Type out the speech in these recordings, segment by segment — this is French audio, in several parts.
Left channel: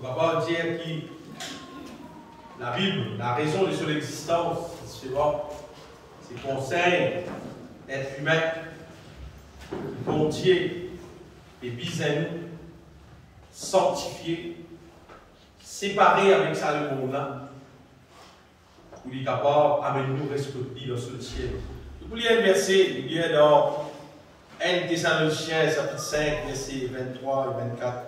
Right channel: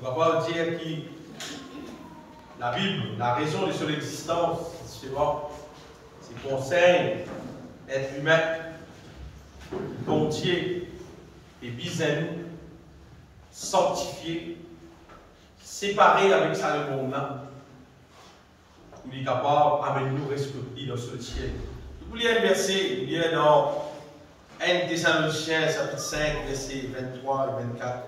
On va pas dire que la Bible, la raison de son existence, c'est conseil être humain, bon Dieu et bis à nous, sanctifié, séparé avec ça le monde-là, pour lui capable d'amener nous respecter dans ce ciel. Vous lisez un verset, il y a dans 1 Thessaloniciens, chapitre 5, versets 23 et 24.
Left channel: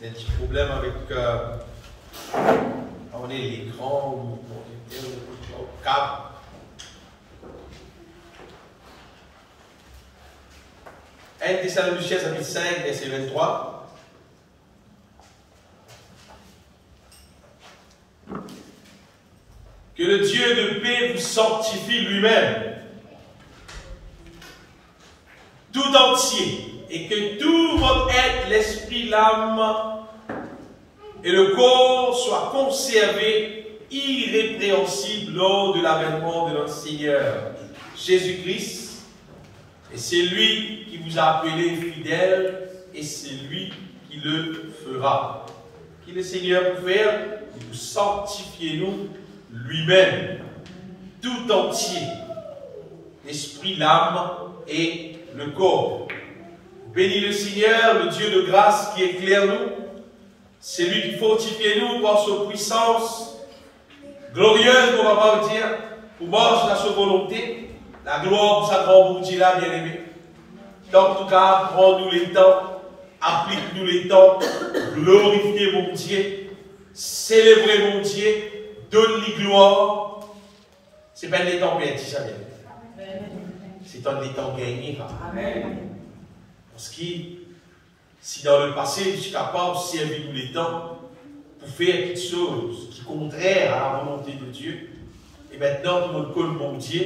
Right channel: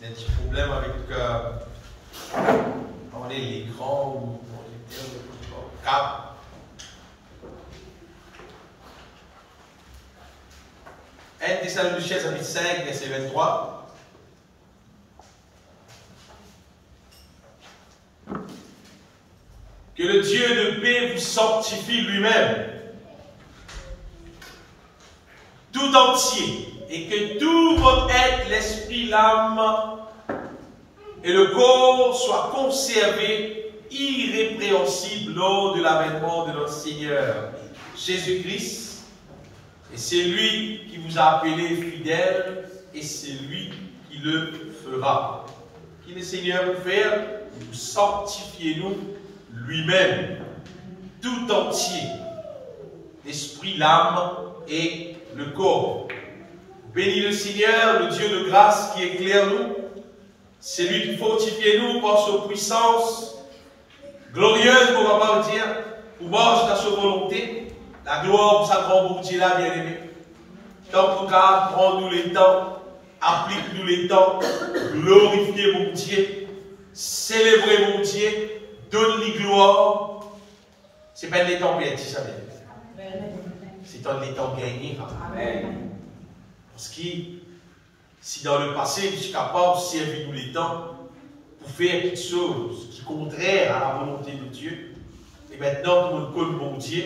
Il y a un petit problème avec on est l'écran ou on est au câble. Un Thessaloniciens, chapitre 5, verset 23. Que le Dieu de paix vous sanctifie lui-même, tout entier, et que tout votre être, l'esprit, l'âme et le corps soient conservés irrépréhensibles lors de l'avènement de notre Seigneur Jésus-Christ. Et c'est lui qui vous a appelé fidèle, et c'est lui qui le fera. Qui le Seigneur peut faire? Vous sanctifiez nous lui-même, tout entier, l'esprit, l'âme et le corps. Bénis le Seigneur, le Dieu de grâce qui éclaire nous. C'est lui qui fortifie nous par sa puissance glorieuse, on va pas dire, pour marcher dans sa volonté. La gloire pour sa grande bonté là, bien aimé. En tout cas, prends-nous les temps, applique-nous les temps, glorifiez mon Dieu, célébrez mon Dieu, donne-lui gloire. Ce n'est pas des temps perdus, ça. C'est des temps gagnés. Parce que si dans le passé, je suis capable de servir tous les temps pour faire quelque chose qui est contraire à la volonté de Dieu, et maintenant, tout le monde connaît mon Dieu,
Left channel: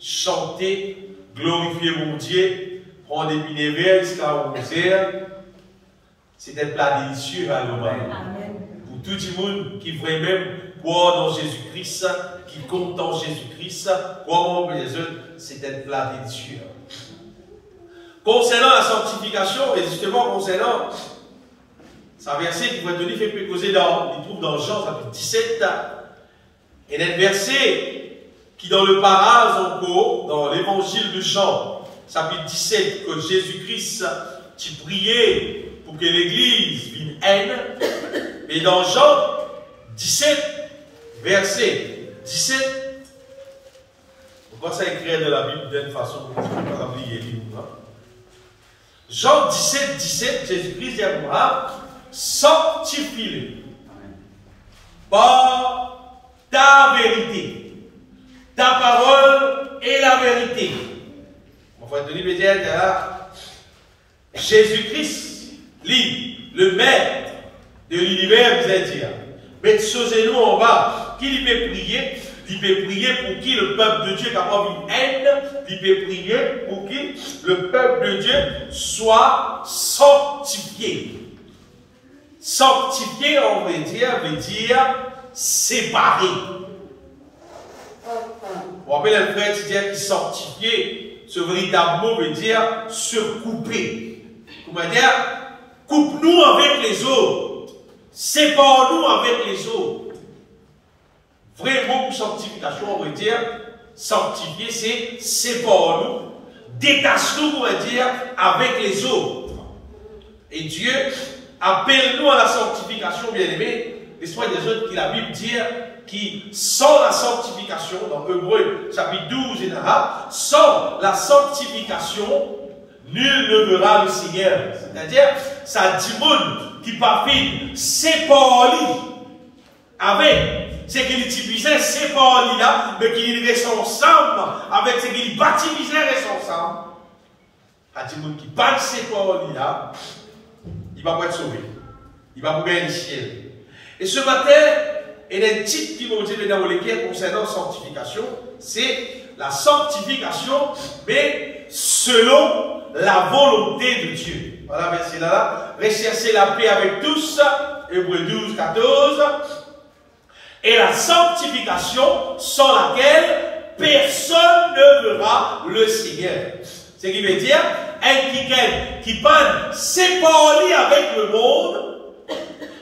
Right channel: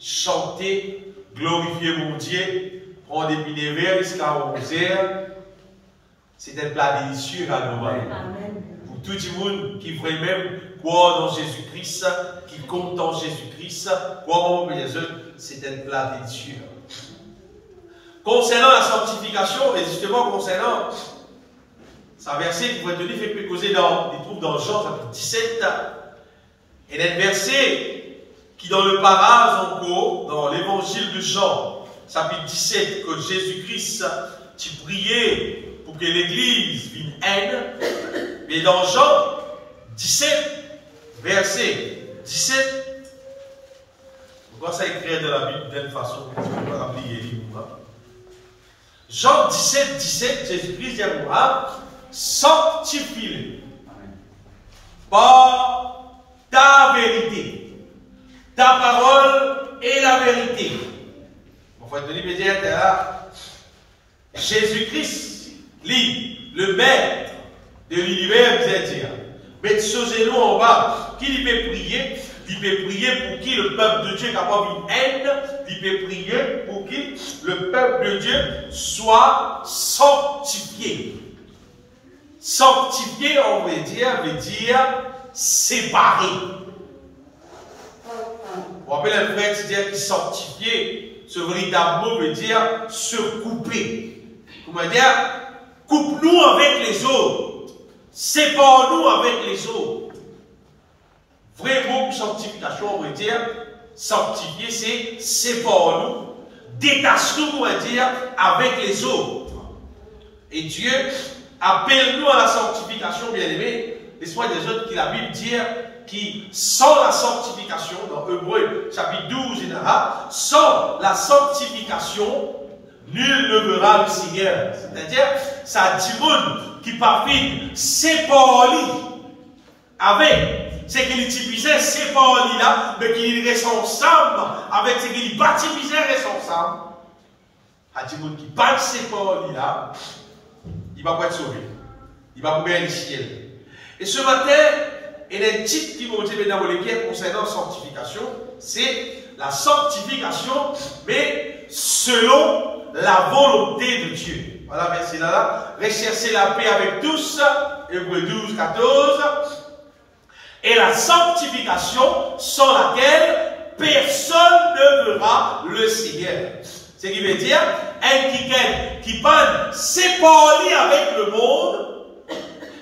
chanter, glorifier mon Dieu, prendre des bénévoles jusqu'à 11h, c'est un plat délicieux à nous. Pour tout le monde qui veut même croire dans Jésus-Christ, qui compte dans Jésus-Christ, croire en Jésus, c'est un plat délicieux. Concernant la sanctification, et justement concernant ce verset qui va être donné, fait causer dans les trouves dans Jean chapitre 17, et un verset qui dans le paraphrase encore, dans l'évangile de Jean, chapitre 17, que Jésus-Christ tu priait pour que l'Église vienne haine, mais dans Jean 17, verset 17, pourquoi ça écrit dans la Bible d'une façon que tu peux pas oublier les livres. Jean 17, 17, Jésus-Christ dit à Abraham, sanctifie-le par ta vérité. Ta parole est la vérité. On va te dire, Jésus-Christ, lui, le maître de l'univers, vous allez dire, mettez ce genou en bas, qui peut prier? Il peut prier pour qui le peuple de Dieu qui a pas une haine, il peut prier pour qui le peuple de Dieu soit sanctifié. Sanctifié, on veut dire séparé. Vous rappelez un frère qui dit sanctifié, ce véritable mot veut dire se couper. Comment dire? Coupe-nous avec les autres. Sépare-nous avec les autres. Vrai mot pour sanctification, on veut dire, sanctifier, c'est sépare-nous, détache-nous, on va dire, avec les autres. Et Dieu appelle nous à la sanctification, bien aimé. L'esprit des autres qui la Bible dit, qui sans la sanctification, dans Hébreux, chapitre 12, en arabe, sans la sanctification, nul ne verra le Seigneur. C'est-à-dire, ça dit monde qui parfait, sépare-lui avec. C'est qu'il utilisait ces paroles-là, mais qu'il reste ensemble avec ce qu'il baptisait reste ensemble. À dire qui parle ces paroles-là, il va pas être sauvé. Il va pouvoir aller au ciel. Et ce matin, il y a un titre qui va vous dire dans les pierres concernant la sanctification. C'est la sanctification, mais selon la volonté de Dieu. Voilà, verset là. Recherchez la paix avec tous. Hébreux 12, 14. Et la sanctification sans laquelle personne ne verra le Seigneur. Ce qui veut dire, un qui peut s'épargner avec le monde,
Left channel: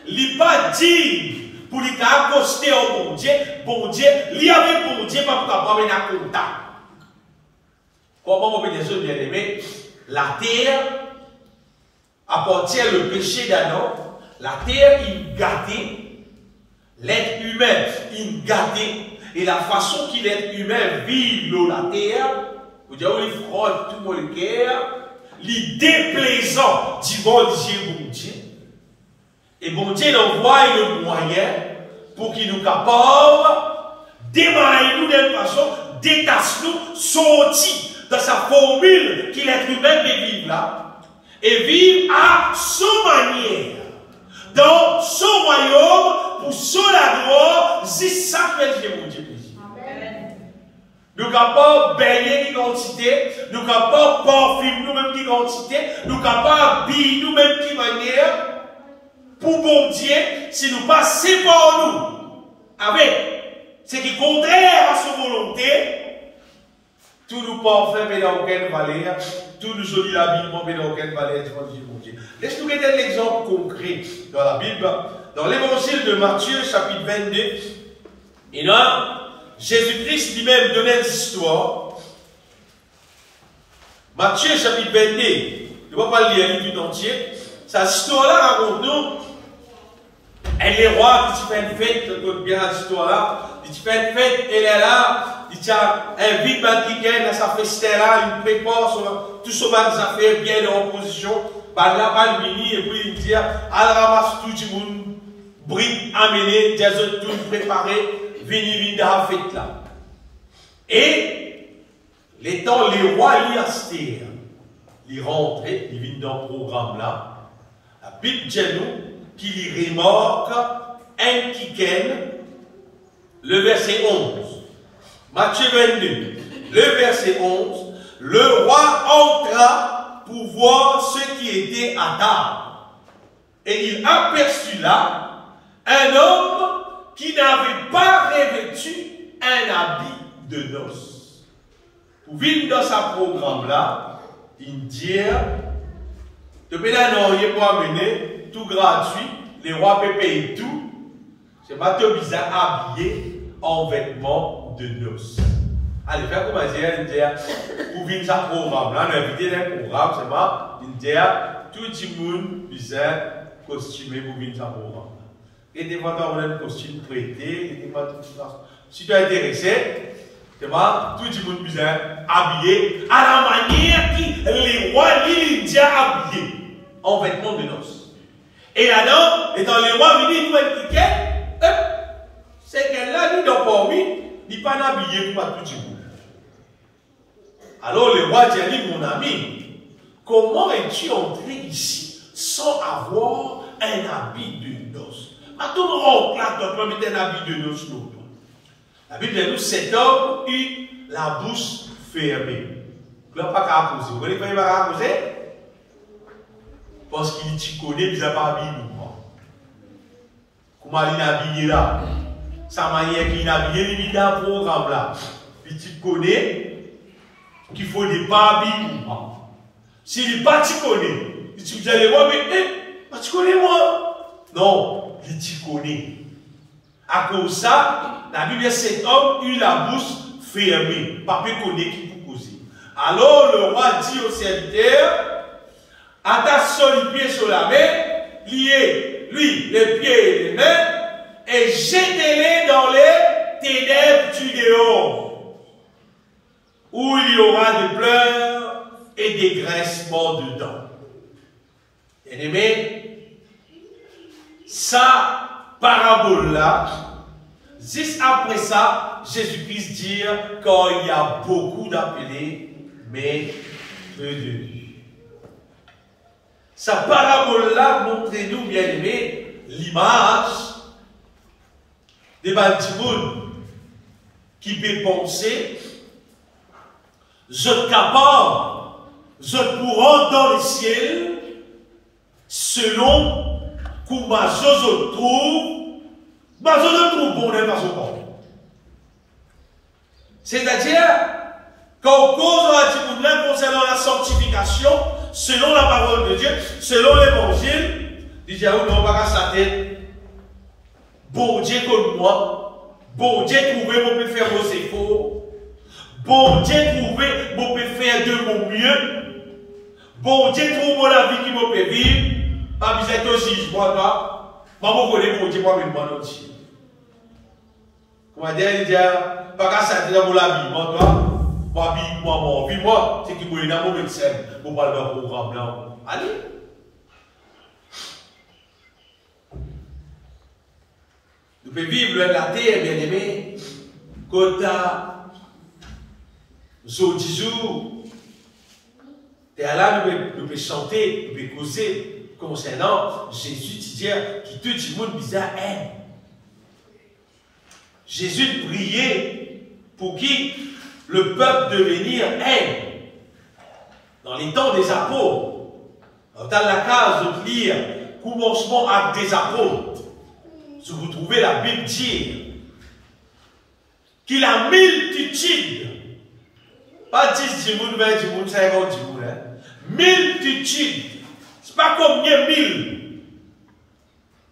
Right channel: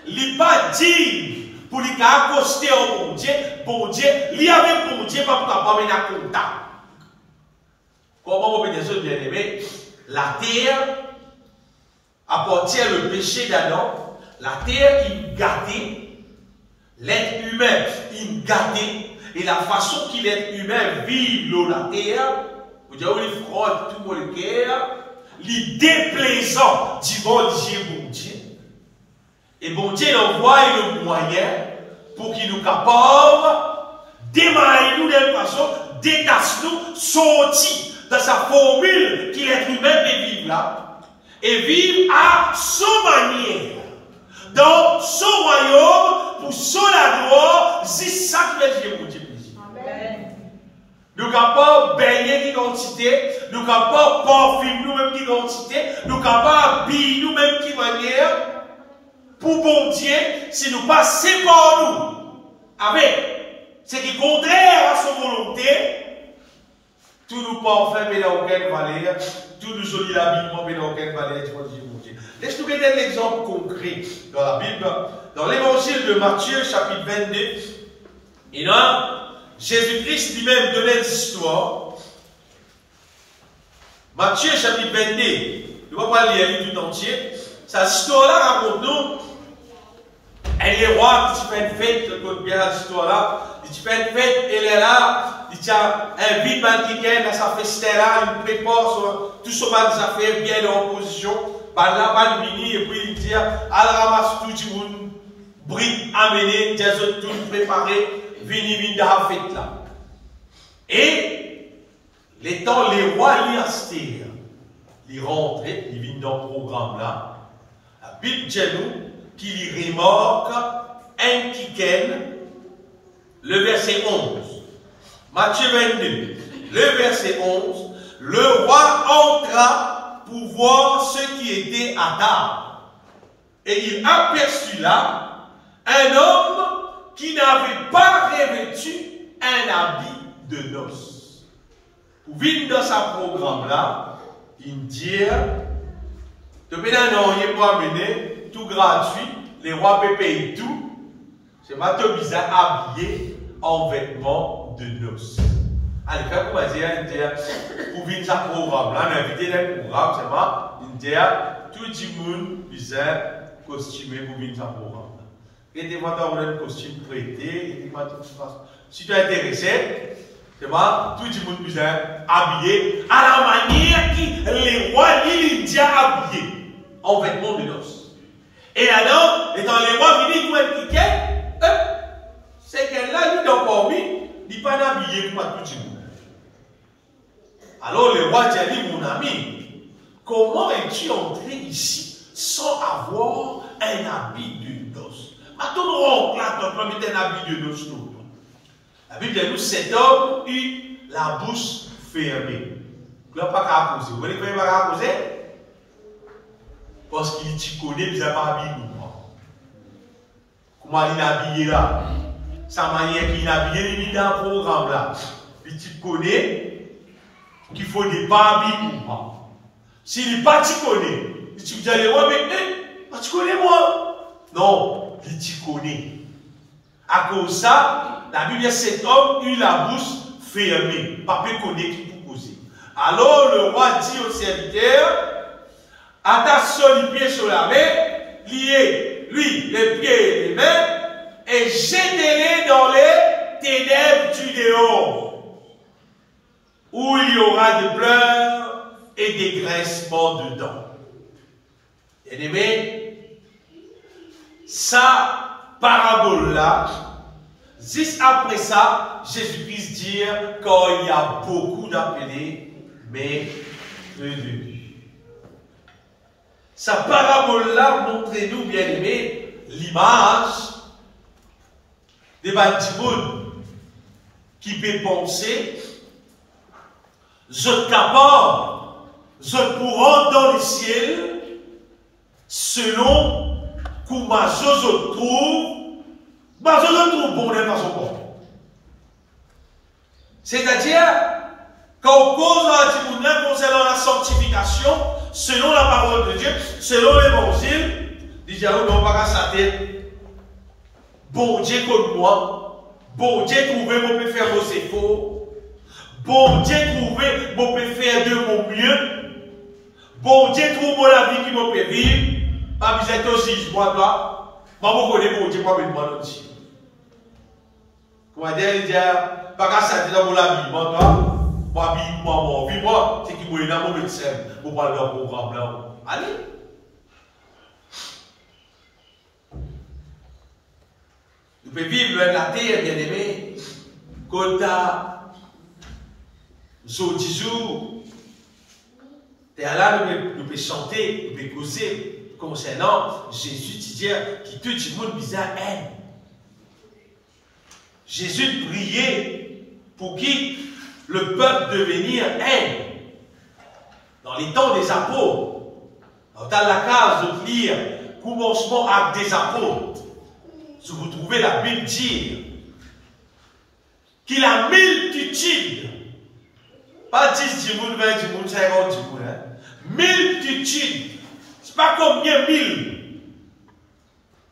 il pas dire pour lui accoster au bon Dieu, lui avec bon Dieu, pas pour pas mener contact. Comment vous bien aimé, la terre appartient le péché d'Adam, la terre il gâté, l'être humain il gâté, et la façon qu'il l'être humain vit la terre, vous dites, il frotte tout le cœur, il déplaisant du bon Dieu. Et bon Dieu envoie le moyen pour qu'il nous capable démarrer nous d'une façon, détacher nous, sortir dans sa formule qu'il est humain de vivre là, et vivre à son manière, dans son royaume, pour son gloire, c'est ça que fait mon Dieu. Nous sommes capables de baigner l'identité, nous sommes capables de parfumer nous-mêmes l'identité, nous sommes capables d'habiller nous-mêmes qui manière, pour bon Dieu, si nous passons par nous, avec ce qui est contraire à sa volonté, tout nous parfait, mais dans aucune valeur, tout nous joli l'habillement, mais dans aucune valeur, tu vas dire mon Dieu. Laisse-nous donner l'exemple concret dans la Bible, dans l'évangile de Matthieu, chapitre 22, et là, Jésus-Christ lui-même donnait une histoire. Matthieu, chapitre 22, je ne vais pas lire tout entier. Cette histoire-là raconte-nous. Elle est roi qui fait une fête, écoute bien l'histoire-là. Il fait une fête, elle est là. Il invite Bandiken dans sa festin-là. Il prépare tout ce que ça fait bien en position. Là, mini, et puis il dit, elle ramasse tout le monde. Bride amené, des autres tout préparé. Vini dans la fête là. Et, l'étant les rois Liaster, ils rentrent, ils viennent dans le programme là. La Bible dit nous qu'il remarque un kiken, le verset 11. Matthieu 22, le verset 11. Le roi entra pour voir ce qui était à table. Et il aperçut là un homme qui n'avait pas revêtu un habit de noces. Pour vivre dans sa programme-là, il dit, depuis un an, il peut amener tout gratuit, les rois peuvent payer tout. C'est pas tout bizarre habillé en vêtements de noces. Allez, faire comme dire, pour vivre sa programme-là, l'invité d'un programme, c'est pas, il dit, tout le monde bizarre costumé pour vivre sa programme. Et des fois, tu as un costume prêté, et des fois, si tu es intéressé, c'est pas tout le monde bizarre habillé à la manière que les rois l'Indien habillés en vêtements de noces. Et alors, étant les rois venus pour un ticket, c'est qu'elle là, lui, dans parmi, il n'est pas habillé pour tout le monde. Alors, le roi dit, mon ami, comment es-tu entré ici sans avoir un habit de noces? À tout le monde, là, tu as mis un habit de noces. La Bible dit, nous, cet homme eut la bouche fermée. Il n'a pas qu'à poser. Vous voyez pourquoi il n'a pas qu'à poser? Parce qu'il t'y connaît, il n'a pas habillé. Comment il est habillé là? Sa manière qu'il est habillé, il est dans le programme là. Puis tu connais qu'il faut des pas habillés. S'il n'est pas t'y connaît, tu dis, allez, mais tu connais moi? Non, il t'y connaît. À cause de ça, la Bible dit cet homme eut la bouche fermée. Papa connaît qui peut causer. Alors le roi dit au serviteur, attache son pied sur la main, liez lui les pieds et les mains, et jetez-les dans les ténèbres du dehors, où il y aura de pleurs et des graissements dedans. Bien-aimés, ça parabole-là, juste après ça, Jésus-Christ dit qu'il y a beaucoup d'appelés, mais peu de Dieu. Sa parabole-là montre-nous, bien aimé, l'image des bandits qui peut penser, je suis capable, je pourrai dans le ciel, selon comment je trouve, bon de façon bonne. C'est-à-dire, Quand on cause concernant la sanctification, selon la parole de Dieu, selon l'évangile, déjà, on n'a pas qu'à sa tête. Bon Dieu comme moi, bon Dieu trouvé, mon peut faire vos efforts. Bon Dieu trouvé, mon peut faire de mon mieux. Bon Dieu trouve la vie qui me peut vivre. Pas besoin de juge, moi, toi. Moi, je connais bon Dieu, moi, je me demande aussi. Comment dire, il dit, pas qu'à sa tête dans la vie, moi, toi. Moi, c'est qui m'a dans mon médecin pour parler d'un programme là. Allez. Nous pouvons vivre loin de la terre, bien aimé. Quand nous 10 jours, là, nous pouvons chanter, nous pouvons causer concernant Jésus, qui tout le monde bizarre aime. Jésus priait pour qui le peuple devenir aime. Dans les temps des apôtres, dans la case de lire commencement acte des apôtres, si vous trouvez la Bible dire qu'il a multitude, pas 10 dimoun, 20 dimoun, 50 dimoun, multitude, c'est pas combien 1000,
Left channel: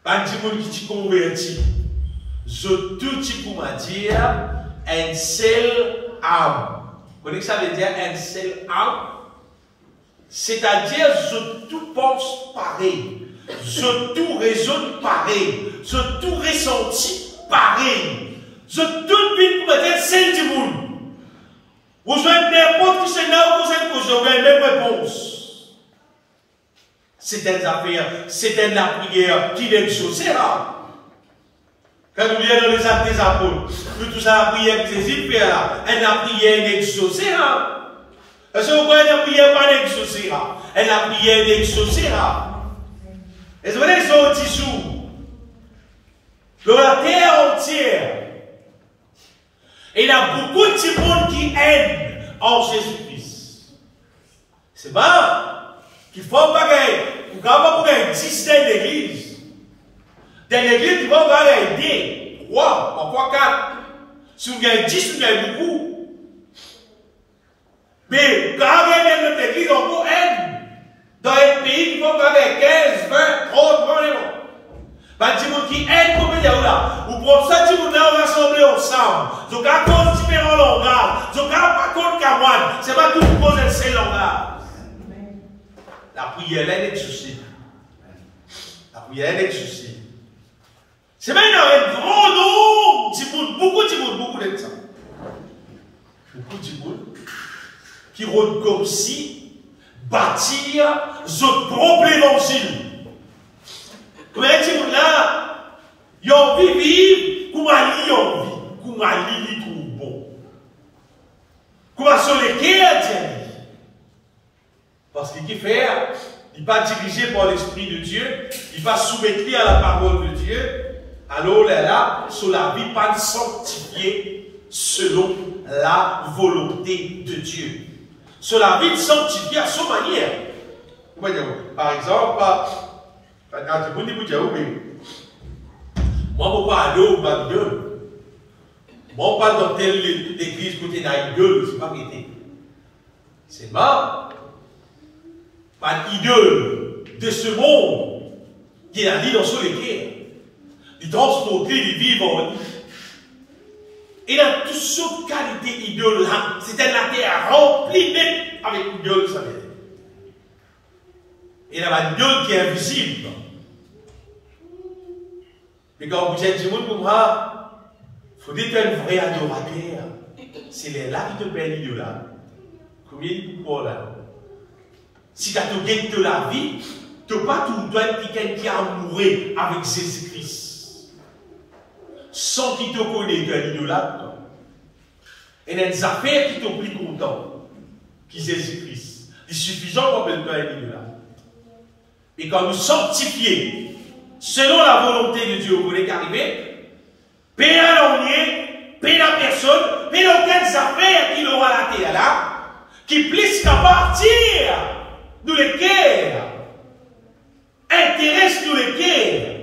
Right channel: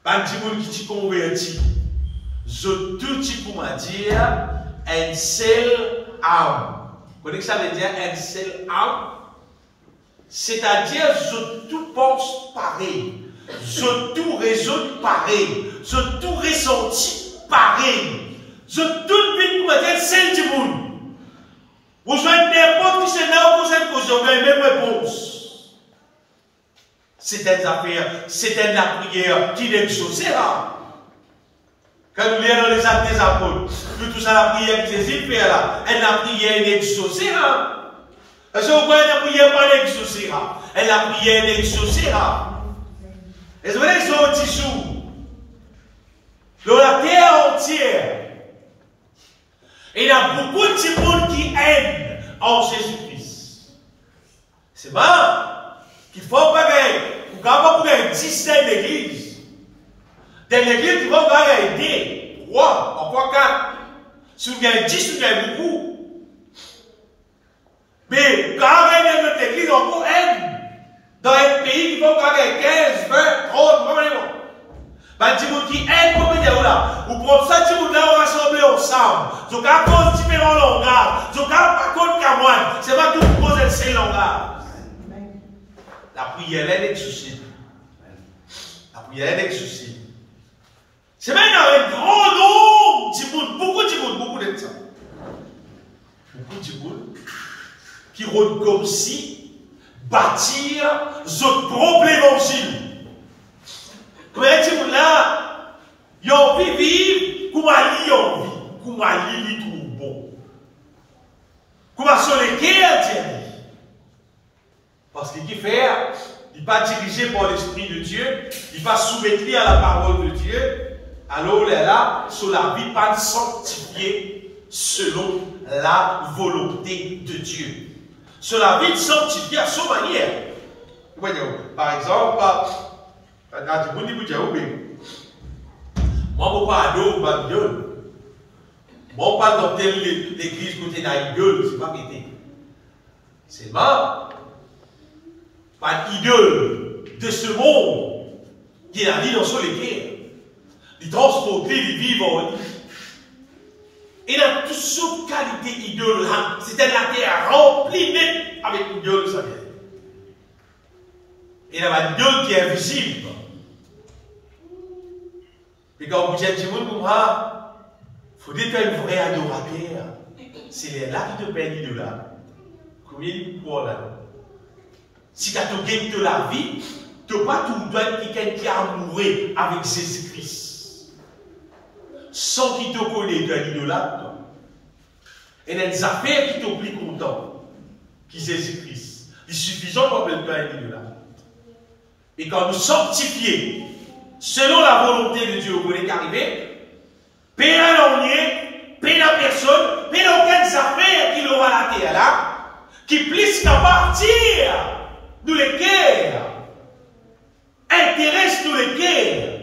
pas dimoun qui t'y convertit, je tout t'y pour m'a dire, un seul âme. Vous connaissez ça veut dire un seul âme? C'est-à-dire, je tout pense pareil. Je tout raisonne pareil. Je tout ressenti pareil. Je tout vite pour me dire, c'est du monde. Vous jouez n'importe qui c'est là où vous êtes causé, vous avez même réponse. C'est une affaire, c'est une prière qui l'exaucera. Quand nous lisons dans les actes des apôtres, tout ça, la prière que Jésus fait là, elle la prière n'exaucera. Parce que vous voyez, la prière pas n'exaucera. Elle la prière n'exaucera. Et vous voyez, ils sont 10 jours. Dans la terre entière. Et il y a beaucoup de monde qui aiment en Jésus-Christ. C'est bon. Qu'il faut pas qu'il faut pas pour un 10 d'église. Dans l'église, tu vas aider 3, parfois 4. Si vous gagnez 10, vous gagnez beaucoup. Mais quand vous gagnez notre église, on vous aide. Dans un pays, il faut gagner 15, 20, 30, 20. Ben, dis-moi qui aide, comment dire là. Ou pour ça, dis-moi là, on va rassembler ensemble. Donc, à cause de différents langages. Donc, à cause de Camoine, c'est pas tout le monde de ces langages. La prière, elle est souci. La prière, elle est souci. C'est même un grand nombre, beaucoup de gens. Beaucoup de gens qui rôdent comme si bâtir ce propre évangile. Comme les gens là, ils ont envie de vivre comme ils ont envie, comme ils ont bon. Comme sur les cœurs, parce qu'il fait, il n'est pas dirigé par l'Esprit de Dieu, il va soumettre à la parole de Dieu. Alors là, sur la vie pas sanctifiée selon la volonté de Dieu. Sur la vie sanctifiée à sa manière. Par exemple, moi, je ne pas aller au Babylone. Moi, pas dans telle l'église côté d'idole, c'est pas pété. C'est pas d'idole de ce monde qui a dit dans son église. Il transporte, il vit en lui. Il a toutes sortes de qualités idoles. C'était la terre remplie avec l'idole, vous savez. Il a une idole qui est invisible. Et quand vous dites, comme moi, il faut être un vrai adorateur. C'est là qui te paye l'idole. Combien de fois là? Si tu as de la vie, tu n'as pas tout être quelqu'un qui a mouru avec Jésus-Christ. Sans qu'il te connaisse, tu as l'idolâtre. Et il y a des affaires qui t'ont plus content, qui Jésus-Christ. Il est suffisant pour que tu aies l'idolâtre. Et quand nous sanctifions, selon la volonté de Dieu, vous voulez qu'arriver, paix à l'ennui, paix à personne, paix à aucune affaire qu'il aura la terre là, qui puisse qu'à partir, nous les cœurs, intéresse nous les cœurs,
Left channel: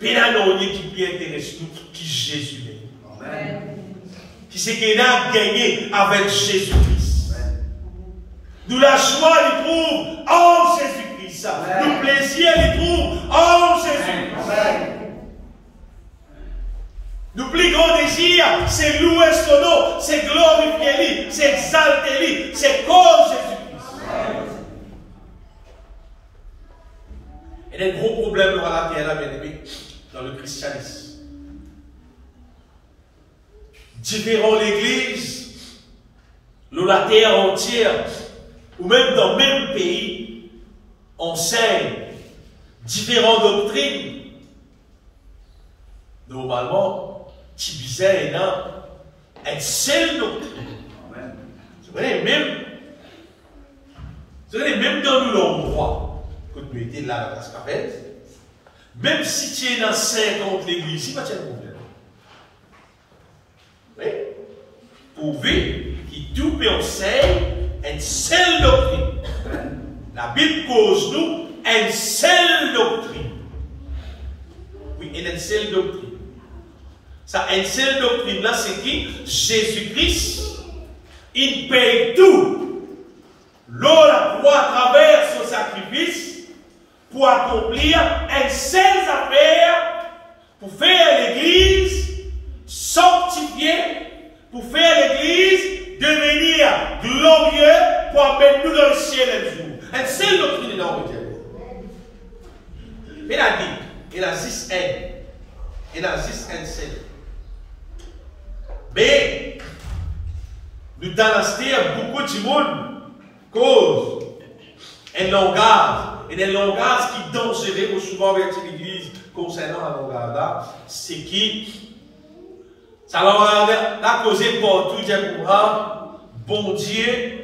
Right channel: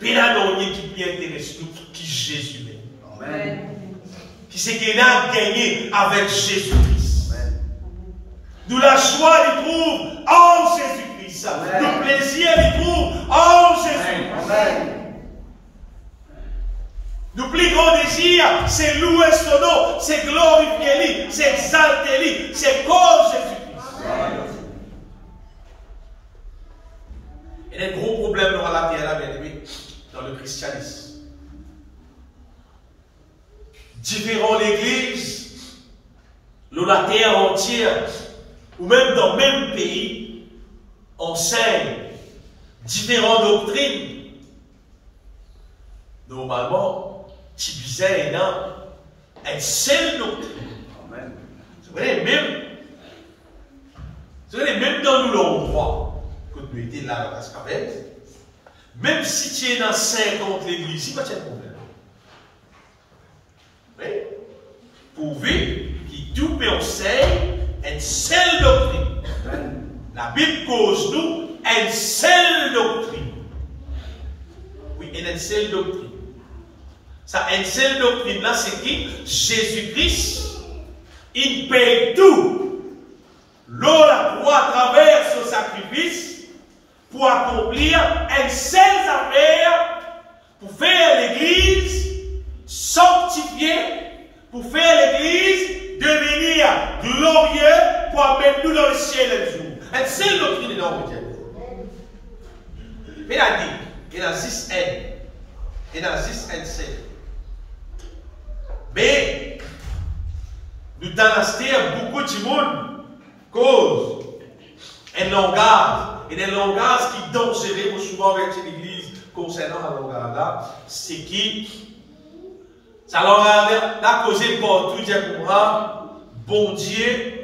paix à l'ennui qui peut intéresser nous, qui Jésus est. Amen. Qui c'est qu'il a gagné avec Jésus-Christ. Nous la joie, il trouve en Jésus-Christ. Nous plaisir, il trouve en Jésus-Christ. Nous plus grand désir, c'est louer son nom, c'est glorifier lui, c'est exalter lui, c'est cause Jésus-Christ. Il y a un gros problème dans la terre, bien aimé, dans le christianisme. Différents l'église, la terre entière, ou même dans le même pays, enseignent différentes doctrines. Normalement, qui visait une seule doctrine. Vous voyez, même dans nous l'endroit, quand nous étions là dans la Cascavette, même si tu es dans 50 l'église, il n'y a pas de problème. Oui. Pourvu qu'il tout peut enseigner une seule doctrine. La Bible cause nous une seule doctrine. Oui, une seule doctrine. Ça, une seule doctrine là, c'est qui? Jésus-Christ, il paye tout. L'eau la croix à travers son sacrifice pour accomplir une seule affaire, pour faire l'église sanctifiée, pour faire l'église devenir glorieux, pour amener nous dans le ciel un jour. Une seule doctrine dans le Dieu. Mais il a dit, il a 6 N. Il a 6 N. Mais, nous dans beaucoup de monde cause un langage, et un langage qui est dangereux souvent avec l'église concernant le langage là, c'est qui, ça l'a causé pour tout dire bon Dieu,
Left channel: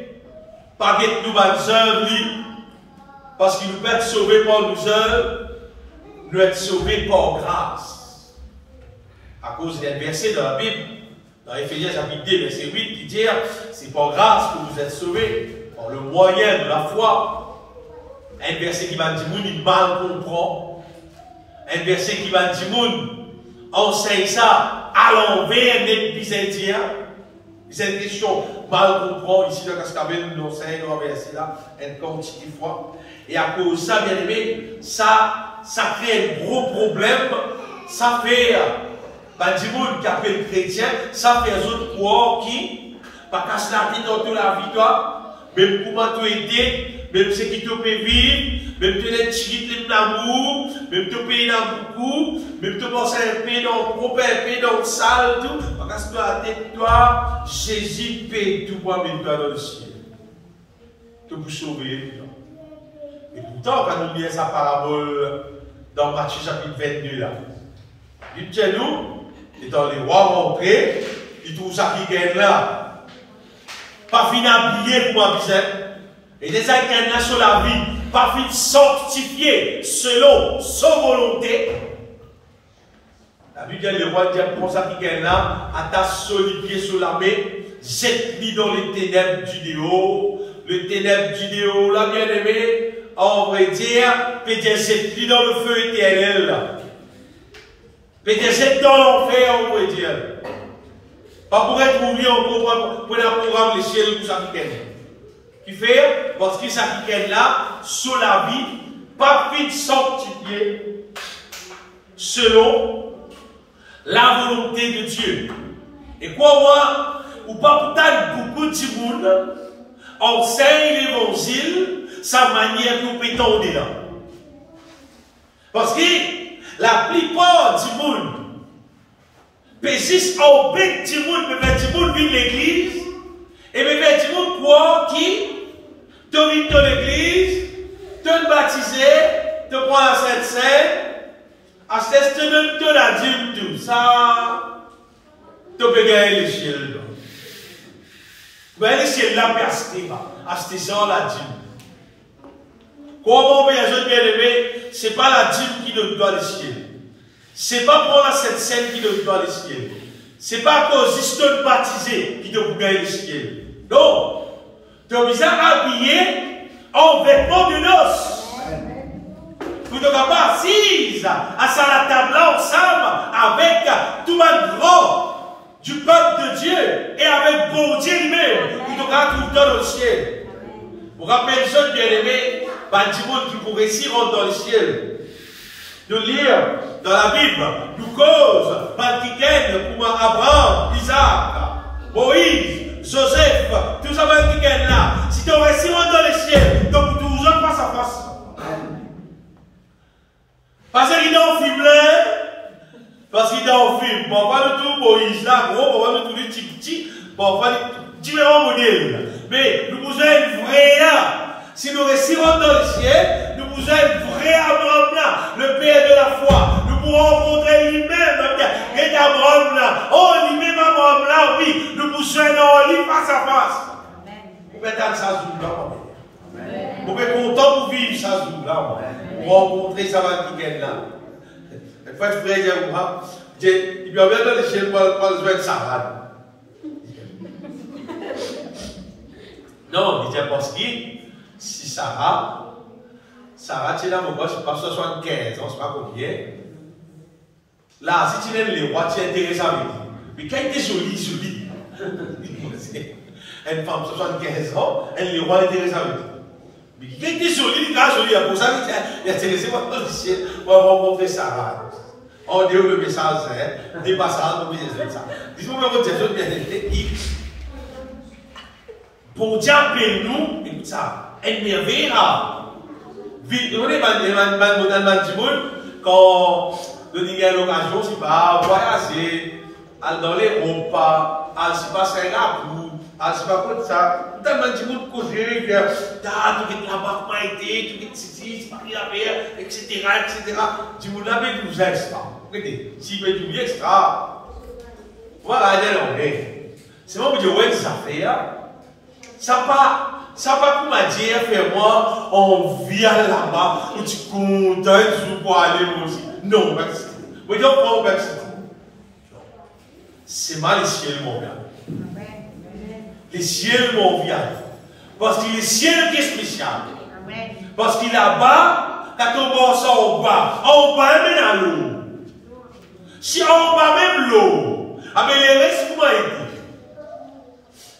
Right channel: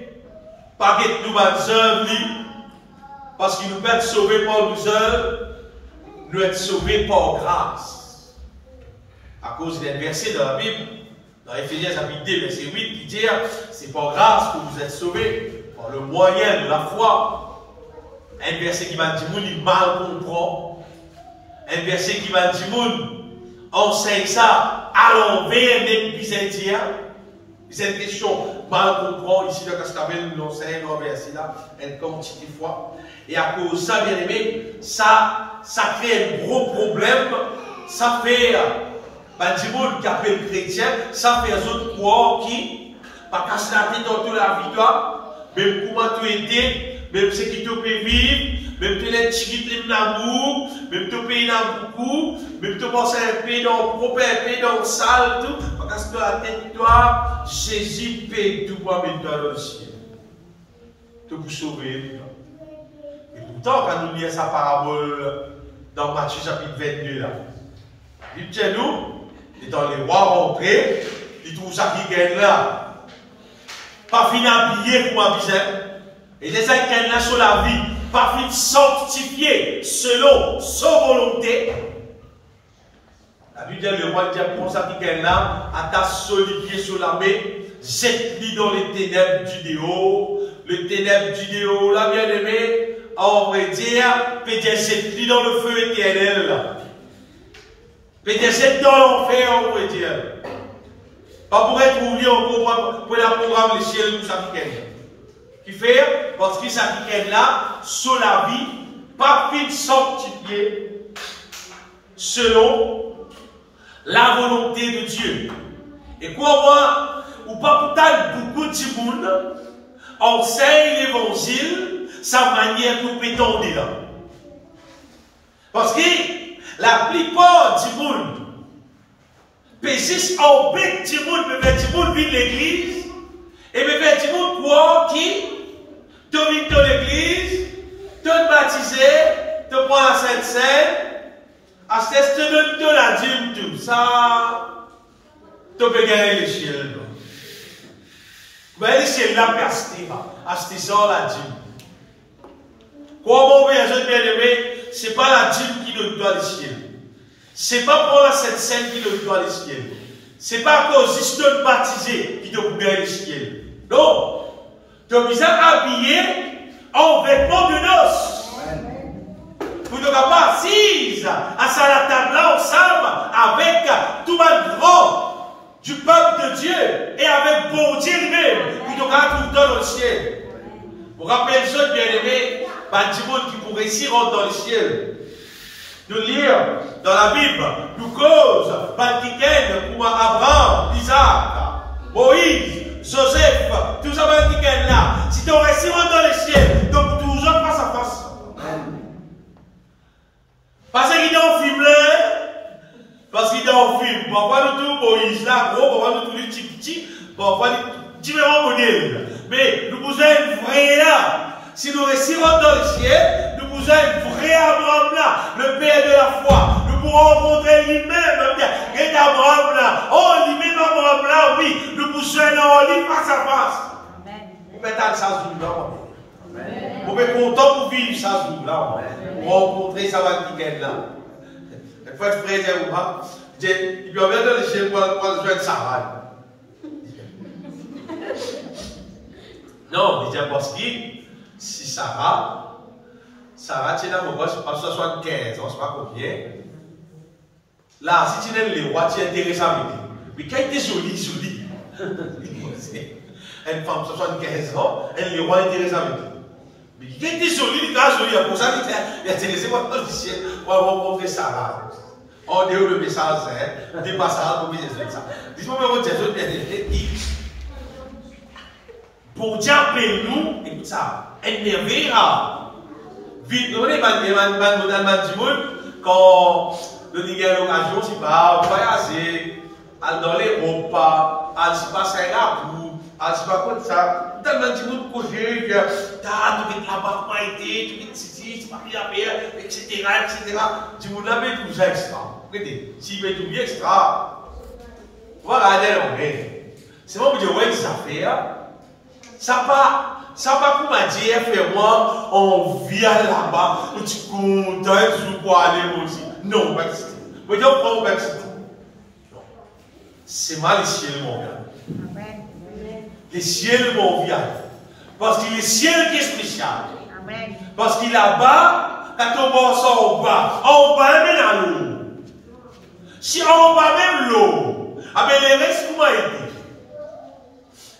pas que nous va œuvres, parce qu'il nous peut être sauvés par nos œuvres, nous être sauvés par grâce. À cause d'un verset dans la Bible, dans Éphésiens chapitre 2, verset 8, qui dit c'est par grâce que vous êtes sauvés, par le moyen de la foi. Un verset qui va dire il mal comprend. Un verset qui va dire enseigne ça à l'envers des Byzantins. C'est une question mal comprend. Ici, dans Cascabel, nous enseigne le verset là, une quantité de fois. Et à cause de ça, bien aimé, ça crée un gros problème. Ça fait. Du monde qui appelle chrétien, ça fait les autres croire qui, pas casse la tête dans toute la victoire, même comment tu aider, même ce qui te peut vivre, même tu es chiquit l'amour, même tu payes dans beaucoup, même tu penses un peu dans le propre, un peu dans le sale, tout, pas casse la tête, toi, Jésus paye tout pour mettre toi dans le ciel. Tout pour sauver. Et pourtant, quand nous lisons sa parabole dans Matthieu chapitre 22, là, il dit nous, et dans les rois rentrés, ils trouvent ça qui gagne là. Pas fini habillé pour ma visite. Et les gens qui là sur la vie, pas fini sanctifié selon son volonté. La Bible dit le roi dit pour ça qui gagne là, attache solidier sur la main, jette-lui dans les ténèbres du déo. Le ténèbre du déo, là, bien aimé, on va dire, peut-être jette-lui dans le feu éternel là. Peut-être dans l'enfer, on pourrait dire. Pas pour être oublié pour un programme les ciels pour ça qui fait, parce que ça qui là, sur la vie, pas fin sanctifié, selon la volonté de Dieu. Et quoi, moi, ou pas pourtant beaucoup de monde enseigne l'évangile, sa manière de nous tendre là. Parce que, la plupart du monde persiste en bec du monde, mais du monde vit l'église, et mais du monde croit qui te vit dans l'église, te baptisé, te prend la Sainte-Seine, à ce te donne la dîme, tout ça, te peut gagner les ciels. Vous voyez, les ciels là, acheter ça, la dîme. Comment on peut y bien aimé, ce n'est pas la dîme qui donne dans les ciels. Ce n'est pas pour la Sainte Seine qui donne dans les ciels. Ce n'est pas à cause de baptisé qui donne gagner les ciels. Non. Tu es bien habillé en vêtements de noces. Vous ne pas assise à la table ensemble avec tout le grand du peuple de Dieu et avec bon Dieu lui-même. Vous ne pas tout le temps dans le ciel. Vous rappelez, jeunes bien-aimés, Bandimoun qui pour réussir rentre dans le ciel. Nous lire dans la Bible, nous cause, Bankiken, comme Abraham, Isaac, Moïse, Joseph, tous ces Bankiken là. Si tu réussis rentre dans le ciel, donc toujours face à face. Parce qu'il est dans le film là, parce qu'il est dans le film, parfois nous tout Moïse là, gros, parfois nous tout les petits, parfois différents modèles. Mais nous vous avez une vraie là. Si nous réussissons dans le ciel, nous vous avez une vraie Abraham là, le père de la foi. Nous pourrons rencontrer lui-même, et Abraham là. Oh, lui-même Abraham là, oui, nous vous serons lui face à face. Vous pouvez être ça jour là, vous pouvez être content pour vivre ça jour là, pour rencontrer ça va week-end là. Il faut être frère, il doit bien dans le ciel pour le jouer de Sarah. Non, il dit parce que si Sarah, tu es là, mon gars, c'est pas 75 ans, c'est pas combien. Là, si tu es le roi, tu es intéressé avec lui. Mais quand il est joli. Une femme 75 ans, elle est le roi intéressé avec lui. Mais quand il est joli, il est joli, pour ça qu'il est intéressé pour rencontrer Sarah. On dit le message, des passages, pour vous expliquer ça. Dis-moi, mais vous dites, pour Dieu nous, écoute ça, elle merveillera. Vite, vous voyez, quand nous avons l'occasion, c'est pas voyager, aller dans les repas, aller se passer un gabou, aller se passer comme ça. Tout le monde couché, tout est là-bas, pas été, tout est ici, pas rien à faire, etc. Tu vous l'avez tout extra. Regardez, si vous avez tout extra, voilà, c'est moi qui dis, ouais, ça fait. Ça pas pour me dire, fais-moi, on vient là-bas, où tu es content, tu pour aller aussi. Non, pas ici. Vous dites, on prend ici. C'est mal les ciels, mon gars. Les ciels, mon gars. Parce que le ciel qui est spécial. Parce qu'il est là-bas, quand on va en bas, même dans l'eau. Si on va même l'eau, les restes, vous m'avez dit.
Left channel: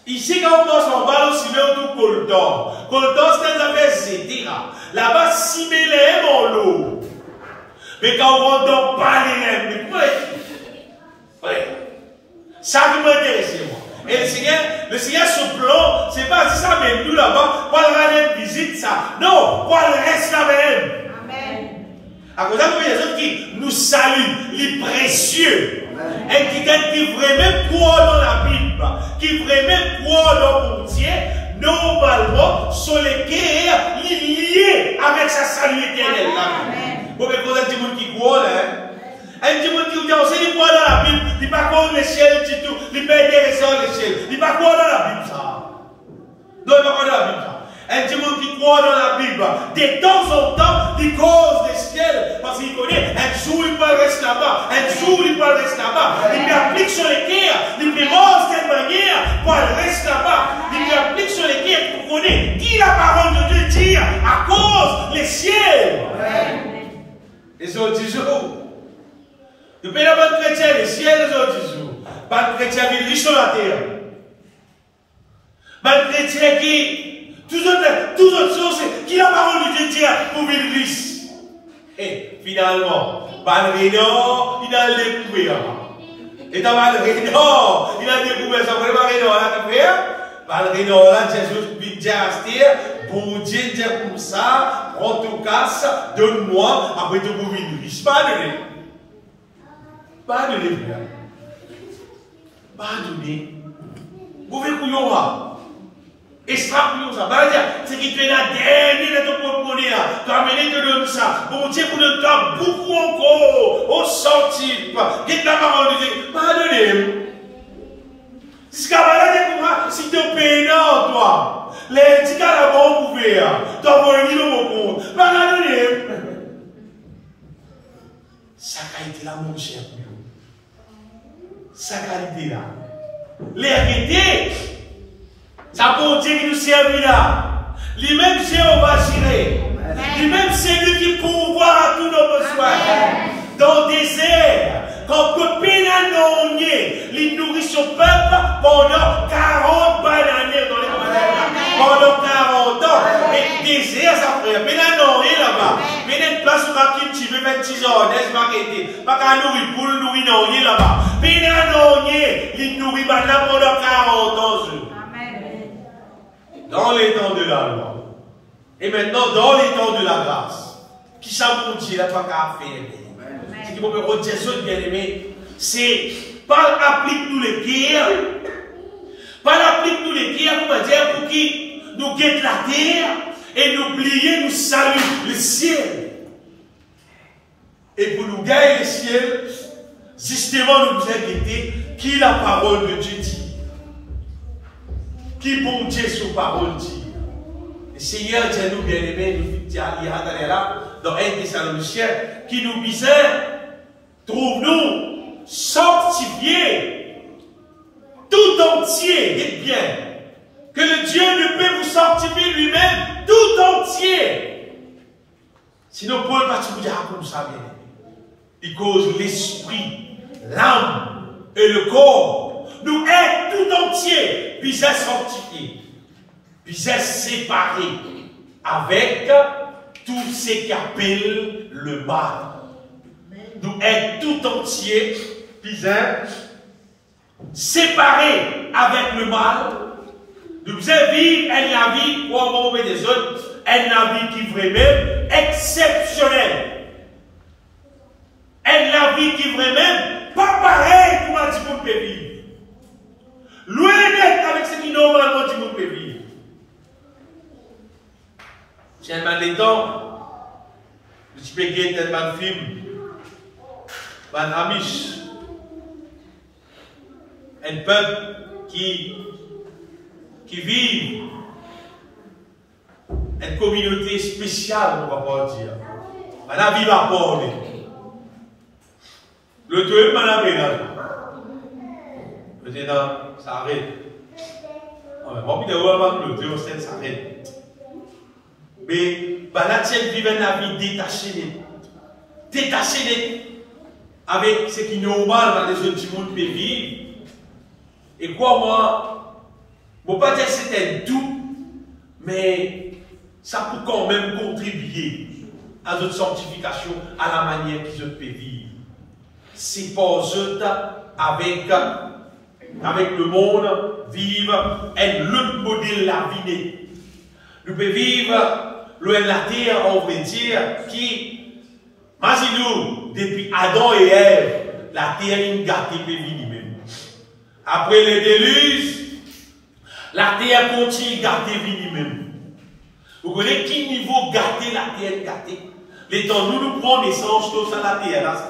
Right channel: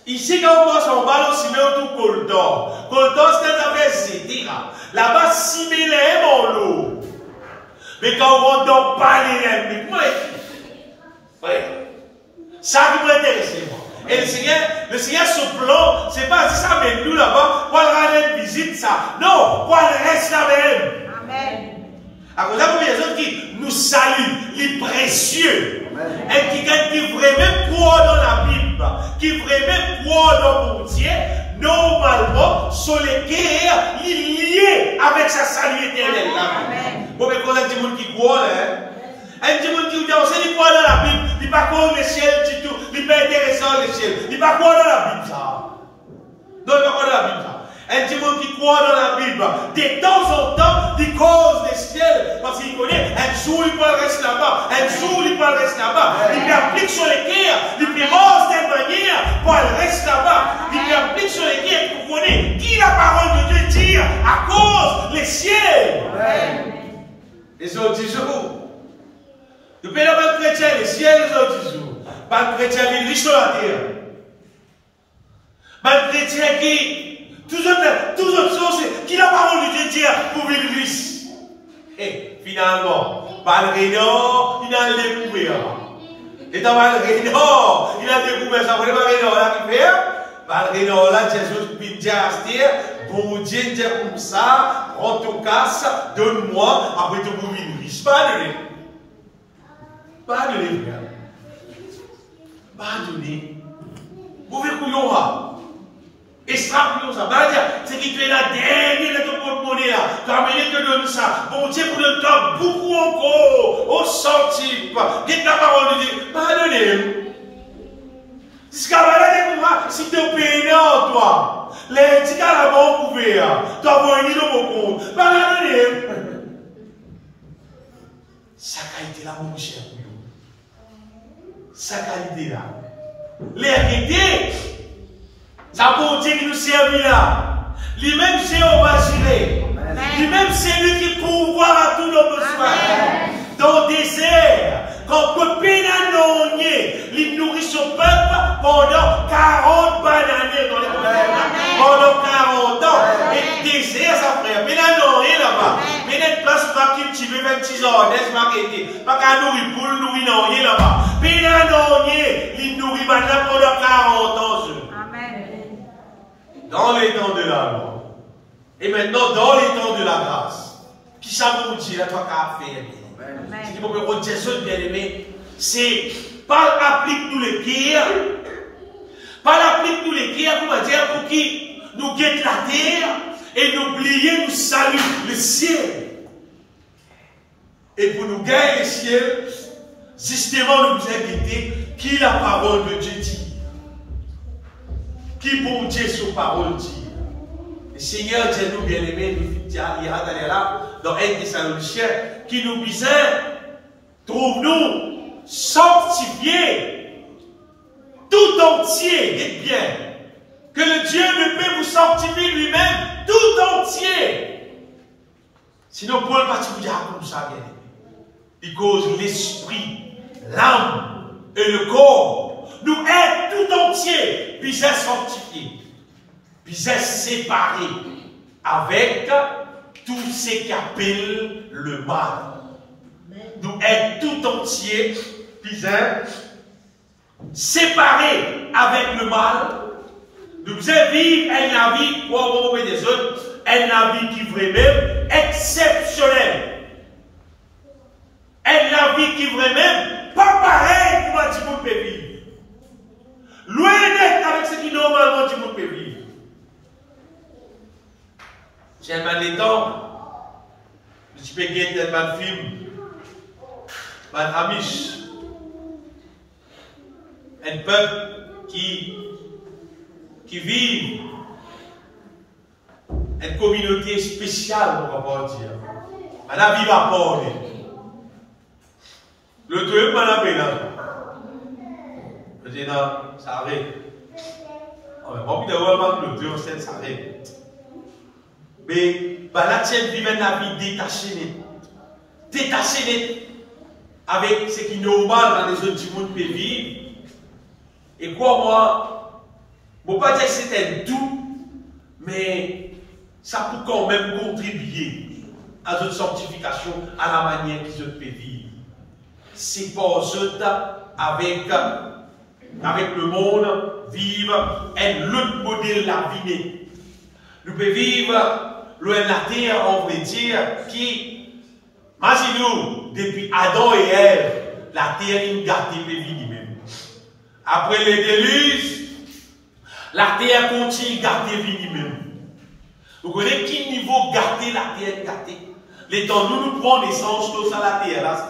Ici, quand on passe en bas, on s'y met autour Coltor. Coltor, c'est un affaire, etc. Là-bas, s'y met les M en l'eau. Mais quand on rentre dans pas les M, mais comment est-ce? Ça qui m'intéresse, moi. Et le Seigneur, ce plan, c'est pas ça, mais nous là-bas, pour aller visite ça. Non, pour aller rester là même. Amen. À cause de ça, il y a des gens qui nous saluent, les précieux. Et qui vraiment croient dans la Bible, qui vraiment croient dans mon Dieu, normalement, sont les guerres liées avec sa salut éternel. Bon, mais quand il y a des gens qui croient, un petit monde qui croit dans la Bible, il n'est pas contre le ciel du tout, il n'est pas intéressant le ciel, il n'est pas croire dans la Bible, ça. Non, il n'est pas croire dans la Bible, ça. Un petit monde qui croit dans la Bible, de temps en temps, il cause le ciel, parce qu'il connaît, un jour il peut rester là-bas, un jour il peut rester là-bas, il applique sur les cœurs, il mange de cette manière pour rester là-bas, il applique sur les cœurs pour connaître qui la parole de Dieu dit à cause les ciels. Et c'est au jour. Le pays là-bas chrétien, les ciels, les autres jours. Pas de chrétien qui riche sur la terre. Pas de chrétien qui. Toutes autres choses qui la parole de Dieu dit pour vivre riche. Et finalement, Balrénor, il a découvert. Et dans Balrénor, il a découvert ça. Vous voyez Balrénor, il a découvert. Balrénor, là, Jésus vient dire à Astir, bon Dieu, dit comme ça, prends ton casse, donne-moi, après tu vous vivre riche. Pas donné. Pas donné, frère. Pas donné. Vous voyez couillon là. Extrapolons ça. C'est qui fait la dernière de ton porte-monnaie là. Tu as amené te donner ça. Bon Dieu, pour le temps, beaucoup encore. Au centime. Qu'est-ce que la parole de Dieu? Pardonnez. Si tu as si tu es payé en toi, les petits cas là-bas ont couvert. Tu as envoyé dans mon compte. Pardonnez. Ça a été là, mon cher. Ça a été là. Les arrêtés. Ça pour Dieu qui nous servent là. Lui-même, c'est on va gérer. Lui-même, c'est lui qui pourvoit à tous nos besoins. Dans le désert, quand on peut pénanonner, il nourrit son peuple pendant 40 bananes dans les montagnes. pendant 40 ans. Et désert, ça frère. Mais là, non, rien là-bas. Mais notre place pour un petit peu 26 ans, n'est-ce pas qu'était. Pas qu'à nourrir pour nourrir, non, rien là-bas. Mais là, non, rien. Il nourrit maintenant pendant 40 ans. Amen. Dans les temps de la loi. Et maintenant, dans les temps de la grâce. Qui ça vous dit, là, pas qu'à faire. Ce qui peut me redire ça, bien aimé, c'est pas applique-nous les guerres. Pas applique-nous les guerres, pour me dire, pour qui nous guette la terre et nous plier, nous saluer le ciel. Et pour nous gagner le ciel, justement, nous nous inquiéter qui la parole de Dieu dit. Qui bon Dieu sa parole dit. Le Seigneur Dieu nous bien-aimés, nous dit là, dans 1 Thessaloniciens, qui nous disait, trouve-nous sanctifiés tout entier, dites bien, que le Dieu ne peut vous sanctifier lui-même tout entier. Sinon, Paul va vous dire comme ça, bien aimé. Il cause l'esprit, l'âme et le corps. Nous être tout entier, puis être sanctifiés, puis être séparés avec tout ce qui appelle le mal. Nous être tout entier, puis être séparés avec le mal. Nous devons vivre la vie, pour avoir des autres, la vie qui est vraiment exceptionnelle. La vie qui est vraiment pas pareil pour tout le monde peut vivre. Loin d'être avec ce qui normalement tout le monde peut vivre. J'ai un des temps, je peux guetter un film, un Amish, un peuple qui vit une communauté spéciale, on va pas dire. Maintenant, vivre à Port. Le deuxième, maintenant, je dis, non, ça arrête. On va pas dire, le deuxième, ça arrête. Mais, là, tiens, vivre la vie détachée, avec ce qui est normal dans les autres mondes peuvent vivre. Et quoi, moi, je ne peux pas dire que c'est un tout, mais ça peut quand même contribuer à notre sanctification, à la manière qu'ils peuvent vivre. C'est pas eux avec le monde, vivre un modèle de la vie. Nous pouvons vivre loin de la terre, on veut dire, qui, imaginez-nous, depuis Adam et Ève, la terre est gâtée pour vivre même. Après les déluges, la terre continue à gâter vie même. Vous connaissez quel niveau gâter la terre gâtée? Les temps nous prenons l'essence tout ça la terre là,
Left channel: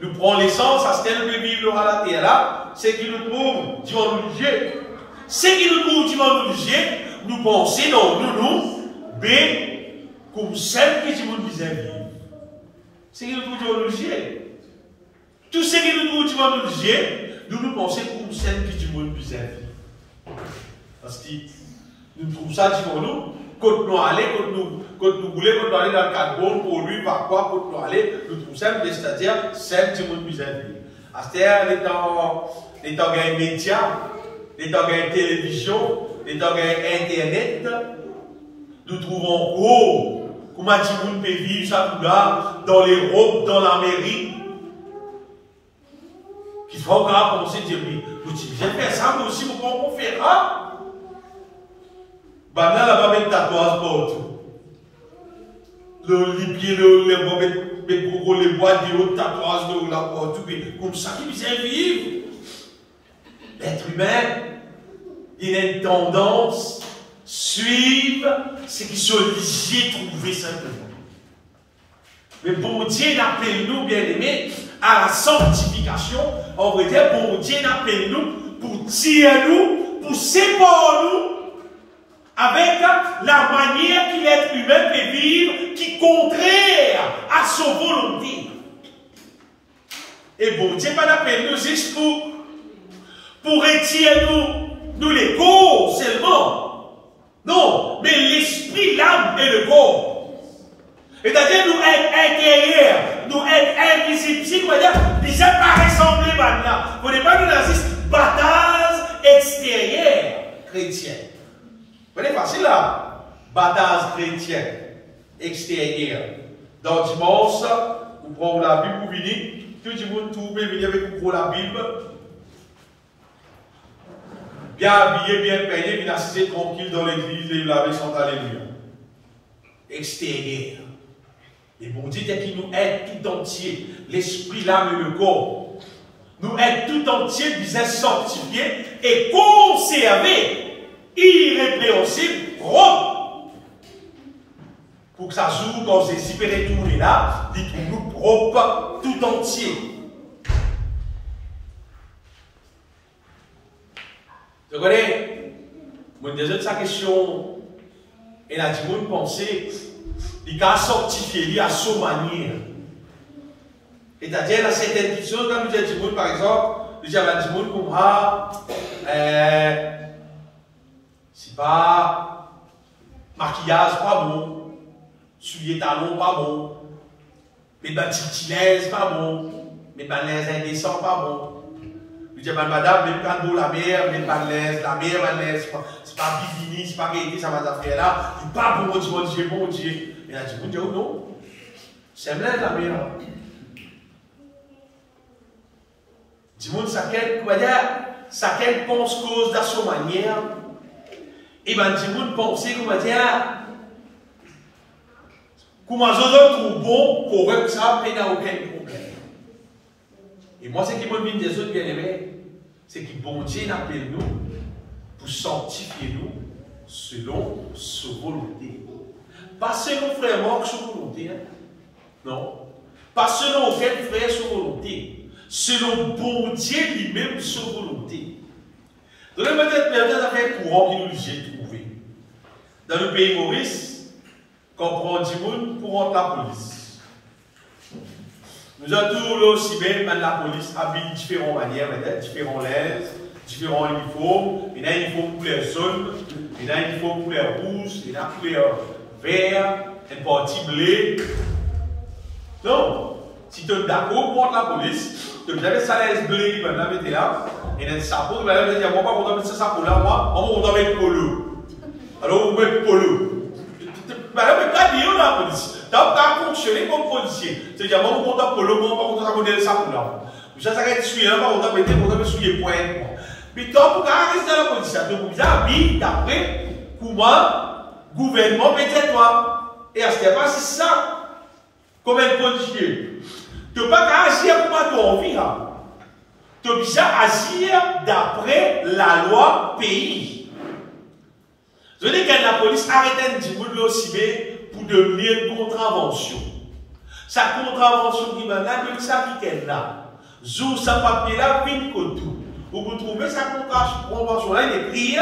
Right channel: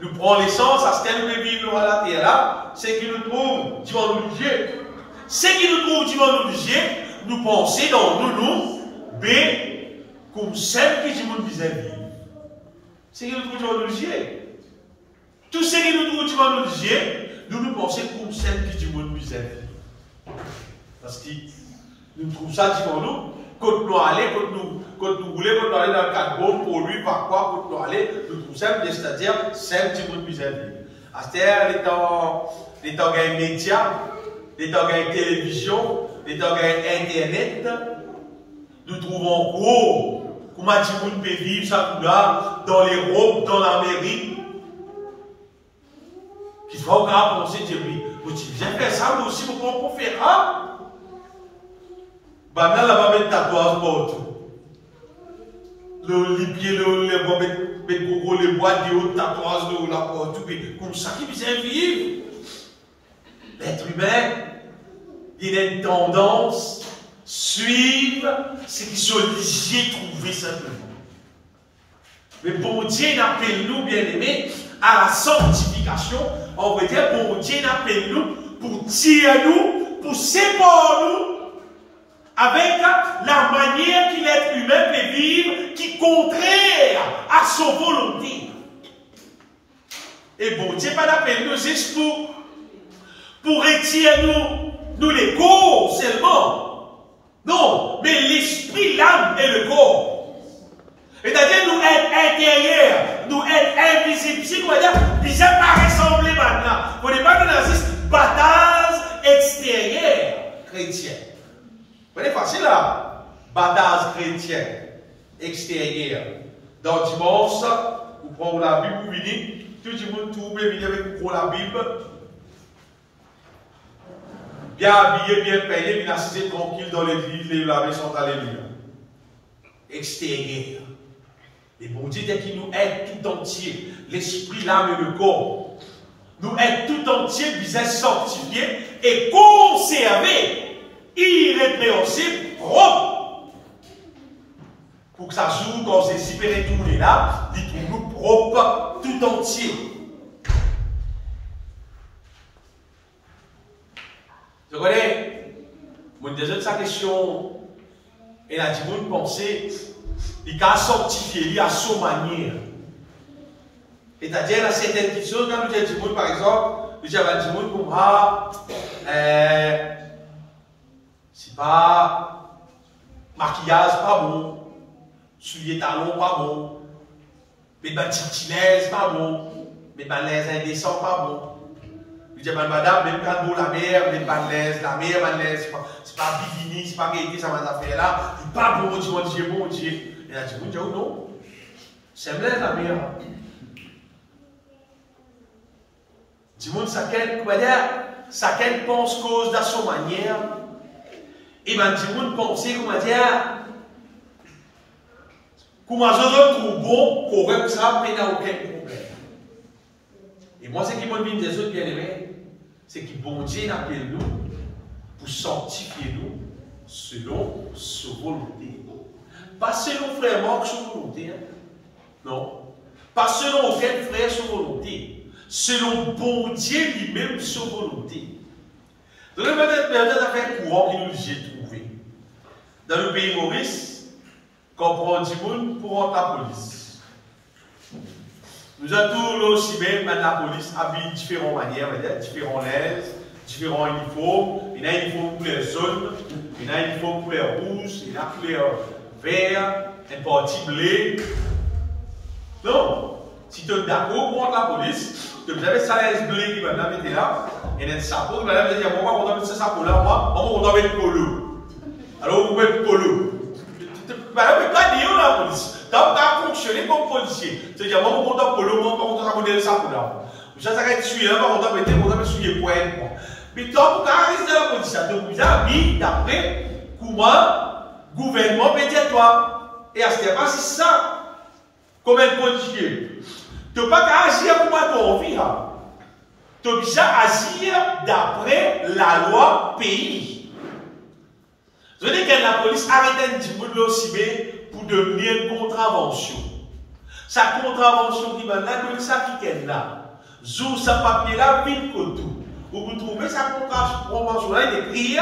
nous prenons l'essence, à ce qu'elle veut vivre à la terre là, c'est qui nous trouve, tu vas nous liger. C'est qui nous trouve, tu vas nous liger, nous pensons dans nous, B, comme celle que tu vas nous vivre. C'est qui nous trouve, tu vas nous liger. Tout ce qui nous trouve, tu vas nous liger, nous pensons comme celle que tu vas nous vivre. Parce que nous trouvons ça pour nous. Quand nous allons, quand nous voulons, quand nous allons dans le carbone, pour lui, par quoi, quand nous allons, nous trouvons ça, c'est-à-dire celle qui nous vivre. C'est-à-dire, les temps de médias, les temps de télévision, les temps d'Internet, nous trouvons gros, comment tu peux vivre ça là, dans l'Europe, dans l'Amérique. Qu'il faut encore penser, dire, oui, j'ai fait ça, mais aussi, on peut faire ça. Maintenant, là, on va mettre tatouage partout. Les pieds, on va mettre les bois de haut, tatouage de haut, là, partout. Comme ça, qui vient vivre. L'être humain, il a une tendance à suivre ce qui sont obligés de trouver simplement. Mais bon Dieu appelle nous, bien aimés, à la sanctification. On va dire, bon Dieu appelle nous pour tirer nous, pour séparer nous avec la manière que l'être humain peut vivre qui est contraire à sa volonté. Et bon Dieu pas appelle nous juste pour retirer nous les corps seulement. Non, mais l'esprit, l'âme et le corps. C'est-à-dire nous être intérieurs, nous être invisibles. Si vous dire, ils n'aiment pas ressembler maintenant. Vous n'avez pas de nazistes, bataille extérieure chrétienne. C'est facile là. Bataille chrétienne extérieure. Dans dimanche, vous prenez la Bible, vous venez, tout le monde trouve, venez avec vous la Bible. Bien habillé, bien payé, bien assis tranquille dans l'église, les laver sont alléluia. Extérieur. Et bon Dieu, dès qu'il nous aide tout entier, l'esprit, l'âme et le corps, nous aide tout entier, nous est sanctifié et conservé, irrépréhensible, propre. Pour que ça joue, quand c'est espéré tourner là, il trouve nous propre tout entier. Je connais, moi, déjà de sa question, et la dit, moi, penser, il a sanctifié, il a son manière. C'est-à-dire, il y a certaines petites choses, quand nous disons, par exemple, nous disons, comme ah, c'est pas maquillage, pas bon, souliers talons, pas bon, mes bâtitiles, pas bon, mes balaises indécents, pas bon. Je dis, madame, même quand nous la mer, même balèze, la mer, balèze, c'est pas bikini, c'est pas réalité, ça m'a fait là, c'est pas bon, bon Dieu. Et là, tu me dis, oh non, c'est blaise la mer. Dis-moi, ça qu'elle pense cause de son manière, et ben, dis-moi, penser, comment dire, comment je trouve bon, correct, ça, mais il n'y a aucun problème. Et moi, ce qui m'a dit des autres bien-aimés, c'est que bon Dieu appelle nous pour sanctifier nous selon sa volonté. Pas selon frère Marc sa volonté, hein? Non. Pas selon aucun frère sa volonté. Selon bon Dieu lui-même sa volonté. Donc, il y a des affaires courantes qui nous ont trouvées. Dans le pays Maurice, quand on prend 10 personnes pour rentrer la police. Nous avons tous aussi bien la police habille de différentes manières, différents linges, différents uniformes. Il y a un uniforme pour les zones, il y a un uniforme pour les rouges, il y a pour les verts, une partie blé. Non, si tu es d'accord pour la police, tu as des salaires blé qui va mettre là, et des sapots qui va dire, moi, pas content de ce sapot là, moi, on va mettre polo. Alors, vous mettez polo. Madame, mais pas dire la police. Tu as fonctionné comme policier. C'est-à-dire, moi, je suis content pour le monde, pas content de modèle ça pour là. Je suis content de suivre, pas content de mettre, suivre point. Mais toi, pour rester dans la police, tu vous habille d'après comment le gouvernement mettait toi. Et à ce moment-là, c'est ça. Comme un policier. Tu ne peux pas agir pour ton vie. Tu es obligé d'agir d'après la loi pays. Je dis que la police arrête un petit peu de l'OCB pour devenir une contravention. Sa contravention qui va là, de ça qui est là. Zou sa papier là, vite que tout. Vous trouvez sa contravention là, il est écrit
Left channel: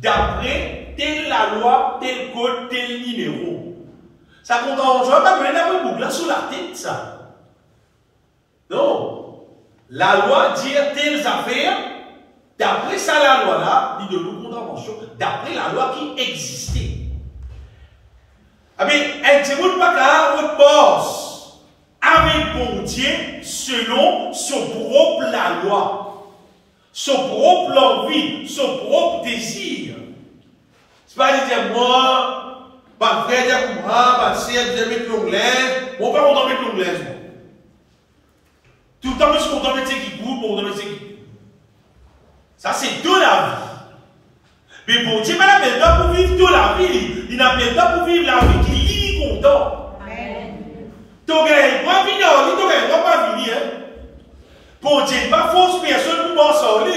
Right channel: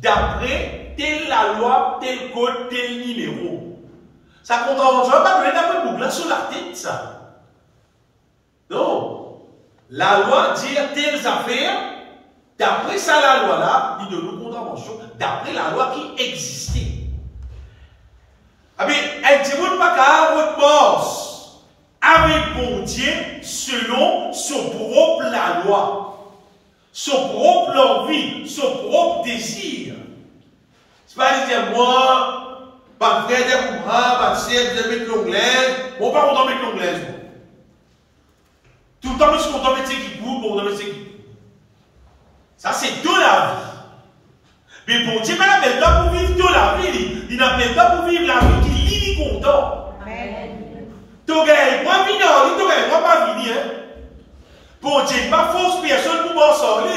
d'après telle la loi, tel code, tel numéro. Sa contravention là, pas donner d'après Google sur la tête, ça. Non. La loi dit telles affaires. D'après ça, la loi là, il donne une contravention d'après la loi qui existait. Ah bien, elle dit, vous ne pas qu'à votre boss avec bon Dieu selon son propre la loi, son propre envie, son propre désir. C'est pas dire, moi, pas frère, dire, moi, pas sœur, je vais mettre l'onglaise, bon, pas content de mettre l'onglaise. Tout le temps, je suis content de mettre ce qui coûte, bon, de mettre ce qui coûte. Ça, c'est de la vie. Mais bon Dieu, il n'appelle pas pour vivre de la vie. Il n'appelle pas pour vivre la vie qui est content. Tu gagnes pas venir, tu gagnes pas venir. Bon Dieu, il n'y a pas force personne pour m'en sortir.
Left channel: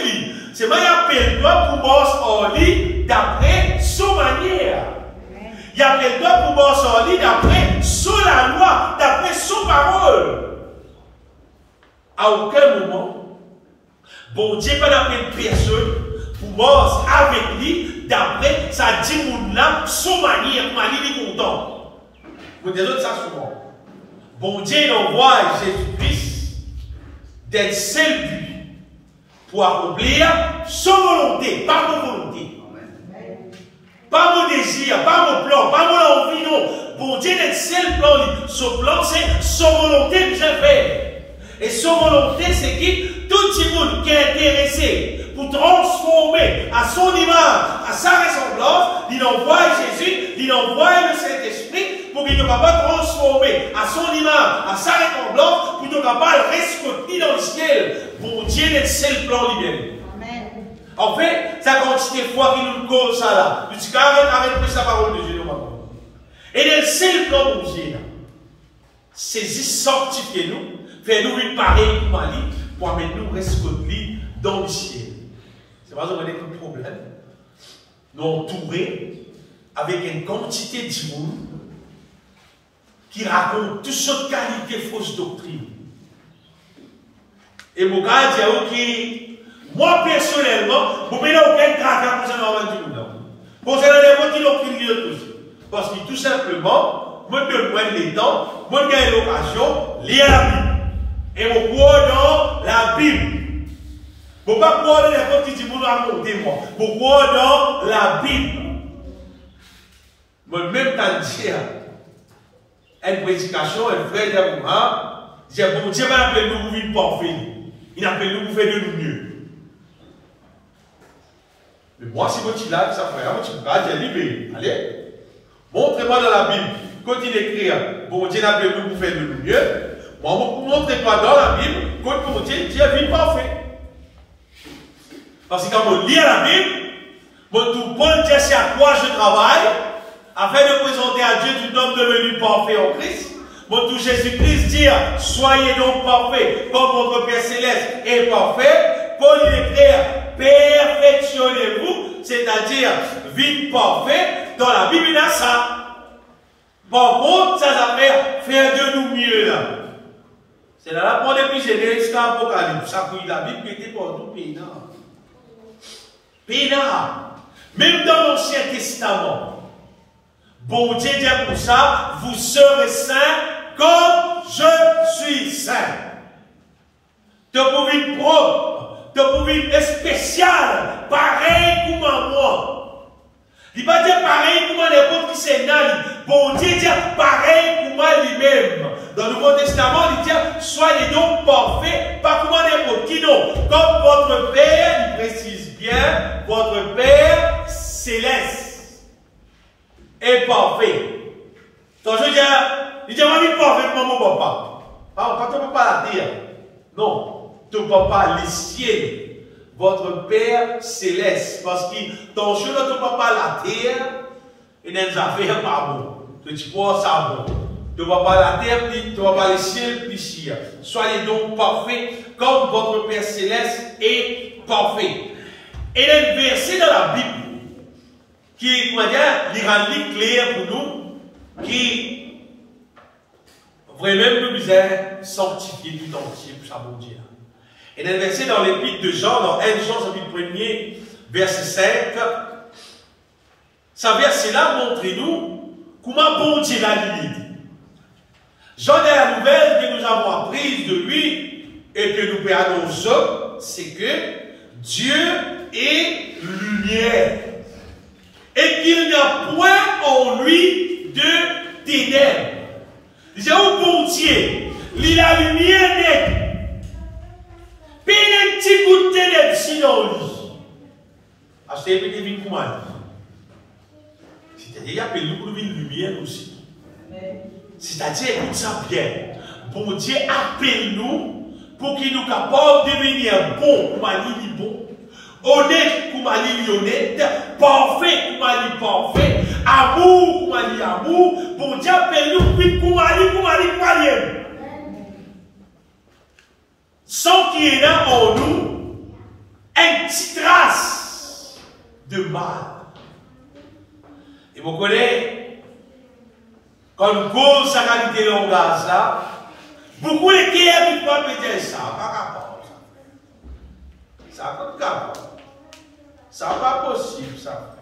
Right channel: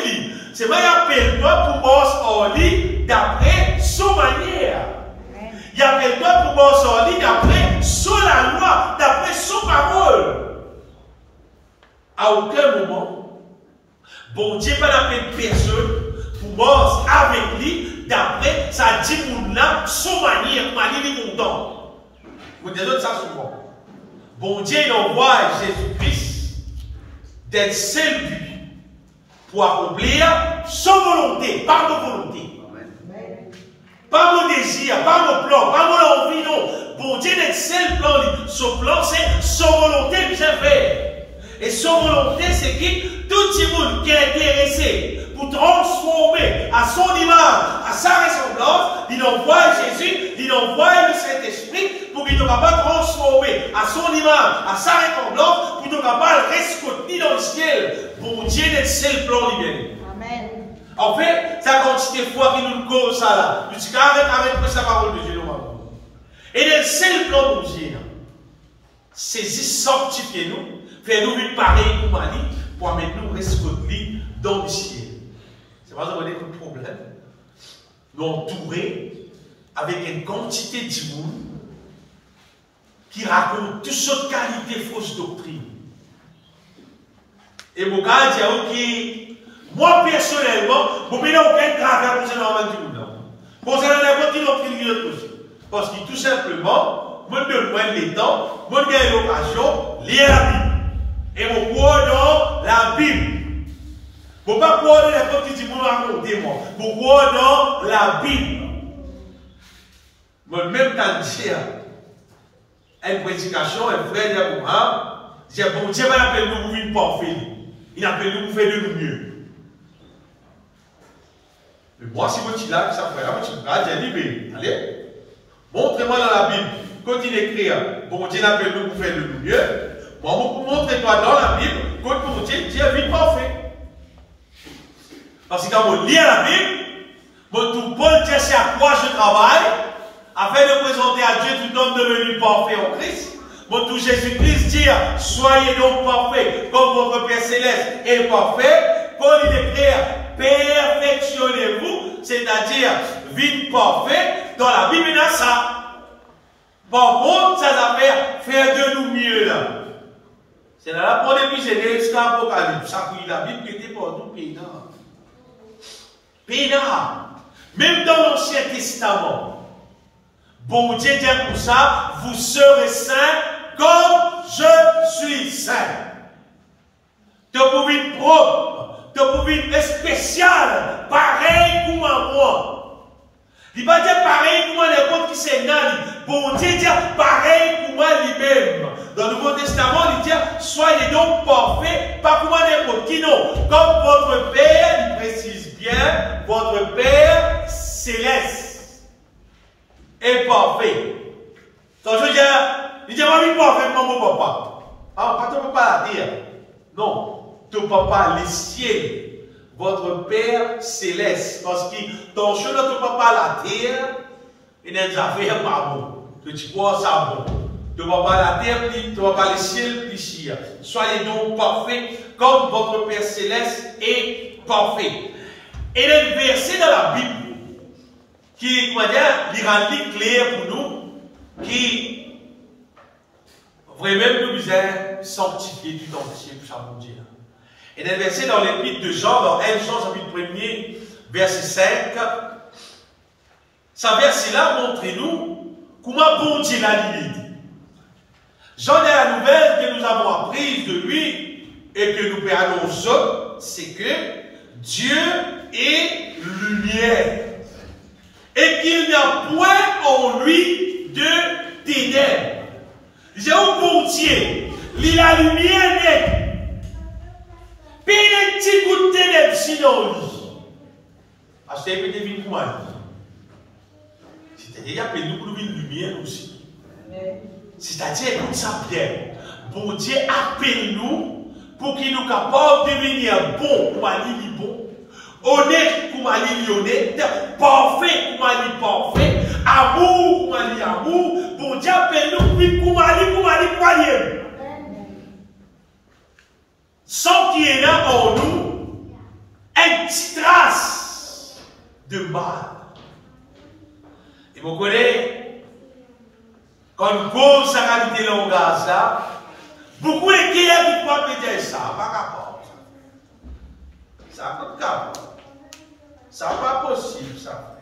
C'est moi qui appelle toi pour m'en sortir d'après son manière. Il appelle toi pour m'en sortir d'après son la loi, d'après son parole. À aucun moment, bon Dieu pas d'appeler personne pour mort avec lui d'après sa dit mon âme, son manière, il est content. Vous dites ça souvent. Bon Dieu il envoie Jésus-Christ d'être seul but pour accomplir son volonté, pas nos volontés. Pas nos désirs, pas nos plans, pas nos envies, non. Bon Dieu d'être seul plan, son plan c'est son volonté que j'ai fait. Et son volonté c'est qui tout le monde qui est intéressé pour transformer à son image, à sa ressemblance, il envoie Jésus, il envoie le Saint-Esprit pour qu'il soit capable de transformer à son image, à sa ressemblance, pour qu'il soit capable de rescoter dans le ciel. Bon Dieu, c'est le plan lui-même. Amen. En fait, ça quantité de fois qu'il nous cause ça là. Je dis arrête la parole de Dieu maintenant. Et c'est le plan de Dieu. Saisir, sanctifier nous, faire nous pareil comme Ali, pour amener nous rescoter dans le ciel. C'est pas un problème. Nous entourer avec une quantité de monde qui raconte toutes sortes de qualités fausses doctrines. Et mon gars dit, ok, moi personnellement, je n'ai aucun travers pour ça dans le monde. Pour ça, n'importe quelle doctrine qui est possible. Parce que tout simplement, je donne moins de temps, je gagne l'occasion, lire la Bible. Et je crois dans la Bible. Je ne peux pas croire dans n'importe qui dit, je raconter moi. Je crois dans la Bible. Mais même quand je dis, une prédication, un frère dit, bon Dieu va appeler nous pour vivre parfait. Il appelle nous pour faire de nous mieux. Mais moi, si vous êtes là, ça fait, vous êtes libéré. Allez, montrez-moi dans la Bible, continuez d'écrire, bon Dieu appelle nous pour faire de nous mieux. Moi, montrez-moi dans la Bible, quand mon Dieu vit parfait. Parce que quand on lit la Bible, mon tout bon Dieu, c'est à quoi je travaille, afin de présenter à Dieu tout homme devenu parfait en Christ. Mon tout Jésus-Christ dit, soyez donc parfaits, comme votre Père Céleste est parfait. Paul il écrit, perfectionnez-vous, c'est-à-dire, vite parfait, dans la Bible, il y a ça. Par contre, ça va faire de nous mieux là. C'est là la première depuis Genèse jusqu'à Apocalypse. Ça que la Bible qui était pour tout pays. Même dans l'Ancien Testament, bon Dieu dit pour ça, vous serez saints comme je suis saint. Tu pouvez être propre, tu pouvez être spécial, pareil comme moi. Il ne va pas dire pareil comme n'importe qui c'est nani. Bon Dieu dit pareil comme moi lui-même. Dans le Nouveau Testament, il dit soyez donc parfaits, pas comme n'importe qui non. Comme votre Père, il précise bien, votre Père céleste est parfait. Donc je veux dire, il dit moi je suis parfait comme mon papa. Alors quand ton papa la dire, non, ton papa les ciels. Votre Père céleste, parce que ton chemin de ton papa la terre, et n'est affaires pas bon. Tu crois ça bon. Ton papa la terre, ton papa les ciels, puis soyez donc parfaits, comme votre Père céleste est parfait. Et il y a un verset dans la Bible qui, comment dire, il rend clair pour nous, qui vraiment nous misère sanctifier tout entier pour ça, mon Dieu. Et dans le verset dans l'épître de Jean, dans 1 Jean, chapitre 1er, verset 5, ce verset-là montre-nous comment bon Dieu l'a dit. Jean est la nouvelle que nous avons apprise de lui et que nous annonçons, c'est que Dieu est lumière et qu'il n'y a point en lui de ténèbres. Il dit, oh bon Dieu, il a lumière nette. Puis il petit bout de ténèbres si dans le lit. Parce que c'est une pour moi. C'est-à-dire, il y a nous une lumière aussi. C'est-à-dire, écoute ça bien. Bon Dieu appelle nous pour qu'il nous capable de devenir bon comme Ali bon, honnête comme Ali honnête, parfait comme Ali parfait, amour comme Ali amour. Bon Dieu appelle nous comme Ali aime. Sans qu'il y ait là en nous une petite trace de mal. Et vous connaissez, quand on cause sa qualité de langage là, beaucoup de cœurs ne peuvent pas péter ça, pas capable. Ça n'a pas de capable. Ça n'est pas possible, ça.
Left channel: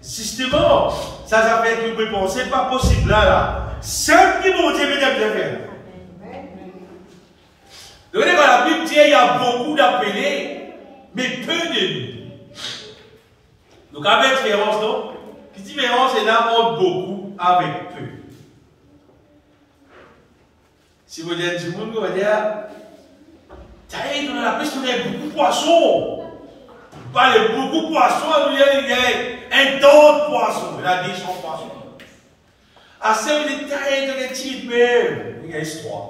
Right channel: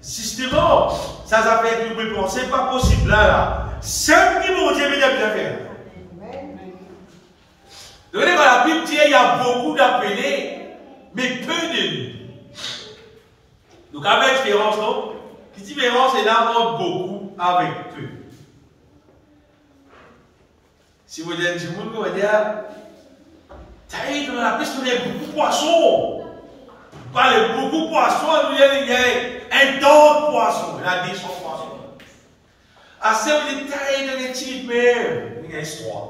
Systématiquement, ça s'appelle que vous pouvez penser, pas possible là. Seul qui m'ont dit, mais bien faire. Vous voyez, quand la Bible dit, il y a beaucoup d'appelés, mais peu de nous. Donc, avec différence, non? Qui différence est là entre beaucoup avec peu. Si vous dites, vous va dire, Dans la pêche, il y a beaucoup de poissons. Vous parlez beaucoup de poissons, il y a un ton de poissons. Il y a 200 poissons. Assez de détails de l'étude, mais il y a une histoire.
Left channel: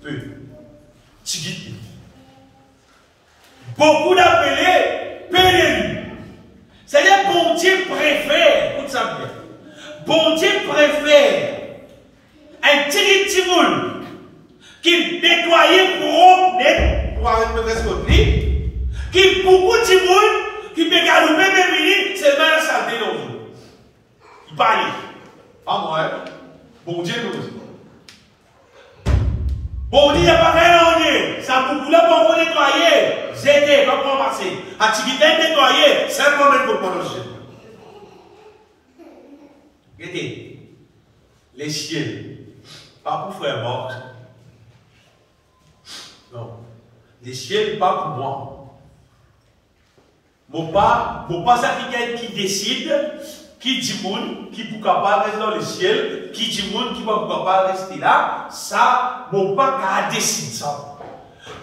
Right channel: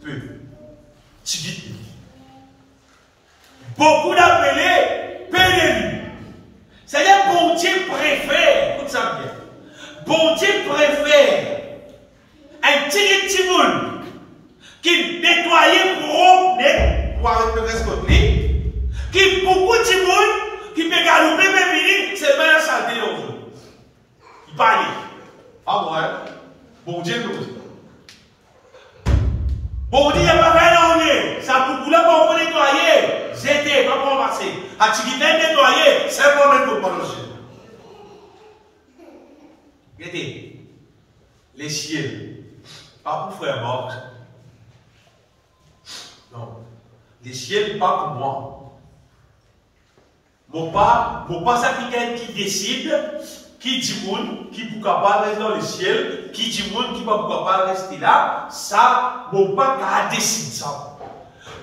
Peu. Tigit. Beaucoup d'appelés, peu d'élus. C'est-à-dire, bon Dieu préfère, écoute ça bien. Bon Dieu préfère un petit boule qui nettoyait pour net, pour avoir une presque lit, qui beaucoup de boule qui peut galoper, mais c'est bien la saleté dans le jeu. Il parle. Ah, moi, bon Dieu, le président. Bon Dieu, il n'y a pas fait rien. Ça beaucoup là pour vous nettoyer. J'étais, pas pour passer. Activité nettoyer, simplement pour pas le jeu. Regardez, les ciels, pas pour frère mort. Non, les ciels, pas pour moi. Mon pas ça qui décide, qui dit moun, qui pour capable rester dans le ciel, qui dit moun, qui va pour capable rester là, ça, mon pas qu'à décider ça.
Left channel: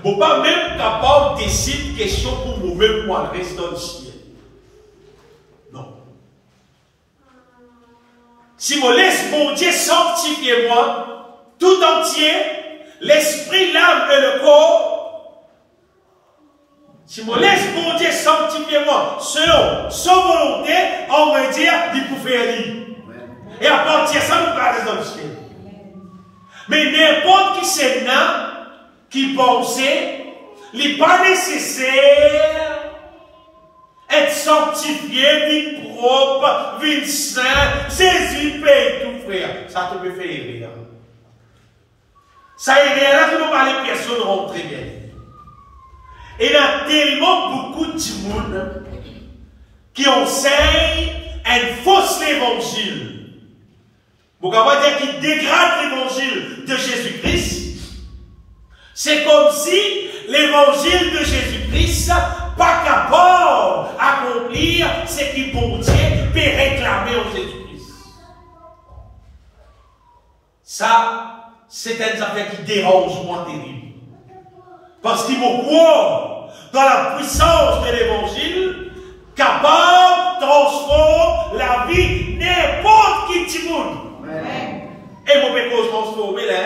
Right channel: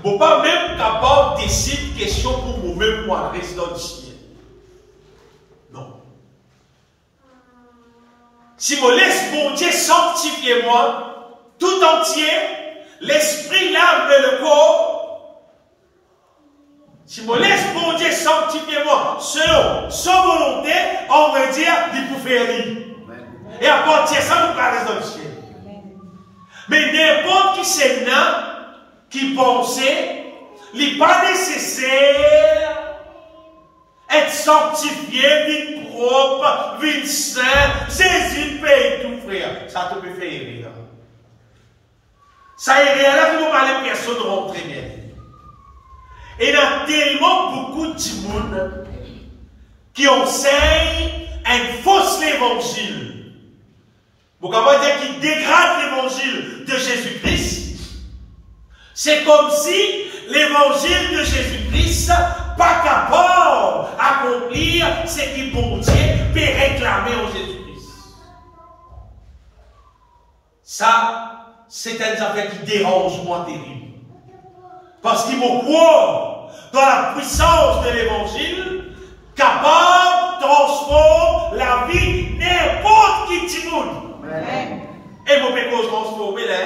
Mon pas même capable de décider question pour moi-même pour rester dans le ciel. Non. Si je laisse mon Dieu sanctifier moi, tout entier, l'esprit, l'âme et le corps, si je laisse mon Dieu sanctifier moi, selon sa volonté, on va dire, il peut faire rire. Et à partir de ça, nous parlons dans le ciel. Mais n'importe qui c'est là, qui pensait, il n'est pas nécessaire être sanctifié, vite propre, vite saint, saisir, payer tout, frère. Ça te peut faire rire. Ça y est, là, nous parlons, les personnes rentrent bien. Et il y a tellement beaucoup de monde qui enseignent un faux évangile. Vous pouvez dire qu'ils dégradent l'évangile de Jésus-Christ. C'est comme si l'évangile de Jésus-Christ pas capable d'accomplir ce qui bon Dieu peut réclamer en Jésus-Christ. Ça, c'est une affaire qui dérange moi terrible. Parce qu'il me croit dans la puissance de l'évangile, capable de transformer la vie n'importe qui dit monde. Et moi, je peux transformer là.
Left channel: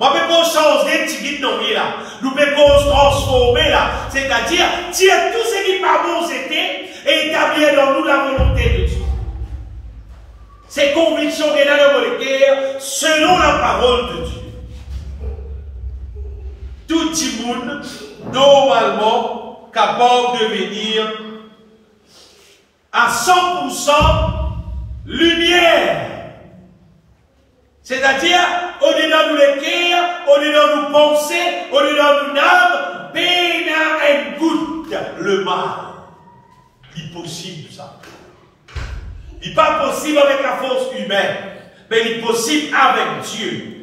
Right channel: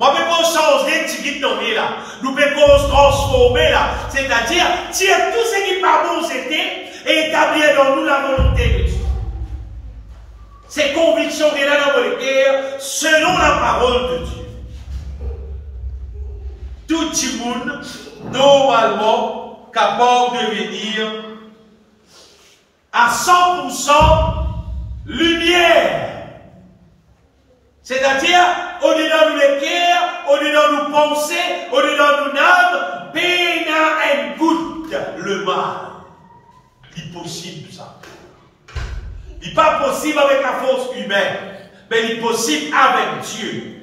Moi, je peux changer de petit dans là. Nous pouvons transformer là. C'est-à-dire, tirer tout ce qui n'est pas bon, c'était, et établir dans nous la volonté de Dieu. Ces convictions qu'il y a dans le cœur, selon la parole de Dieu. Tout le monde, normalement, capable de venir à 100% lumière. C'est-à-dire, au-dedans de nos cœurs, au-dedans de nos pensées, au-dedans de nos âmes, peine un goutte le mal. Il est possible ça. Il n'est pas possible avec la force humaine, mais il est possible avec Dieu.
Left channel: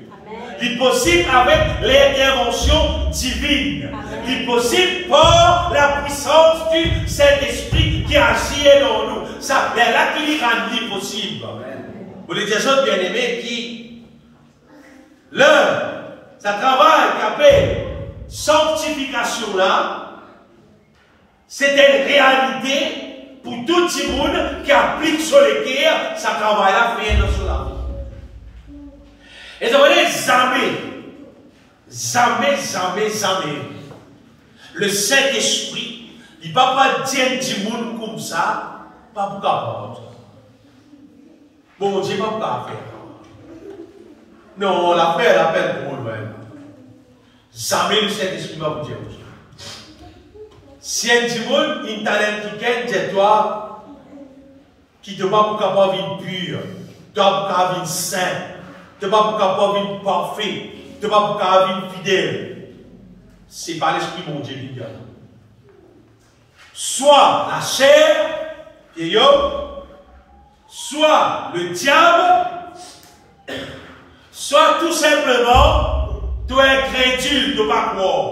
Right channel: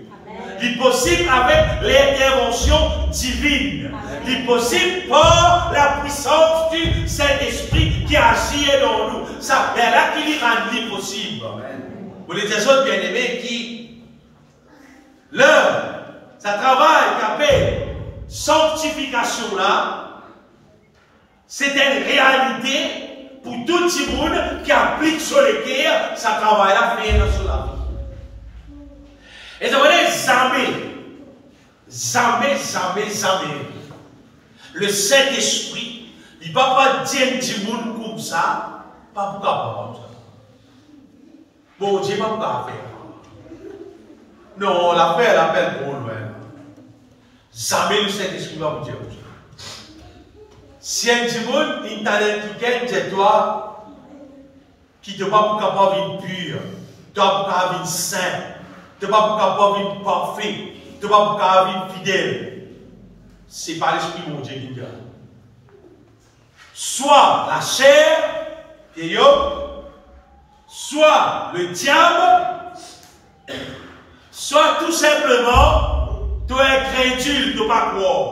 Il est possible avec l'intervention divine. Il est possible par la puissance du Saint-Esprit qui agit dans nous. Ça, c'est là qu'il rend possible. Pour les autres bien-aimés qui, ça travaille qu'appelle sanctification là, c'est une réalité pour tout le monde qui applique sur les cœurs, ça travaille là, fait dans la vie. Et ça veut dire jamais. Le Saint-Esprit, il ne va pas dire du monde comme ça, pas pour capable. Bon Dieu, pas pour faire. Non, on l'appelle pour nous-mêmes. Jamais le Saint-Esprit va vous dire ça. Si un du monde, il t'a qui gagne de toi, qui ne va pas capable de vivre pur, tu vas pas capable de saint. Tu ne vas pas capable de parfait, tu ne vas pas capable de fidèle. Ce n'est pas l'esprit de mon Dieu qui garde. Soit la chair, qui est soit le diable, soit tout simplement, tu es incrédule, tu ne vas pas croire.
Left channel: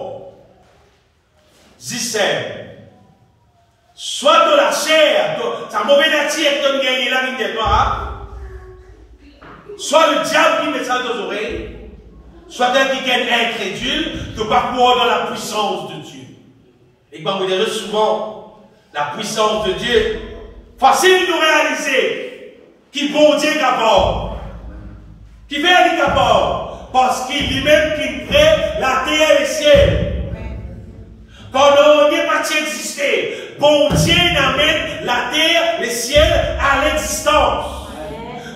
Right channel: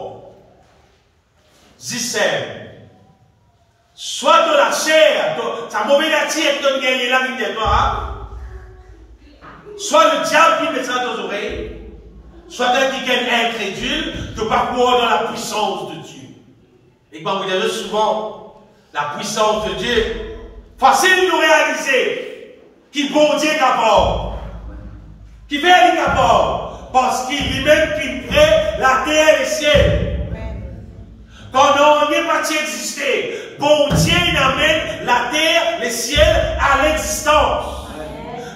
Soit de la chair, ta mauvaise nature qui te gagne là, toi. Soit le diable qui met ça dans les oreilles, soit un quelqu'un incrédule, de ne pas croire dans la puissance de Dieu. Et quand vous direz souvent, la puissance de Dieu, facile de réaliser qu'il bon Dieu est capable, qui fait être capable, parce qu'il lui-même qui crée la terre et le ciel. Quand on n'est pas existé, bon Dieu amène la terre, le ciel à l'existence.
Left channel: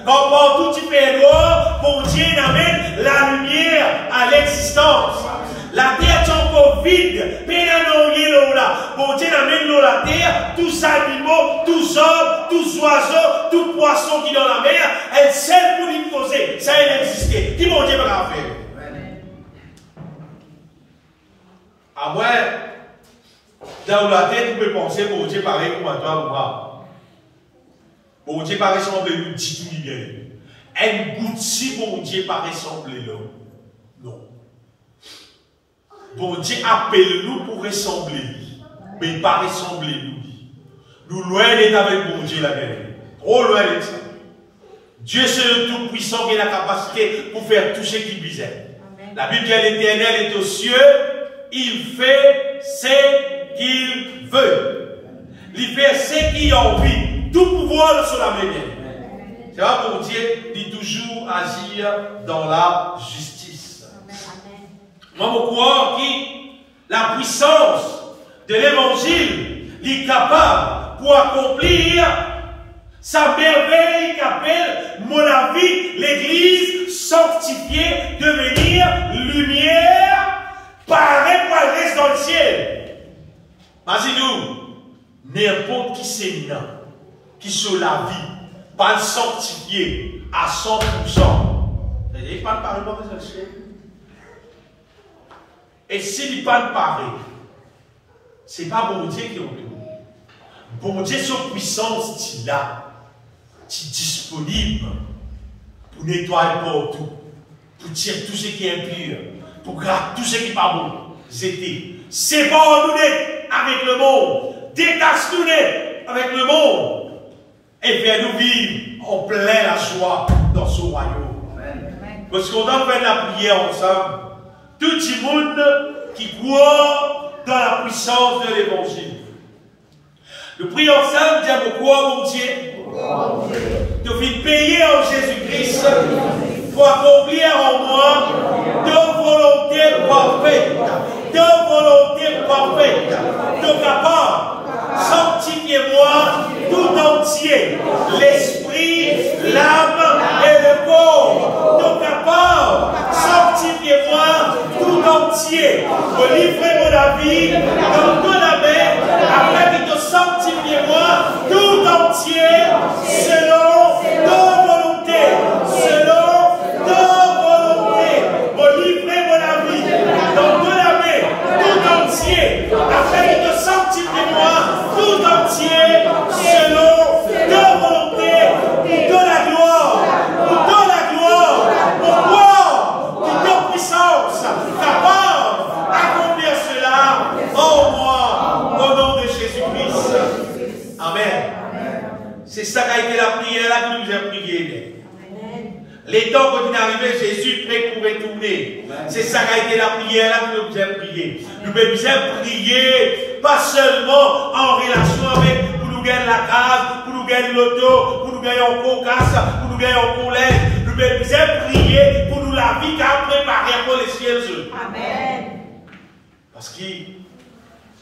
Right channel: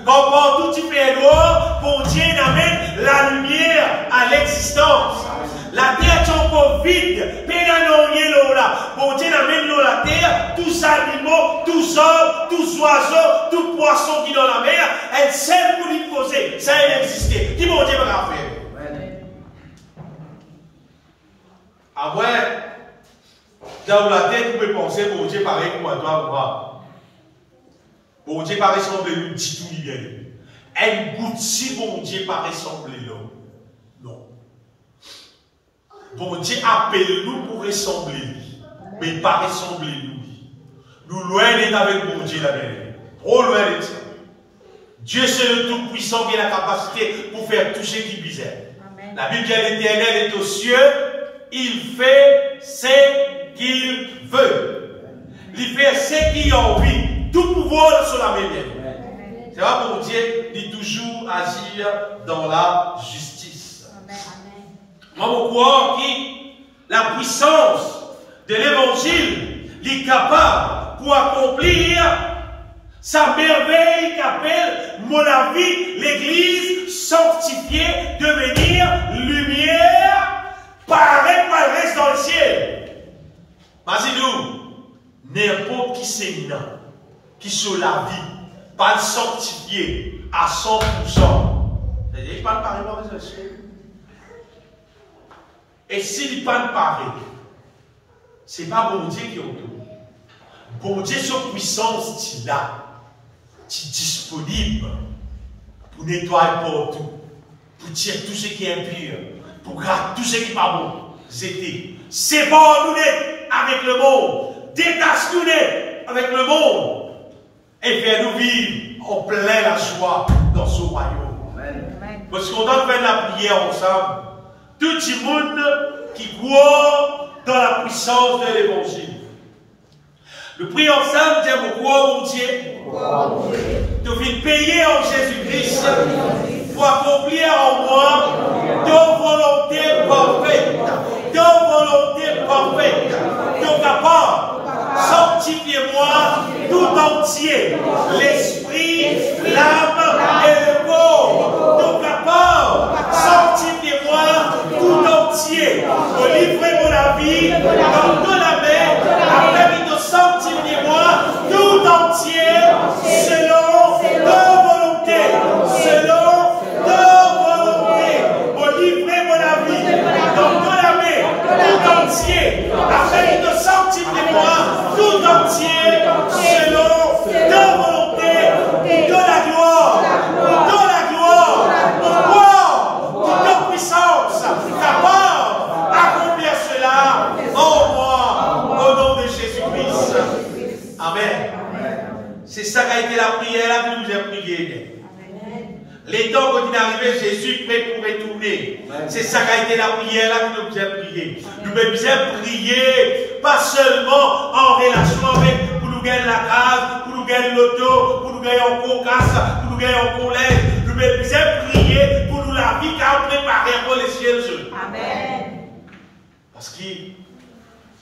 Quand partout tu fais noir, bon Dieu amène la lumière à l'existence. La terre est encore vide, mais là, bon Dieu amène l'eau la terre, tous animaux, tous hommes, tous oiseaux, tous poissons qui sont dans la mer, elle seule pour lui causer, ça a existé. Qui bon Dieu va faire? À moins, dans la terre, vous pouvez penser, bon Dieu pareil comme à toi ou pas. Bon Dieu paraît sembler nous dit tout bien. Un goutte si bon Dieu paraît sembler l'homme. Non. Bon Dieu appelle nous pour ressembler, mais pas ressembler nous. Nous loin d'être avec bon Dieu la guerre. Trop loin d'être. Dieu c'est le Tout-Puissant qui a la capacité pour faire tout ce qui visait. La Bible dit l'Éternel est aux cieux, il fait ce qu'il veut. Il fait ce qu'il a envie. Tout pouvoir sur la main. C'est vrai pour Dieu, il toujours agir dans la justice. Moi, je crois que la puissance de l'évangile est capable pour accomplir sa merveille qu'appelle, mon avis, l'église sanctifiée, devenir lumière, pareil pour elle reste dans le ciel. Imaginez-nous, n'importe qui c'est non, qui sur la vie, pas sanctifié à 100%. Il n'y a pas de pareil pour le ciel. Et s'il n'y a pas de pareil, ce n'est pas bon Dieu qui est autour. Bon Dieu, sur puissance, tu l'as. Tu es disponible pour nettoyer partout, pour tirer tout ce qui est impur, pour garder tout ce qui n'est pas bon. C'est bon nous avec le monde. Détache-nous avec le monde. Et fais-nous vivre en plein la joie dans ce royaume. Amen. Parce qu'on doit faire la prière ensemble. Tout le monde qui croit dans la puissance de l'évangile. Nous prions ensemble, disons, crois mon Dieu, de venir payer en Jésus-Christ pour accomplir en moi de volonté parfaite. De volonté parfaite. De capable, sanctifiez-moi tout entier, l'esprit, l'âme et le corps. De capable, sanctifiez-moi tout entier. Vous livrez mon avis dans de la main, afin de sanctifiez-moi tout entier, selon ta volonté. Selon ta volonté. Vous livrez mon avis dans de la main, tout entier, afin de sanctifiez-moi tout entier, selon ta volonté, pour de la gloire, pour de la gloire, pour ta puissance, capable d'accomplir cela en moi, au nom de Jésus-Christ. Amen. C'est ça qui a été la prière là que nous avons prié. Les temps quand il est arrivé, Jésus prêt pour retourner. C'est ça qui a été la prière là que nous avons prié. Nous avons prié, pas seulement en relation avec pour nous gagner la case, pour nous gagner l'auto, pour nous gagner en cocasse, pour nous gagner en collège. Nous avons prié pour nous la vie qui a préparé pour les cieux. Amen. Parce que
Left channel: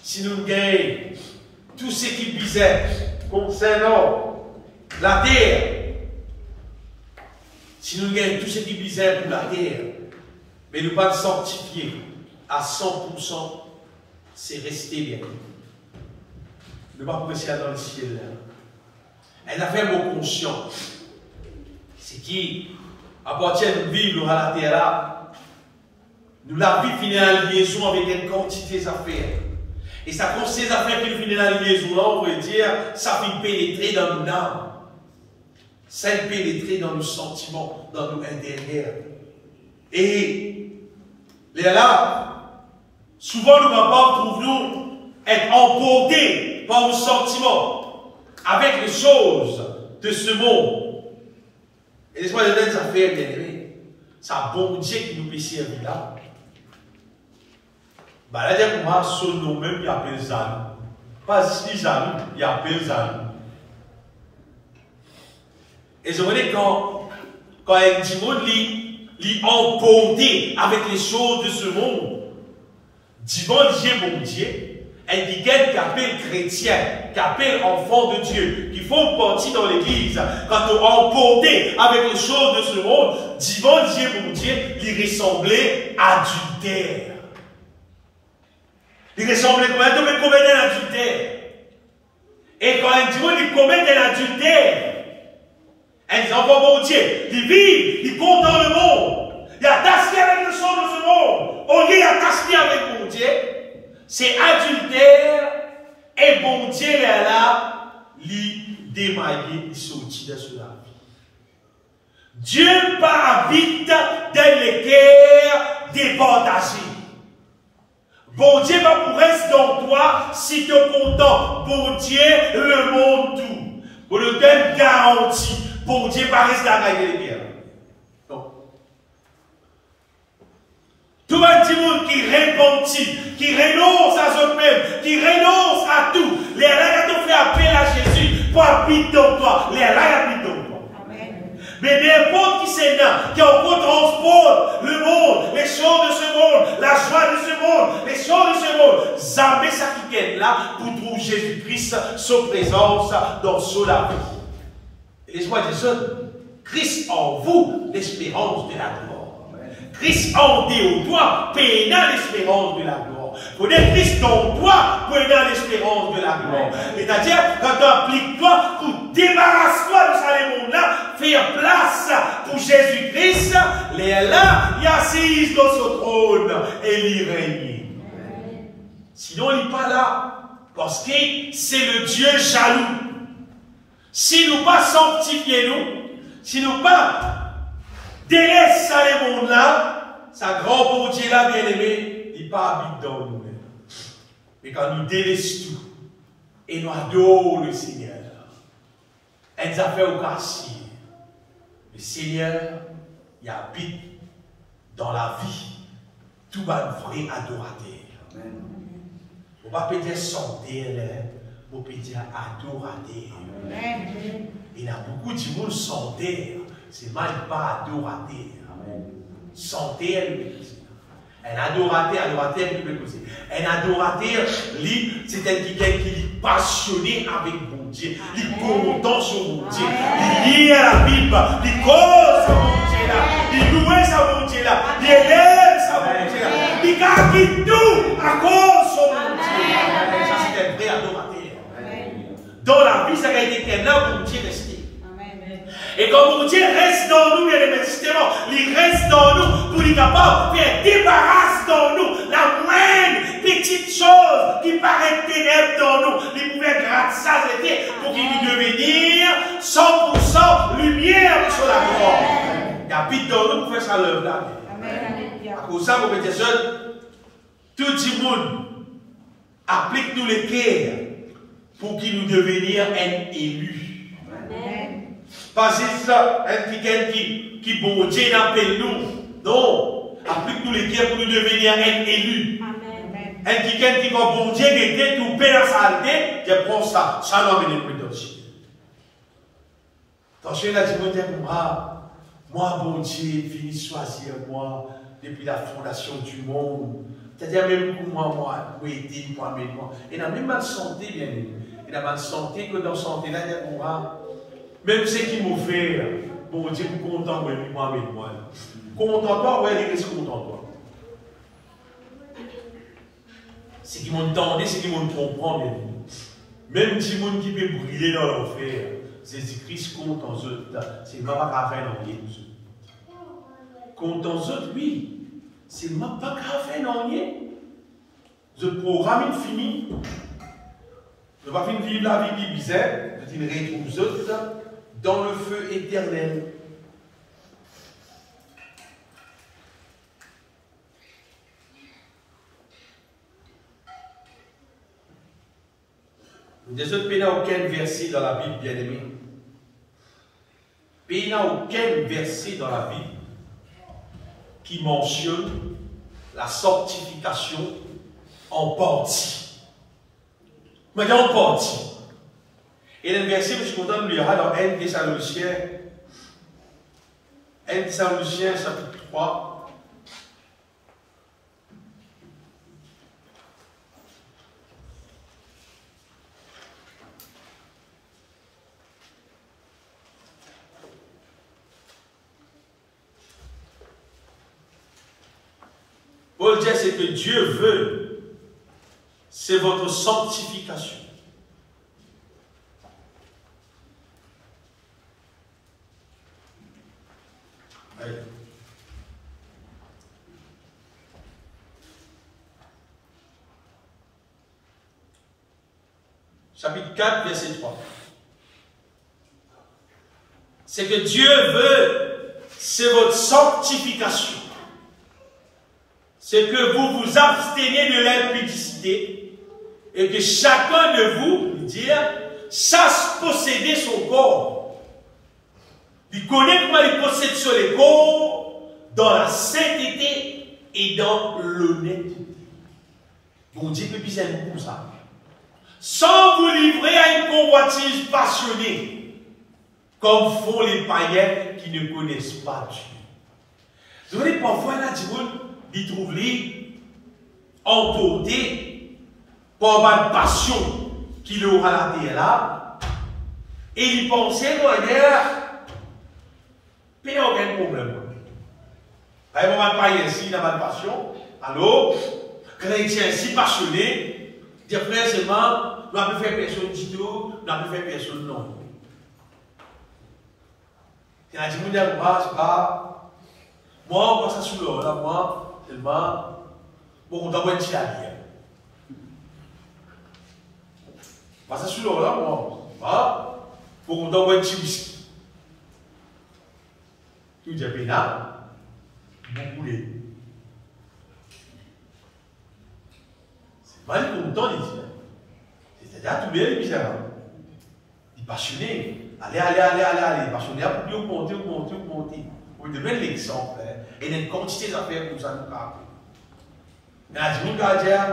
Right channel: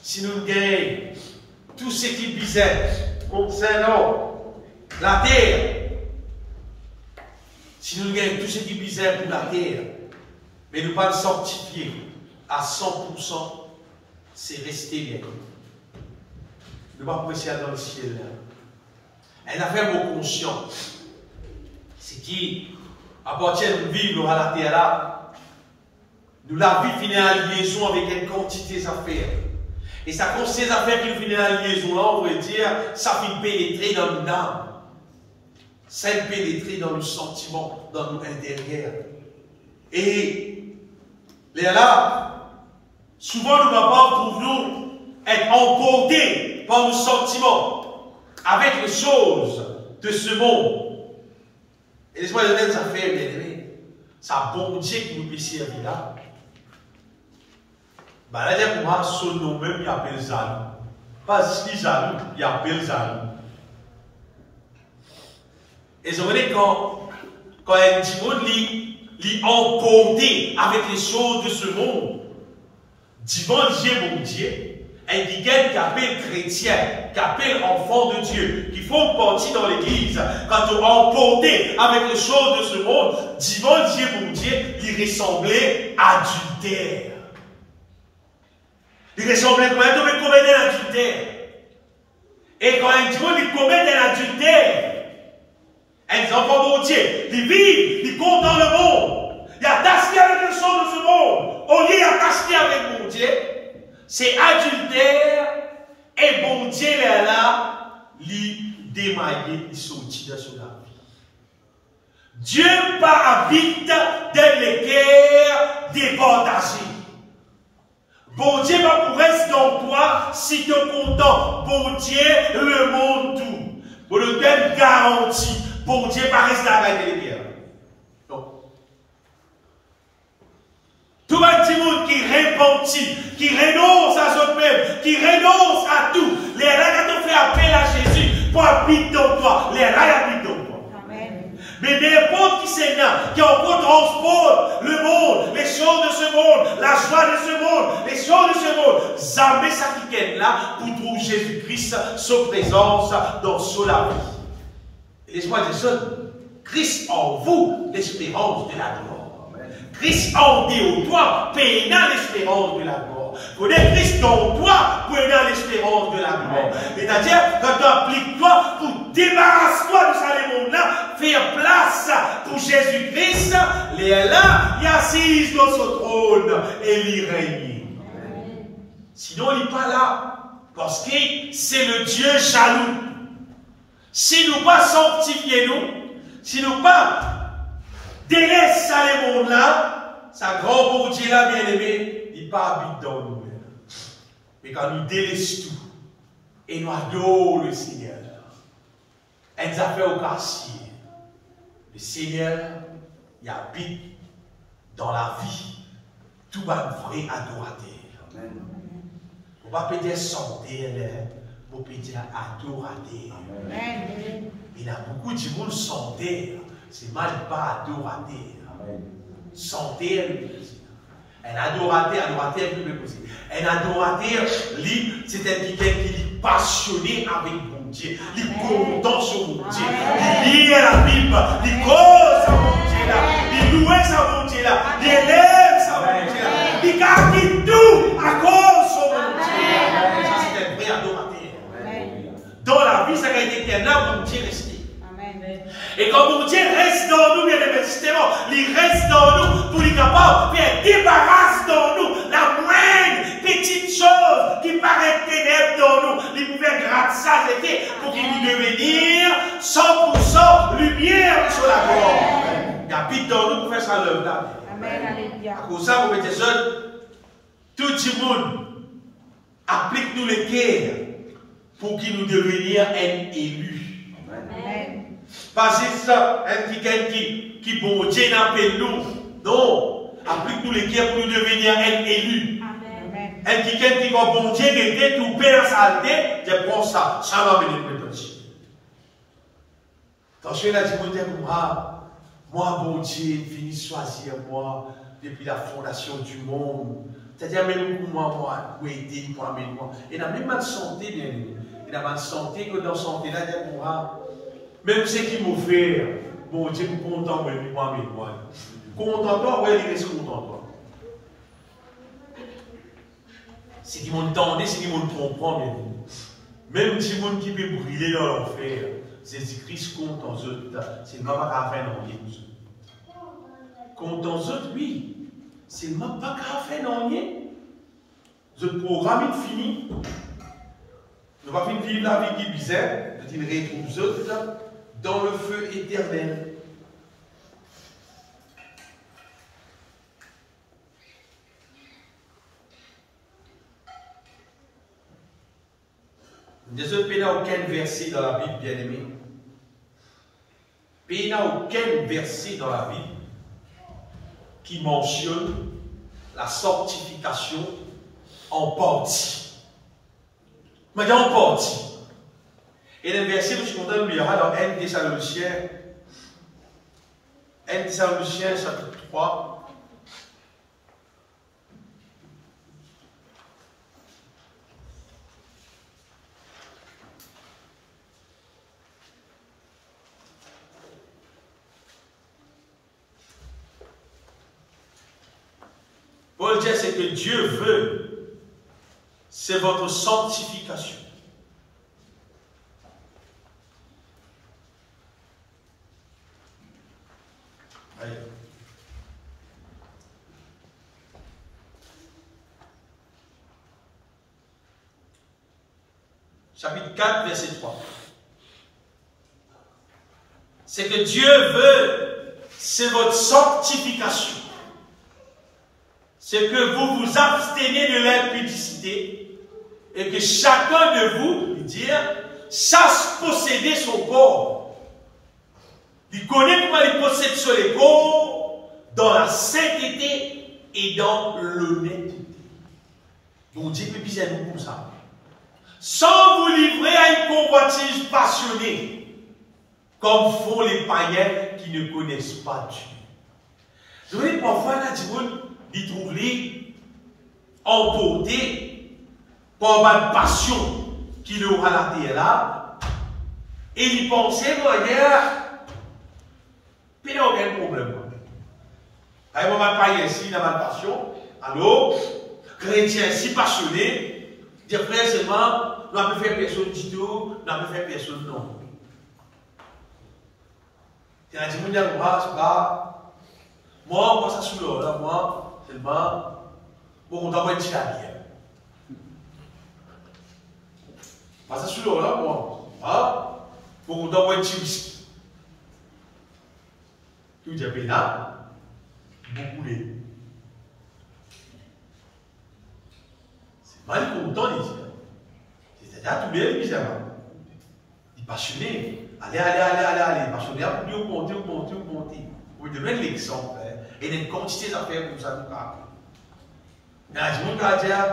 si nous gagnons tout ce qui visait concernant la terre, si nous gagnons tout ce qui visait pour la terre, mais nous pas sanctifier à 100%, c'est rester bien. Nous ne pas pouvoir dans le ciel. Elle a fait mon conscience. C'est qui, à partir de vivre à la terre là, nous la vie finit en liaison avec une quantité d'affaires. Et ça consiste ces affaires qui nous finissent en liaison là, on veut dire, ça finit pénétrer dans nos âmes. Ça pénétrer dans nos sentiments, dans nos intérieurs. Et là, souvent nous trouvons être emportés par nos sentiments avec les choses de ce monde. Et laisse-moi donner des affaires, bien aimés. ça bon Dieu qui nous peut servir là. Bah là, moi, son nom même, il appelle jaloux. Pas si jaloux, il appelle jaloux. Et je connais quand un petit monde l'y emporté avec les choses de ce monde, devant Dieu, mon Dieu, un quelqu'un qui appelle chrétien, qui appelle enfant de Dieu, qui font partie dans l'église, quand on emporté avec les choses de ce monde, devant Dieu, mon Dieu, il ressemblait à adultère. Il ressemblait quand même à commettre un adultère. Et quand un démon il commet un adultère, un enfant mon Dieu, il vit, il compte dans le monde, il attache avec les choses de ce monde, au lieu d'attacher avec mon Dieu, c'est adultère, et bon Dieu est là, il démaillé, il sortit de cela. Dieu pas habite dans les guerres départagées. Bon Dieu va pour rester dans toi si tu es content. Bon Dieu, le monde tout. Pour le même garantie. Bon Dieu va rester à gagner les guerres. Non. Tout le petit monde qui repentit, qui renonce à soi-même, qui renonce à tout, les là te fait appel à Jésus pour habiter dans toi. Les là habitent dans toi. Mais n'importe qui c'est là, qui encore transporte le monde, les choses de ce monde, la joie de ce monde, les choses de ce monde, jamais ça qui est là pour trouver Jésus-Christ, sa présence dans la vie. Laisse-moi dire ça, Christ en vous, l'espérance de la gloire. Christ en toi, payant l'espérance de la gloire. Vous êtes Christ en toi, payant l'espérance de la gloire. C'est-à-dire, quand tu appliques-toi pour débarrasser-toi de ce monde-là, faire place pour Jésus-Christ, il est là, il assise dans son trône et il règne. Sinon, il n'est pas là, parce que c'est le Dieu jaloux. Si nous pas sanctifier nous, si nous pas délaisser ce monde-là, sa grand bon Dieu là, bien aimé, il pas habite dans nous. Mais quand nous délaissons tout, et nous adorons le Seigneur, et nous avons au quartier, le Seigneur, il habite dans la vie, tout un vrai adorateur. On va peut-être sentir, on peut dire adorateur. Il y a beaucoup de monde sentir, c'est mal pas adorateur. Sentir, un adorateur, un adorateur, c'est quelqu'un qui est passionné avec mon Dieu, il est content sur mon Dieu, il lit la Bible, il cause à mon Dieu là, il loue à mon Dieu là, il élève à mon Dieu là, il garde tout à cause de mon Dieu. Ça c'est un vrai adorateur. Dans la vie, ça a été éternel, mon Dieu resté. Et quand mon Dieu reste dans nous, bien aimé, justement, il reste dans nous pour être capable de faire débarrasse dans nous la moindre petite chose qui paraît ténèbre dans nous. Il pouvait grâce ça pour qu'il puisse devenir 100% lumière sur la gloire. Il habite dans nous pour faire sa l'œuvre là. À cause de ça, vous mettez seul, tout le monde applique-nous les cœurs pour qu'il nous devenions un élu. Pas juste un quelqu'un qui bon Dieu appelle nous. Non. Applique-nous les cœurs pour nous devenir un élu. Un quelqu'un qui quand bon Dieu était tout bien dans sa alté, je prends ça. Ça va venir plus tôt. Attention, là, dis moi, bon Dieu, fini choisir moi depuis la fondation du monde. C'est-à-dire même pour moi, pour aider, pour amener moi. Et dans même mal santé, bien aimé. Et dans mal santé, que dans santé, là, il y a même ce qui m'a fait, bon Dieu, content de moi, avec moi. Content toi, ouais, il reste content toi. C'est qui m'entendait, c'est qui m'ont comprend, bien aimé. Même si monde qui peut brûler dans l'enfer, Jésus-Christ compte en eux. C'est ma pas qu'à faire dans les compte en eux, oui. C'est ma pas qu'à faire dans les. Le programme est fini. Je ne vais pas vivre la vie qui est bizarre. Je dis, retrouve eux dans le feu éternel. Des autres, il n'y a aucun verset dans la Bible, bien aimé. Il n'y a aucun verset dans la Bible qui mentionne la sanctification en partie. Mais en partie. Et le verset que je suis content de lire dans 1 Thessaloniciens, chapitre 3. Paul dit, c'est que Dieu veut, c'est votre sanctification. Allez. Chapitre 4, verset 3. C'est que Dieu veut, c'est votre sanctification. C'est que vous vous abstenez de l'impudicité et que chacun de vous, sache posséder son corps. Il connaît comment il possède sur les corps dans la sainteté et dans l'honnêteté. Bon Dieu peut bien nous comme ça. Sans vous livrer à une convoitise passionnée, comme font les païens qui ne connaissent pas Dieu. Vous voyez, parfois, là, il trouve lui emporté par une passion qu'il aura la terre là, et il pensait, il n'y a aucun problème. Par exemple, pas ici, dans ma passion, alors, chrétien si passionné, dire frère seulement, nous n'avons fait personne du tout, nous n'avons fait personne non. Il y a des gens qui disent, moi, on passe sous l'eau, là, moi, tellement, bon, on doit être chialien. Passe sous l'eau, là, moi, bon, on doit être whisky. Tout est pénal, beaucoup les. C'est mal content, il dit. C'est-à-dire, tous les misérables. Il est passionné. Allez, passionné, pour augmenter. Vous devez l'exemple. Et il y a une quantité d'affaires pour ça nous faire. Il y a des gens qui disent,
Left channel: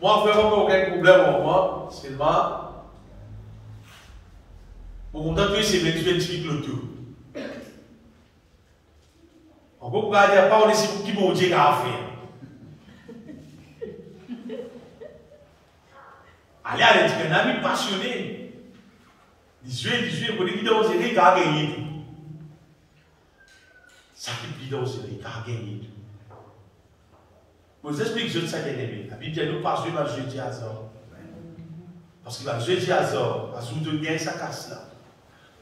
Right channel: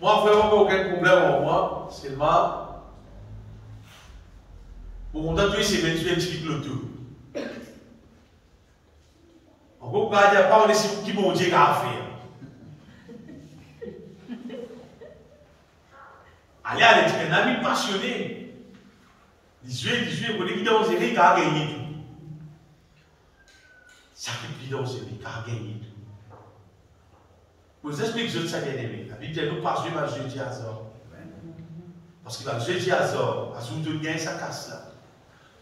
moi, vraiment, aucun problème pour moi, seulement, pour qu'on donne tous ces 28 lotos. On peut pas dire, pas on est ici pour qui mon Dieu a fait. Allez, un ami passionné. 18, on dit qu'il dans série, il a gagné tout. Ça qui est dans série, il a gagné tout. Pour vous expliquer que ça bien aimé. La Bible dit, nous pas jouer le jeudi à Zor. Parce que le jeudi à Zor, à son de gain, ça casse là.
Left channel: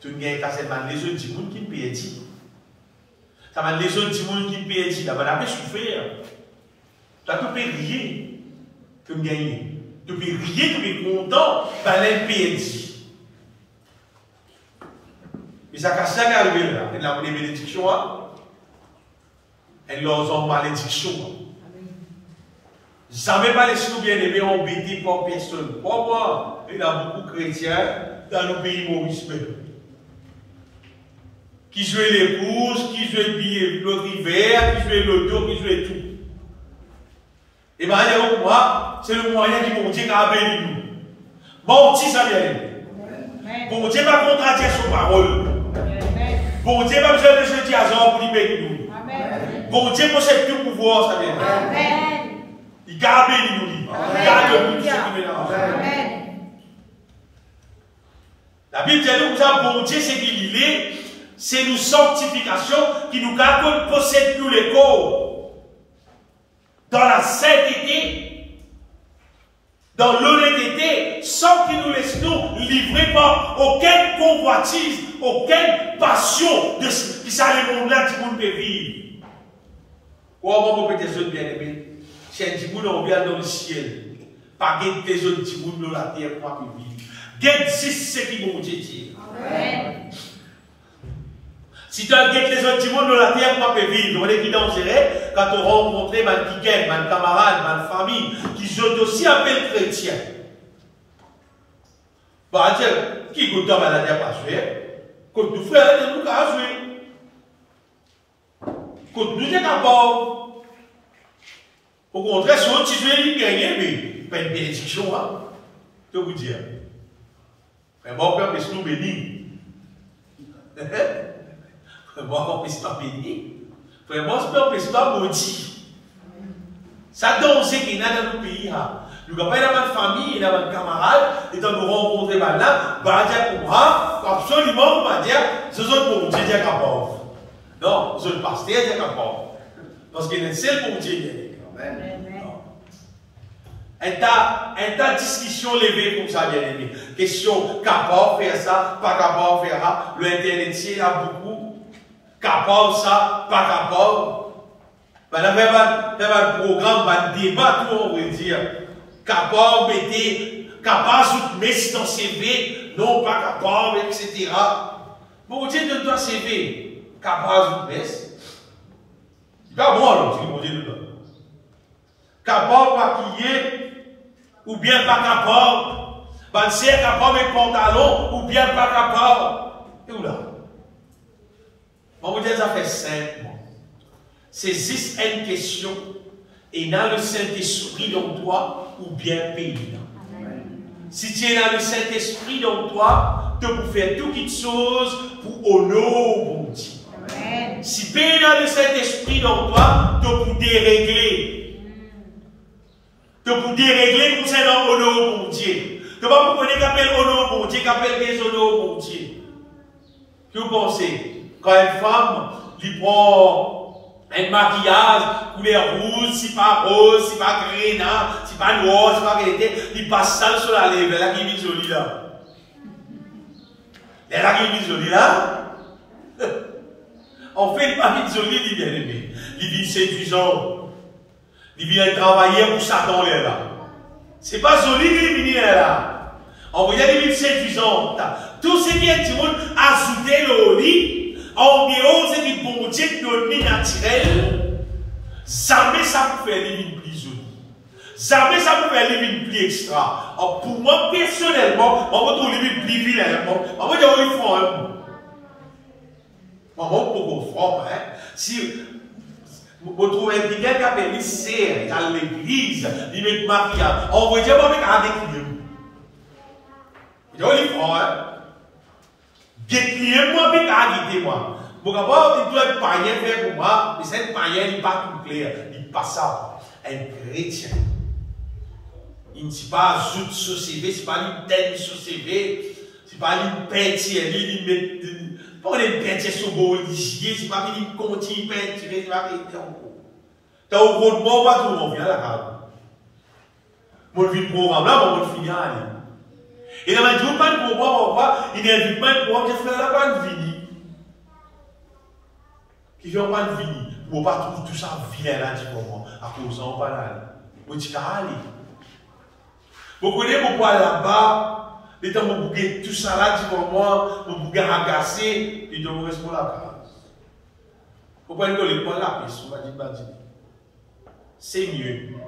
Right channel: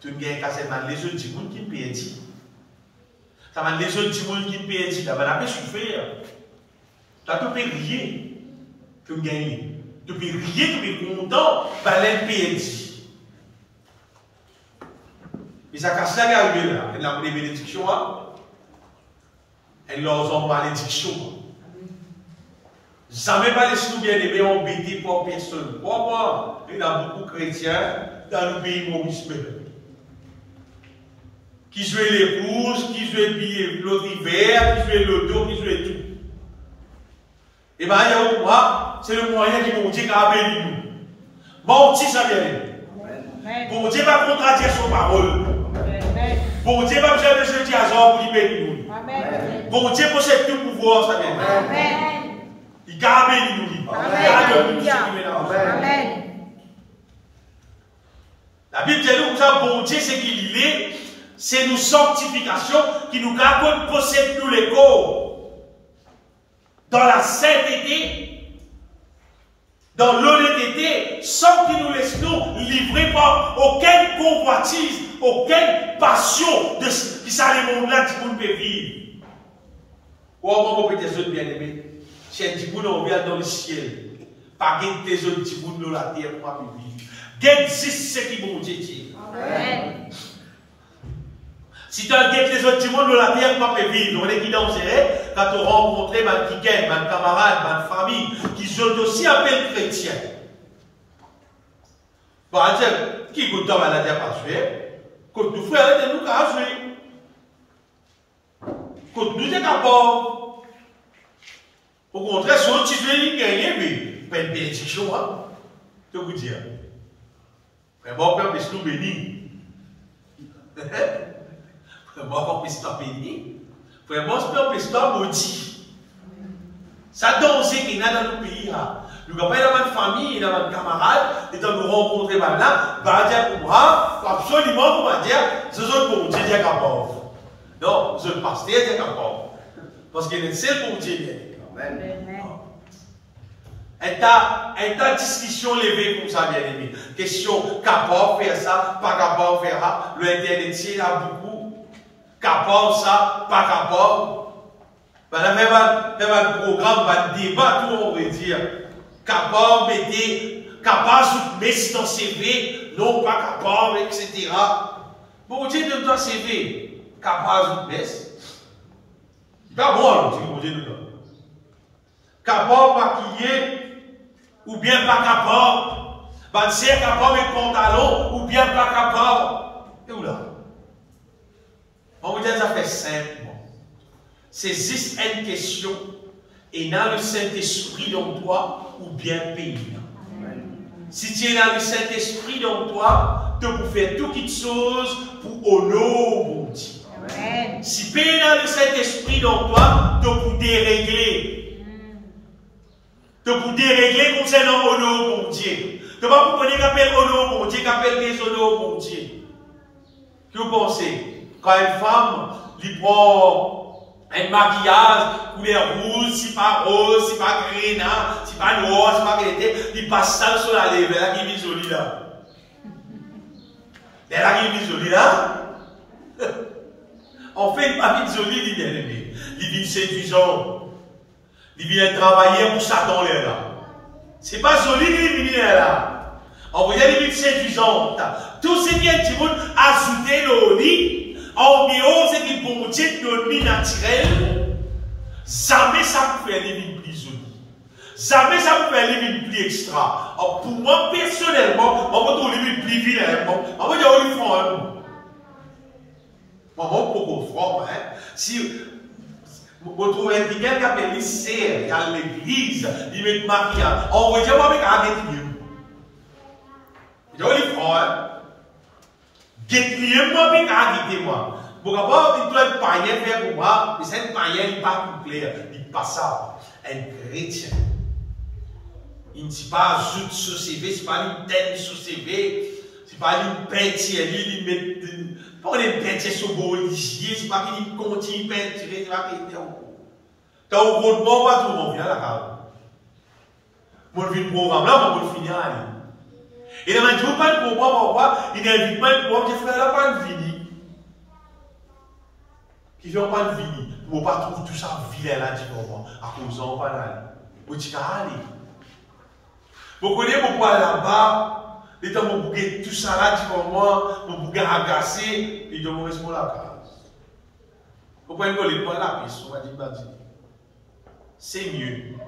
Tu gagnes casse, les autres gens qui perdent. Ça va les autres gens qui perdent, ça va pas souffrir. Tu as tout payé, tu gagnes. Tu peux rier, tu peux être content, ben l'impiété. Mais ça casse la gueule, elle a une bénédiction, elle leur a une malédiction. Jamais pas laissé nous bien aimés embêtés par personne. Pourquoi? Il y a beaucoup de chrétiens dans nos pays Maurice qui jouent l'épouse, qui jouent l'autre hiver, qui jouent l'auto, qui jouent tout. Et bien, moi, c'est le moyen qui bon Dieu a béni nous. Bon Dieu, ça vient de bon Dieu va contradire son parole. Bon Dieu va besoin de jeudi à Zor pour lui bénir nous. Bon Dieu possède tout pouvoir, ça vient de il garde béni nous. Il garde nous, la Bible dit nous, bon Dieu, c'est qu'il est, c'est nous sanctification qui nous garde possède nous les corps. Dans la sainteté, dans l'honnêteté, sans qu'il nous laisse nous livrer par aucune convoitise, aucune passion de qui ça les mondes là, qui monde peut vivre. Comment vous pouvez des autres bien-aimés? Chez Dimoun, on vient dans le ciel. Pas que des autres Dimoun dans la terre pour vivre. Gagne ce qui vont dire. Si tu as les autres gens de la terre, tu peux vivre. On est qui danserait quand tu rencontres des camarades, des familles qui sont aussi appelés chrétiens. Bah, qui goûte ta maladie à pas jouer? Quand nous frères, nous qu'à jouer. Quand nous sommes capables, au contraire, si on titule les gagner, mais pas une bénédiction, hein. Je vous dire. Vraiment, Père, mais c'est nous béni. Vraiment, mais c'est pas béni. Vraiment, Père, mais c'est pas maudit. Ça danger qu'il y a dans nos pays. Nous avons une famille, nous avons un camarade, et quand nous rencontrons là, absolument, on va dire, ce sont pour Dieu, Dieu capable. Non, ce sont le pasteur, Dieu capable. Parce qu'il est le seul pour Dieu. Amen. Et ta discussion levée comme ça, bien aimé. Question, capable de faire ça, pas capable de faire ça. Le internet, il y a beaucoup. Capable ça, pas capable. Il y a un programme, un débat, tout on va dire. Capable, capable de mettre dans CV, non pas capable, etc. Bon, Dieu donne ton CV, capable de mettre. C'est pas bon, alors, c'est que Dieu nous donne. Capable de maquiller, ou bien pas capable. C'est capable de pantalon, ou bien pas capable. Et où là? On vous dit, ça fait simple. C'est juste une question. Et dans le Saint-Esprit dans toi, ou bien pays. Si tu es dans le Saint-Esprit dans toi, tu peux faire toutes choses pour honorer mon Dieu. Si tu es dans le Saint-Esprit dans toi, tu peux dérégler. Tu peux dérégler concernant honorer mon Dieu. Tu ne vas pas connaître qu'appelle honorer mon Dieu, qu'appelle déshonorer mon Dieu. Que vous pensez? Quand une femme lui prend un maquillage, couleur rouge, si pas rose, si pas gris, si pas noir, si pas qualité, il passe ça sur la lèvre, elle a qui est jolie là. Elle a qui est jolie là. En fait, il n'est pas jolie, il est bien aimé. Il est séduisant. Il vient travailler pour Satan là. C'est pas joli qu'il vient là. On va dire qu'il est séduisant. Tout ce qui est du monde ajouté le lit. En dehors, c'est du bon Dieu de vie naturel. Jamais ça peut faire les vies plus jolies. Jamais ça peut faire les vies plus extra. Alors, pour moi, personnellement, on va trouver les vies plus vilaines. On va dire, oui, franc. Maman, pourquoi franc, hein? Si vous trouvez quelqu'un qui appelle les serres à l'église, il met le maquillage. On va dire, moi, mais quand même, il dit, oui, franc, hein? Guette-moi, puis guette-moi. Bon, d'abord, il doit être païen faire pour moi, mais c'est un païen, il n'est pas complet, il n'est pas ça. Un chrétien. Il ne dit pas ajoute sur CV, ce n'est pas une tête sur CV, ce n'est pas une peinture, il met. Pas une peinture sur le bolicier, ce n'est pas une continue peinture, ce n'est pas une peinture. Tu as au gros de moi, on va tout, on vient à la carte. Mon vie de programme là, on va finir à aller. Et dans le jour, pas de programme, il n'invite pas de programme, je fais là, pas de vini. Qui n'ont pas de vini. Pour ne pas trouver tout ça vilain là, du moment, à cause d'en pas d'aller. Vous dites qu'à aller. Vous connaissez pourquoi là-bas, les temps où vous bouquez tout ça là, du moment, vous bouquez agacé, et donc vous restez la case. Pourquoi ils ne veulent pas la piste, on va dire, c'est mieux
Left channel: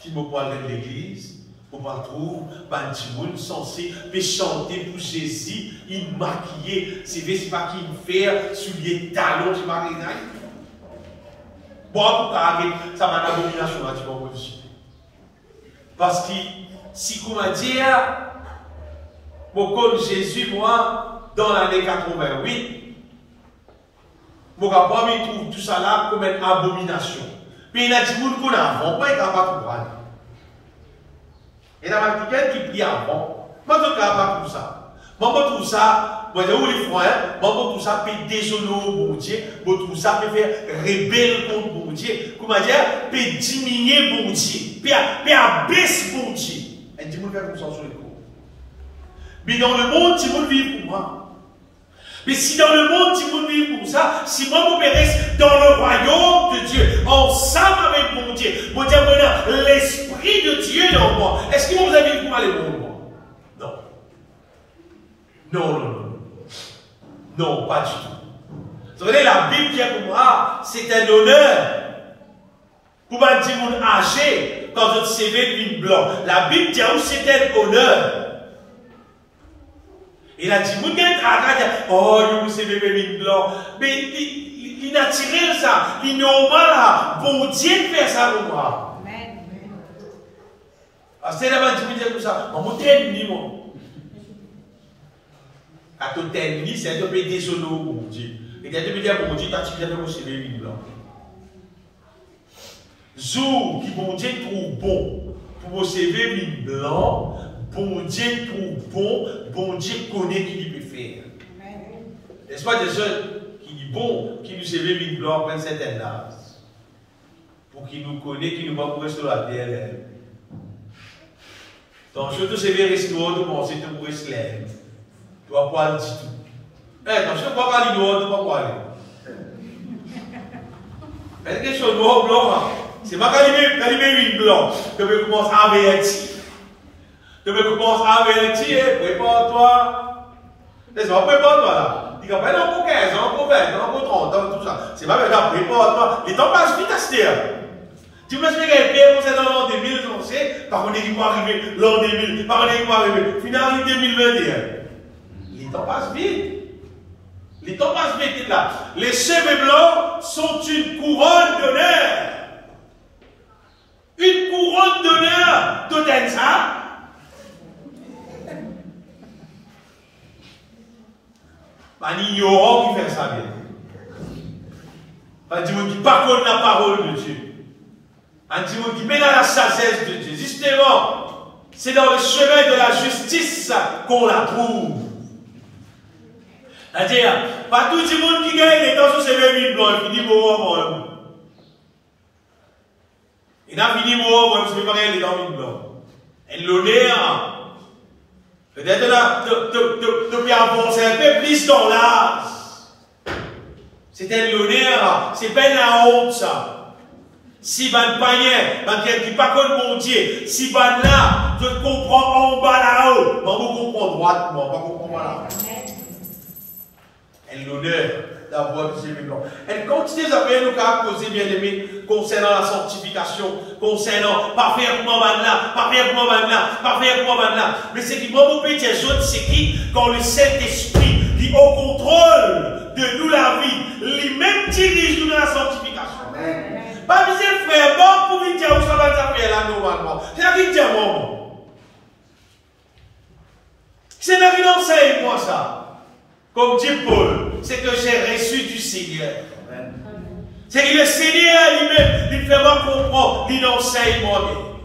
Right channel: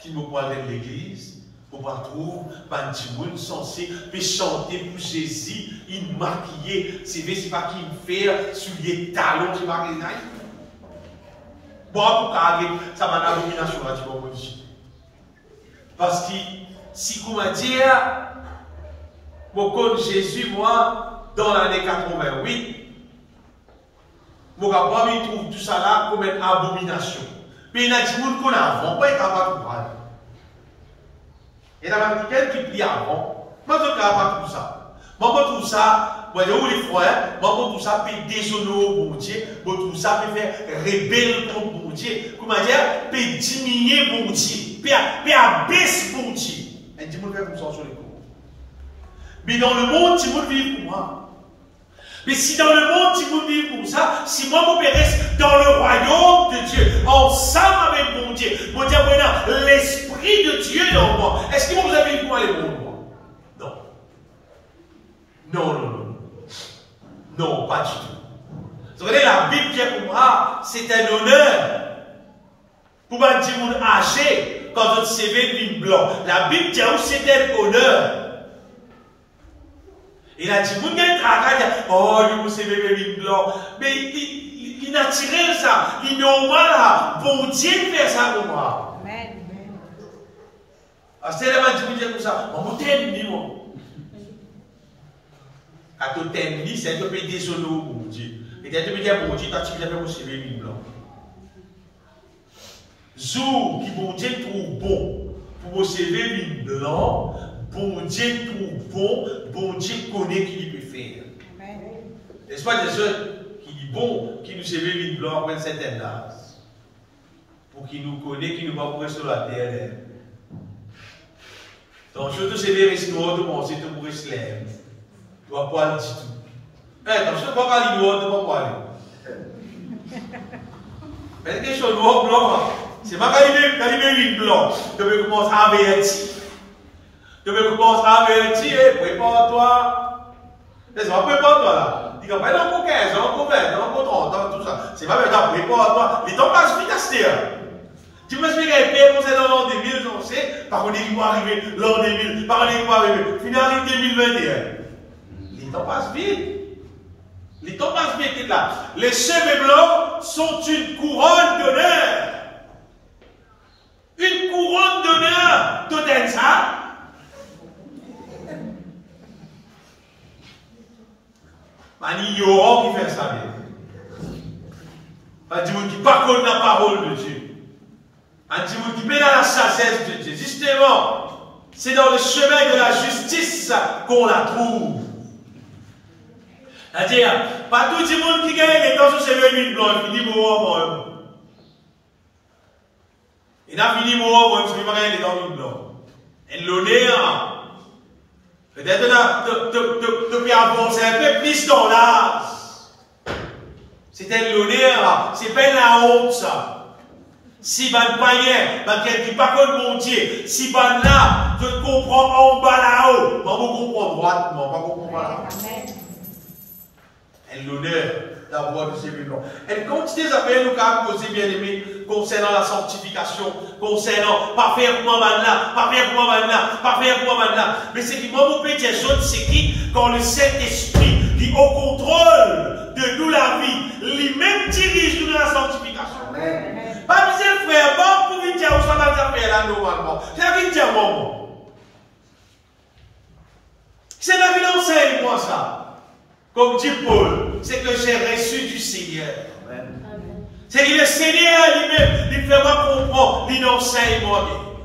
qu'ils me parlent de l'église. Pour pas trouver, Bandimoun censé chanter pour Jésus, il maquillé, c'est pas qu'il fait sur les talons, c'est pas qu'il y a. Bon, pour carrer, ça m'a d'abomination à dire. Parce que, si comment dire, pour Jésus, moi, dans l'année 88, mon gars, il trouve tout ça là comme une abomination. Mais il y a des gens qu'on a avant, pas capable de voir. Et dans la quelqu'un qui prie avant, moi je ne peux pas tout ça. Moi je trouve ça, moi je dis les frères, moi je trouve ça peut déshonorer au Dieu, moi je trouve ça peut faire rebelle contre mon Dieu, comment dire, peut diminuer mon Dieu, peut abaisser mon Dieu. Et dis moi faire comme ça sur les cours. Mais dans le monde, tu veux vivre pour moi. Mais si dans le monde, tu veux vivre comme ça, si moi, je reste dans le royaume de Dieu, ensemble avec mon Dieu, maintenant, l'Esprit de Dieu dans moi, est-ce que vous avez vu moi les bons? Non. Non, non, non. Non, pas du tout. Vous savez, la Bible dit pour moi, c'est un honneur. Pour pas dire mon âgé, quand votre CV est blanc. La Bible dit aussi c'est un honneur. Il a dit, vous avez un travail, oh, je vous sais bébé blanc. Mais il naturel ça, il normal, bon Dieu fait ça pour moi. Amen. C'est là que je dire comme ça, on t'aime ni moi. Quand tu t'aimes ni, c'est un peu désolé pour Dieu. Et quand tu me dis bon Dieu, tu as fait aussi les lignes blancs. Jour qui bon Dieu trouve bon pour vous servir une blanc, bon Dieu trouve bon Dieu connaît qui il peut faire. N'est-ce pas des autres qui dit bon, qui nous servir une blanc après une certaine âge, pour qu'il nous connaît, qui nous va pour rester sur la terre. Donc je te servir ici noir de penser de pour rester là. Tu vas pas le dire tout. Attends, je ne peux pas aller noir, tu ne vas pas aller. Mais quelque chose noir blanc. C'est pas quand il met une blanche, tu peux commencer à avertir. Tu peux commencer à avertir, prépare-toi. C'est pas prépare-toi là. Tu vas pas dans encore 15 ans, encore 20 ans, encore 30 ans, tout ça. C'est pas maintenant, prépare-toi. Les temps passent vite à ce terre. Tu peux expliquer les pères qu'on sait dans l'an 2000, on sait, par contre, il va arriver l'an 2000, par contre, il va arriver, finalement 2021. Les temps passent vite. Les temps passent vite là. Les cheveux blancs sont une couronne d'honneur. Une couronne d'honneur de ça. Il y aura qui fait ça bien. Pas du monde qui pas connaît la parole de Dieu. Un petit monde qui met dans la sagesse de Dieu. Justement, c'est dans le chemin de la justice qu'on la trouve. C'est-à-dire, pas tout le monde qui gagne les temps sur ses véhicules blancs qui dit bon, il a fini mort, moi, je vais pas les dents blancs. Et l'honneur, peut-être là, tu peux avancer un peu plus dans l'âge. C'est l'honneur, c'est pas la honte, ça. Si ban païen, ban quelqu'un qui pas comme mon Dieu, si ban là, je comprends en bas là-haut, moi, je comprends droite, moi, je comprends là. Et l'honneur d'avoir du cheveu blanc. Elle continue à faire nous qu'à causer, bien aimé, concernant la sanctification, concernant pas faire pour man là, pas faire pour man là, pas faire pour man là. Mais c'est qui, moi, mon petit jaune, c'est qui, quand le Saint-Esprit, qui au contrôle de nous la vie, lui-même dirige nous dans la sanctification. Amen. Pas misère, frère, bon, pour lui dire où ça va faire là, normalement. C'est là qu'il dit à moi. C'est là qu'il enseigne, moi, ça. Comme dit Paul, c'est que j'ai reçu du Seigneur. C'est que le Seigneur lui-même, il fait moi comprendre, il enseigne moi-même.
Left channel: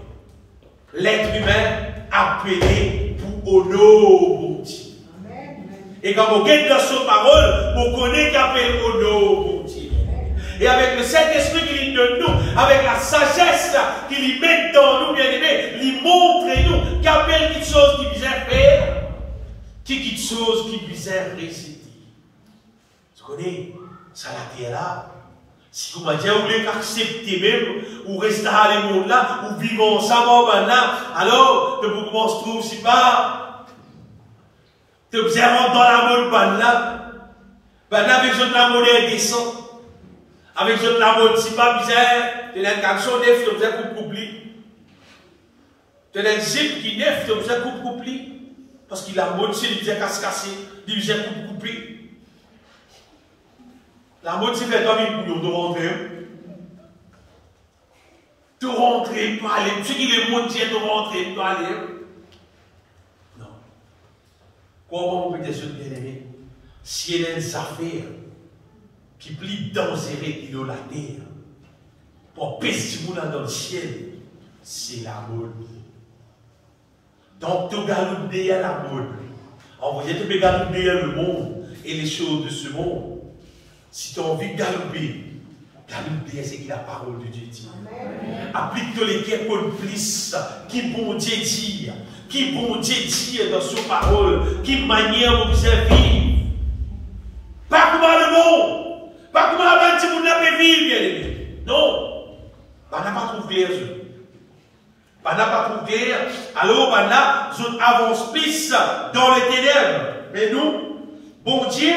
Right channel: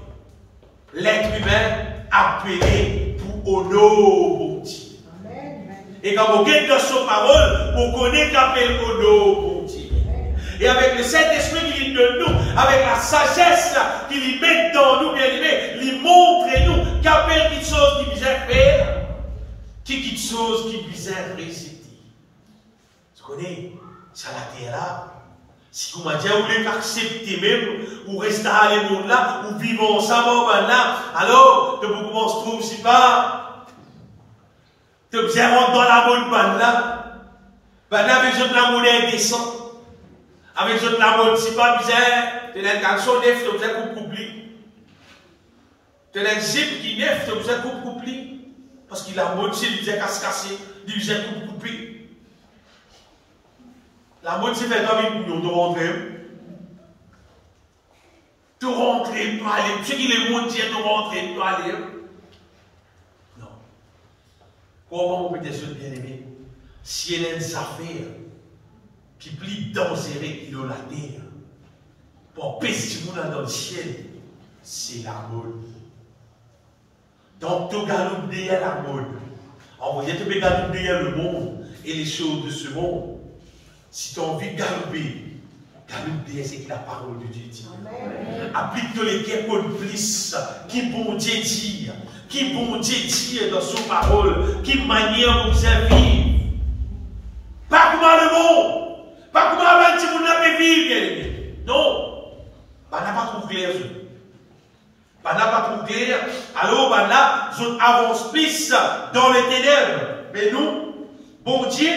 L'être humain appelé pour honorer Dieu. Et quand vous êtes dans sa parole, vous connaissez qu'appelle honorer Dieu. Et avec le Saint-Esprit qui de nous, avec la sagesse qu'il met dans nous, bien aimés, il montre nous qu'appelle quelque chose qui puisse faire. Qui quelque chose qui puisse réciter. Tu connais, ça la terre là. Si vous m'avez dit, vous voulez accepter même, ou rester à le monde là, ou vivre ensemble là, alors, tu peux commencer à trouver si pas. Tu peux rentrer dans la mode là. Là, avec la monnaie descend. Avec la mode si pas bizarre, tu as une action neuf, tu as un couple. Tu as un zip qui neuf, tu as un couple. Parce qu'il a mode, c'est du casse-cassé, du coupé. La mode, c'est fait envie de rentrer. De rentrer, de aller. Ce qui est mode, c'est de rentrer, de aller. Non. Comment on peut dire ce bien-aimé? Si il y a une affaire qui plie dangereux qui est la terre, pour pester le monde dans le ciel, c'est la mode. Donc, tu galopes derrière la mode. Envoyez, tu peux galoper derrière le monde et les choses de ce monde. Si tu as envie de galoper, galope derrière ce que la parole de Dieu dit. Applique-toi les guerres complices qui bon Dieu dit, qui bon Dieu dit dans son parole, qui manière vous servir. Pas comment le monde, pas comment un petit monde peut vivre, bien aimé. Non, on n'a pas trop clair. On n'a pas trop clair. Alors, on là, je avance plus dans les ténèbres. Mais nous, bon Dieu,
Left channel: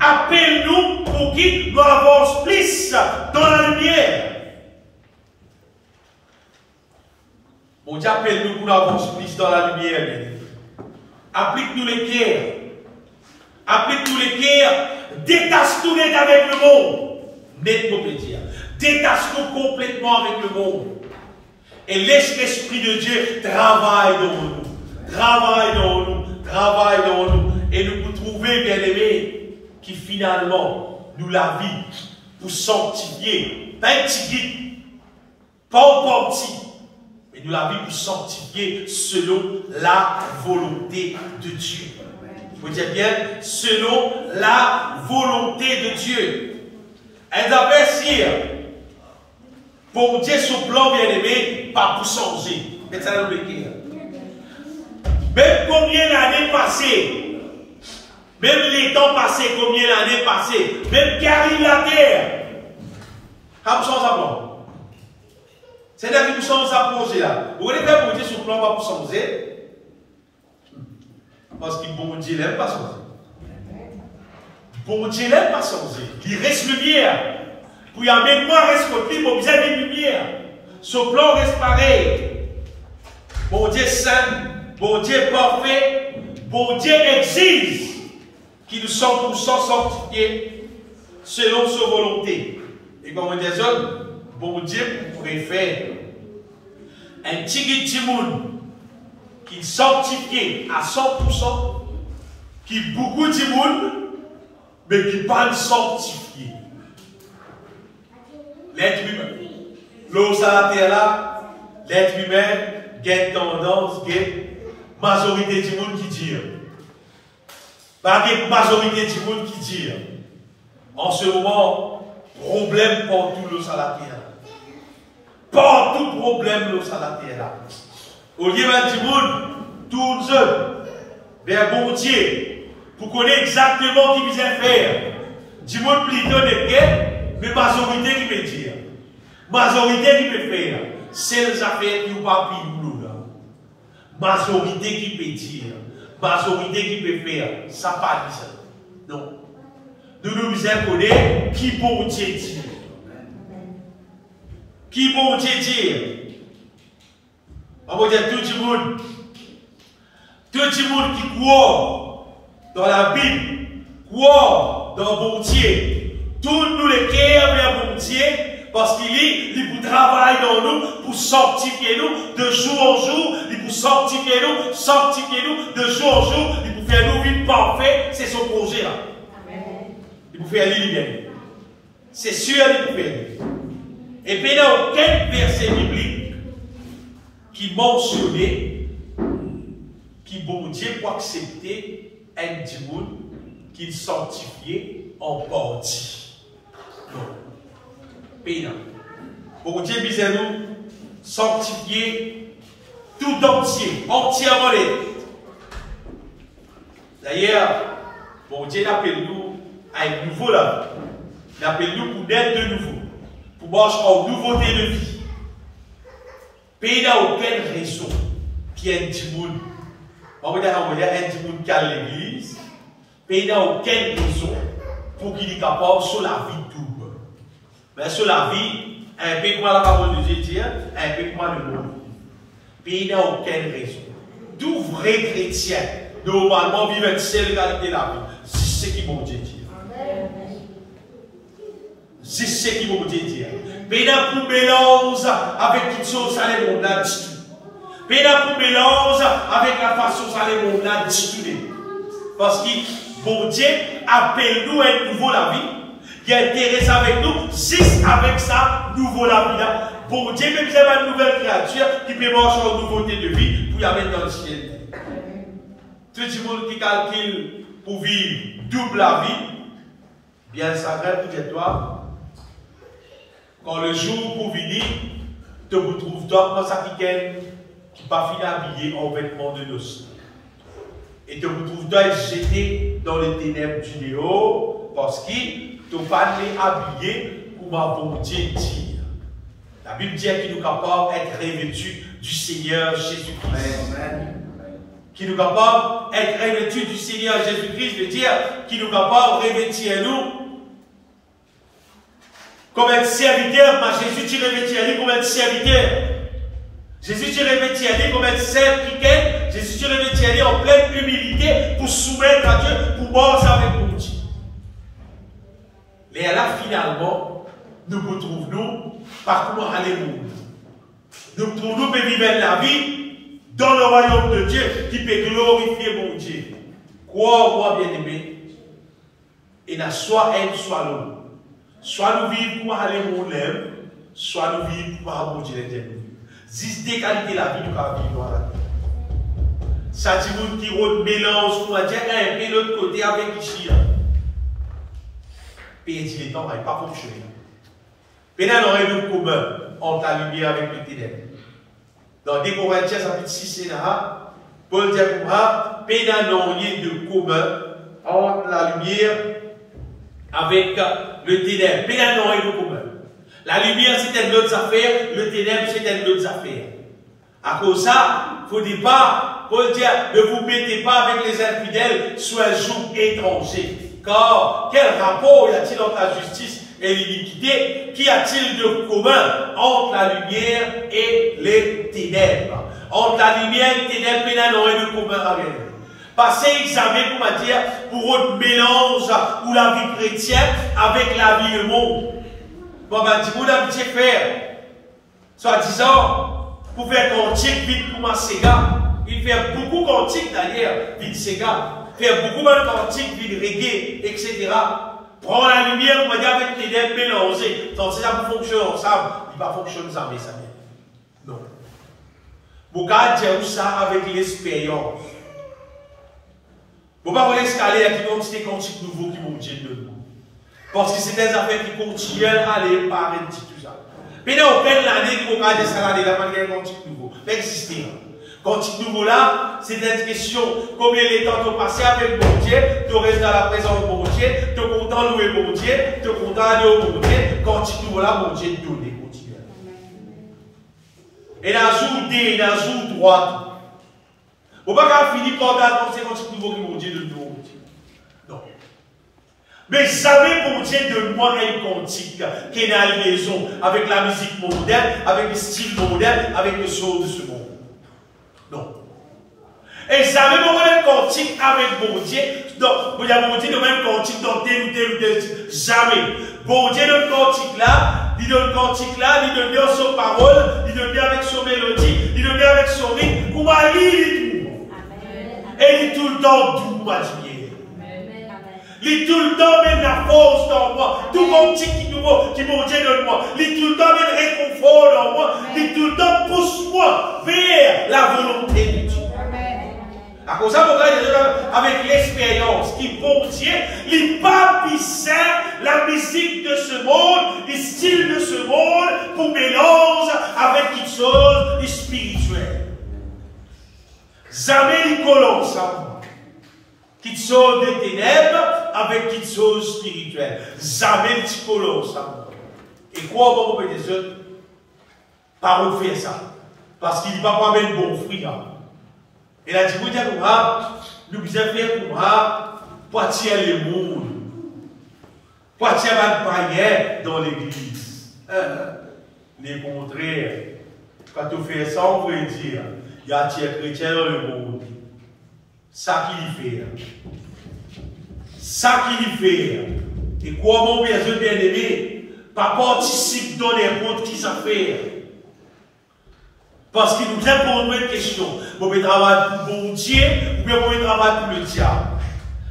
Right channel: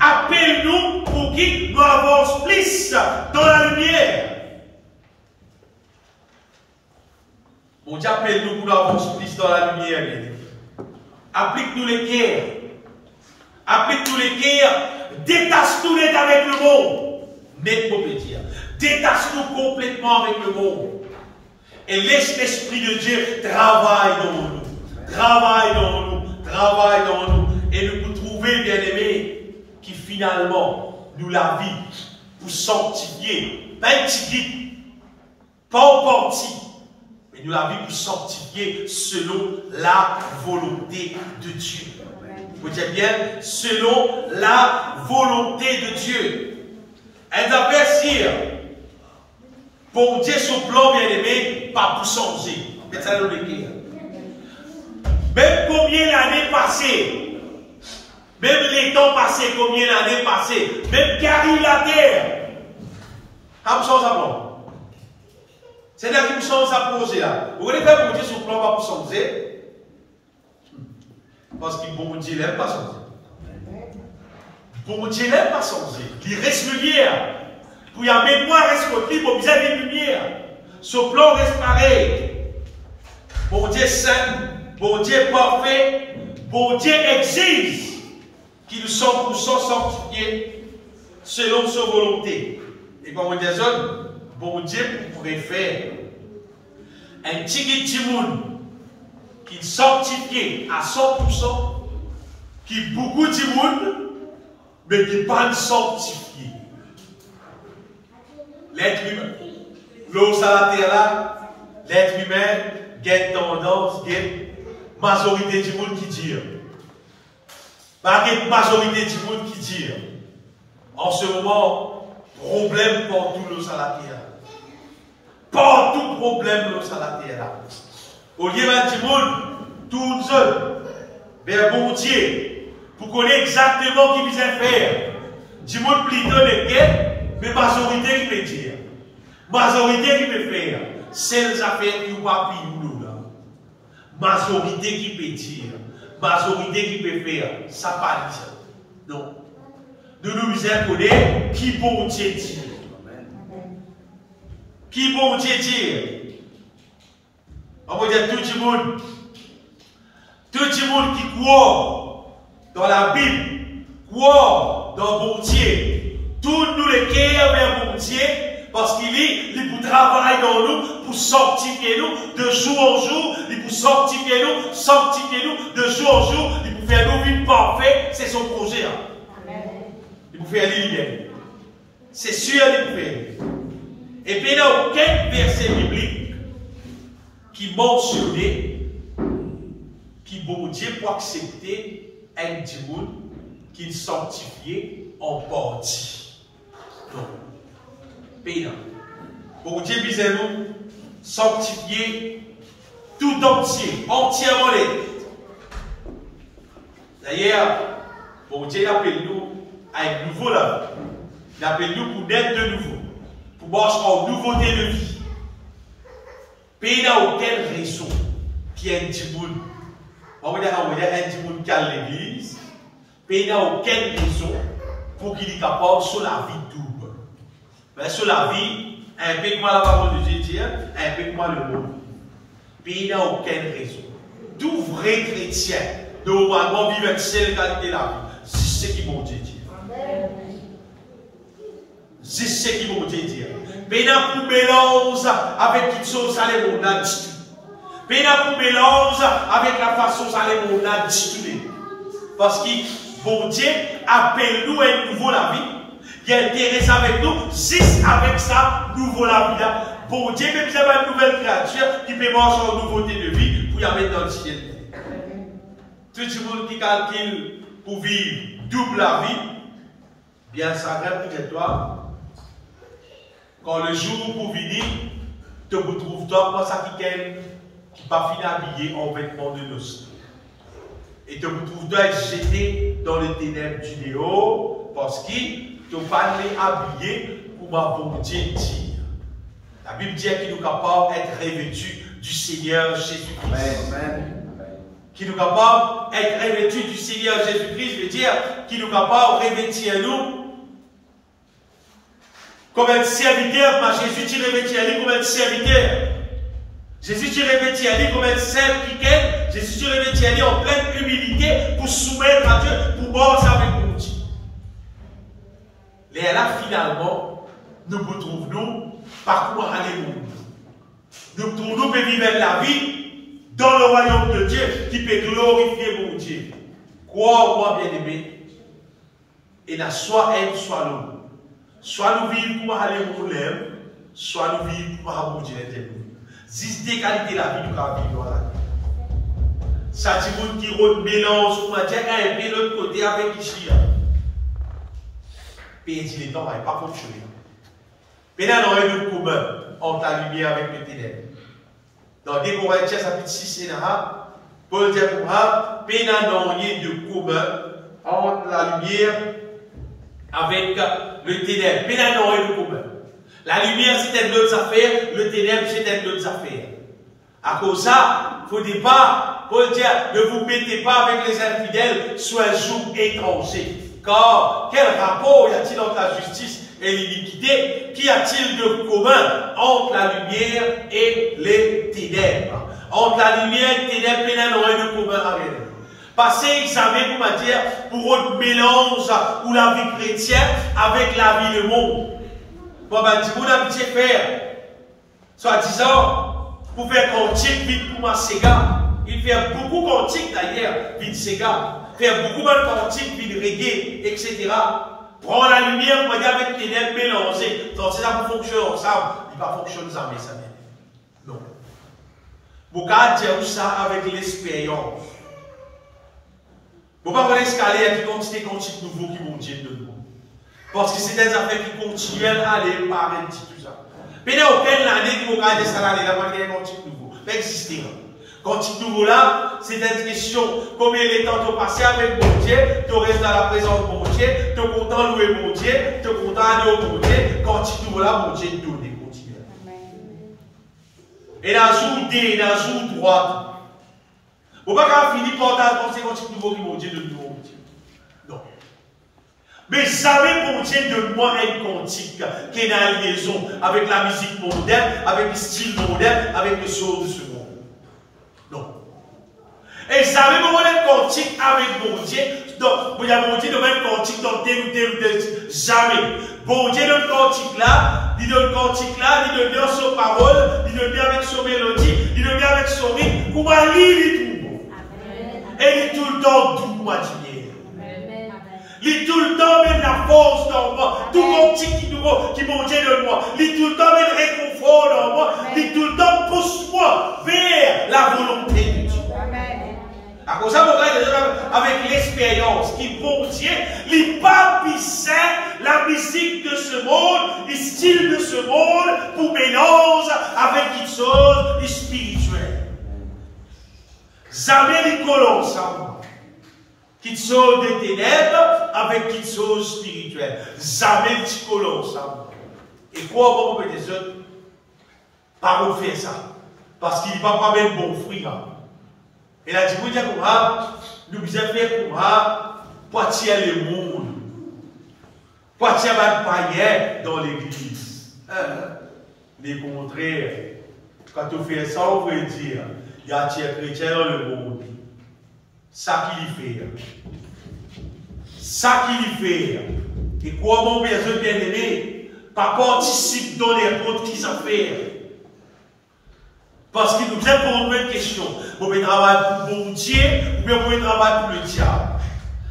appelle-nous pour qu'il nous avance plus dans la lumière. Bon Dieu, appelle-nous pour nous avance plus dans la lumière. Applique-nous les cœurs. applique tous les guerres, détache-nous net avec le monde. Net, on peut dire. Détache-nous complètement avec le monde. Et laisse l'Esprit de Dieu travailler dans nous. Travaille dans nous. Travaille dans nous. Et nous pour trouver, bien-aimés, qui finalement nous la vie pour sanctifier. Pas un petit guide, pas un parti, mais nous la vie pour sanctifier selon la volonté de Dieu. Vous dites bien, selon la volonté de Dieu. Elle avait dire, pour Dieu son plan bien-aimé, pas pour changer. Mais ça le dire. Même combien l'année passée, même les temps passés, combien l'année passée, même qui arrive la terre, comme ça, ça plan. C'est là que nous sommes à poser là. Vous voulez faire pour Dieu son plan, pas pour changer? Parce que bon Dieu n'aime pas changer. Bon Dieu n'aime pas changer. Il reste lumière. Pour y amener moi reste côté, pour bien de lumière. Ce plan reste pareil. Bon Dieu saint, bon Dieu parfait, bon Dieu exige qu'il soit 100% sanctifié selon sa volonté. Et comme on dit ça, bon Dieu préfère un petit monde qui sanctifie à 100%, qui beaucoup de monde, mais qui pas sanctifié. L'être humain, l'eau sur la terre là, l'être humain, il tendance, majorité du monde qui dit. Pas une majorité du monde qui dit. En ce moment, problème partout l'eau sur la terre. Partout problème l'eau sur la terre là. Au lieu du monde, tout seul, vers bon Dieu, pour connaître exactement ce qu'il vient faire. Du monde plutôt de guerre, mais majorité qui peut dire. Majorité qui peut faire. C'est les affaires qui n'ont pas pris nous là. Majorité qui peut dire. Majorité qui peut faire. Ça pas dit ça. Non. Nous nous connaissons qui bon Dieu dire. Qui bon Dieu dire. On va dire tout le monde qui croit dans la Bible, croit dans bon Dieu, tous nous les cœurs vers bon Dieu, parce qu'il est pour travailler dans nous, pour sanctifier nous de jour en jour, il pour sanctifier nous de jour en jour, il pour faire nous vivre parfait, c'est son projet. Il pour faire l'univers. C'est sûr il pour faire. Et puis il n'y a aucun verset biblique qui mentionnait qui bon Dieu pour accepter un démon qu'il sanctifiait en partie. Non. Mais non. Bon Dieu disait nous sanctifier tout entier, entièrement les. D'ailleurs, bon Dieu appelle nous à un nouveau la vie. Il appelle nous pour naître de nouveau, pour marcher en nouveauté de vie. Mais il n'y a aucune raison qu'il y ait un démon. On va dire qu'il y a un démon qui a l'église. Mais il n'y a aucune raison pour qu'il soit capable sur la vie double. Mais sur la vie, un peu comme la parole de Dieu dit, un peu comme le monde. Mais il n'y a aucune raison. Tout vrai chrétien, normalement, vivent une seule qualité de la vie. C'est ce qui vont Dieu dire. C'est ce qui vont Dieu dire. Mais il y a pour mélange avec quelque chose, ça les monde a dit tout. Mais il y a pour mélange avec la façon, ça les monde a dit tout. Parce que bon Dieu appelle nous à un nouveau la vie. Il est intéressé avec nous, juste avec ça, nouveau la vie. Bon Dieu, même si vous avez une nouvelle créature qui peut manger en nouveauté de vie pour y mettre dans le ciel. Tout le monde qui calcule pour vivre double la vie, bien ça reste pour toi. Quand le jour pour venir, tu vous trouves toi comme ça qui pas fini habillé en vêtements de noces. Et tu vous trouves toi jeté dans les ténèbres du néo parce que tu n'as pas habillé pour ma bon Dieu dire. La Bible dit qu'il nous capable d'être revêtu du Seigneur Jésus-Christ. Qui nous capable d'être revêtu du Seigneur Jésus-Christ veut dire qu'il nous capable de revêtir nous comme un serviteur, mais Jésus tu revêtis à lui comme un serviteur. Jésus tu revêtis à lui comme un serviteur Jésus se levait d'y aller en pleine humilité pour soumettre à Dieu, pour manger avec mon Dieu. Et là, finalement, nous retrouvons par comment aller monde. Nous trouvons vivre la vie dans le royaume de Dieu qui peut glorifier mon Dieu. Crois-moi, bien-aimé, et n'a soit elle, soit l'homme. Soit nous vivons pour aller mon lèvre, soit nous vivons pour avoir mon Dieu l'éternel. C'est des qualités de la vie du vivre. Ça dit monde qui roule mélange, pour dire un peu l'autre côté avec ici. Et il dit les temps n'avaient pas fonctionné. Maintenant, on aurait rien de commun entre la lumière avec le ténèbre. Dans 2 Corinthiens, chapitre 6 et 1, Paul dit comme ça, maintenant, on rien de commun entre la lumière avec le ténèbre. Maintenant, on rien de commun. La lumière, c'est une autre affaire, le ténèbre, c'est une autre affaire. À cause de ça, il ne faut pas, Paul dit, ne vous mettez pas avec les infidèles sur un joug étranger. Car, quel rapport y a-t-il entre la justice et l'iniquité? Qu'y a-t-il de commun entre la lumière et les ténèbres? Entre la lumière et les ténèbres, il n'y a rien de commun avec eux. Passez examen pour me dire, pour votre mélange ou la vie chrétienne avec la vie du monde. Bon, ben, dis-moi d'habitude faire, soi-disant, pour faire cantique vite pour ma Sega. Il fait beaucoup de cantiques d'ailleurs, vite Sega. Faire beaucoup de cantiques, vite reggae, etc. Prends la lumière, pour me dire, avec les ténèbres mélangées. Donc, si ça fonctionne ensemble, il va fonctionner ça, mais ça vient. Non. Vous pouvez dire ça avec l'expérience. Vous ne pouvez pas escaler avec des cantiques nouveaux qui vont dire de nous. Parce que c'est des affaires qui continuent à aller par un petit tout ça. Pendant aucune année, vous pouvez dire ça l'année, là, il y a un cantique nouveau. Ça existe. Cantique nouveau là, c'est une question combien de temps tu passes avec mon Dieu, tu restes dans la présence de mon Dieu, tu es content de louer mon Dieu, tu es content d'aller au mon Dieu. Cantique nouveau là, mon Dieu donne, continue. Et dans le jour D, dans le jour droite, vous ne pouvez pas finir par dans ces cantiques nouveaux qui mon Dieu de nous. Non. Mais jamais mon Dieu de moi un cantique qui est dans une liaison avec la musique moderne, avec le style moderne, avec les choses de ce monde. Non. Et jamais mon cantique avec mon Dieu, donc, il y a mon Dieu de même cantique dans tel ou tel style. Jamais. Bon Dieu donne cantique là, il donne cantique là, il donne bien son parole, il donne bien avec son mélodie, il donne bien avec son rythme, pour moi, il tout. Et il est tout le temps doux, ma dignité. Il est tout le temps même la force dans moi. Tout cantique qui mon Dieu donne moi. Il est tout le temps même réconfort dans moi. Il est tout le temps pousse-moi vers la volonté de Dieu. À cause de ça, avec l'expérience qui bon Dieu, il pas la musique de ce monde, le style de ce monde, pour mélanger avec une chose spirituelle. Jamais les collent ensemble. Qu'ils sont des ténèbres avec qu'ils sont spirituels. Jamais les collent ensemble. Et quoi, on peut des autres? Par où faire ça? Parce qu'il ne va pas mettre bon fruit. Et là, vous dites, nous vous avons fait pour attirer le monde. Pour attirer les païens dans l'église. Les contraires. Quand on fait ça, on veut dire. Il y a des chrétiens dans le monde. Ça qu'il y fait. Ça qu'il y fait. Et quoi, mon bien aimé, pas participe dans n'importe qui ça fait. Parce qu'il nous vient pour une question. Vous pouvez travailler pour mon Dieu, ou bien vous pouvez travailler pour le diable.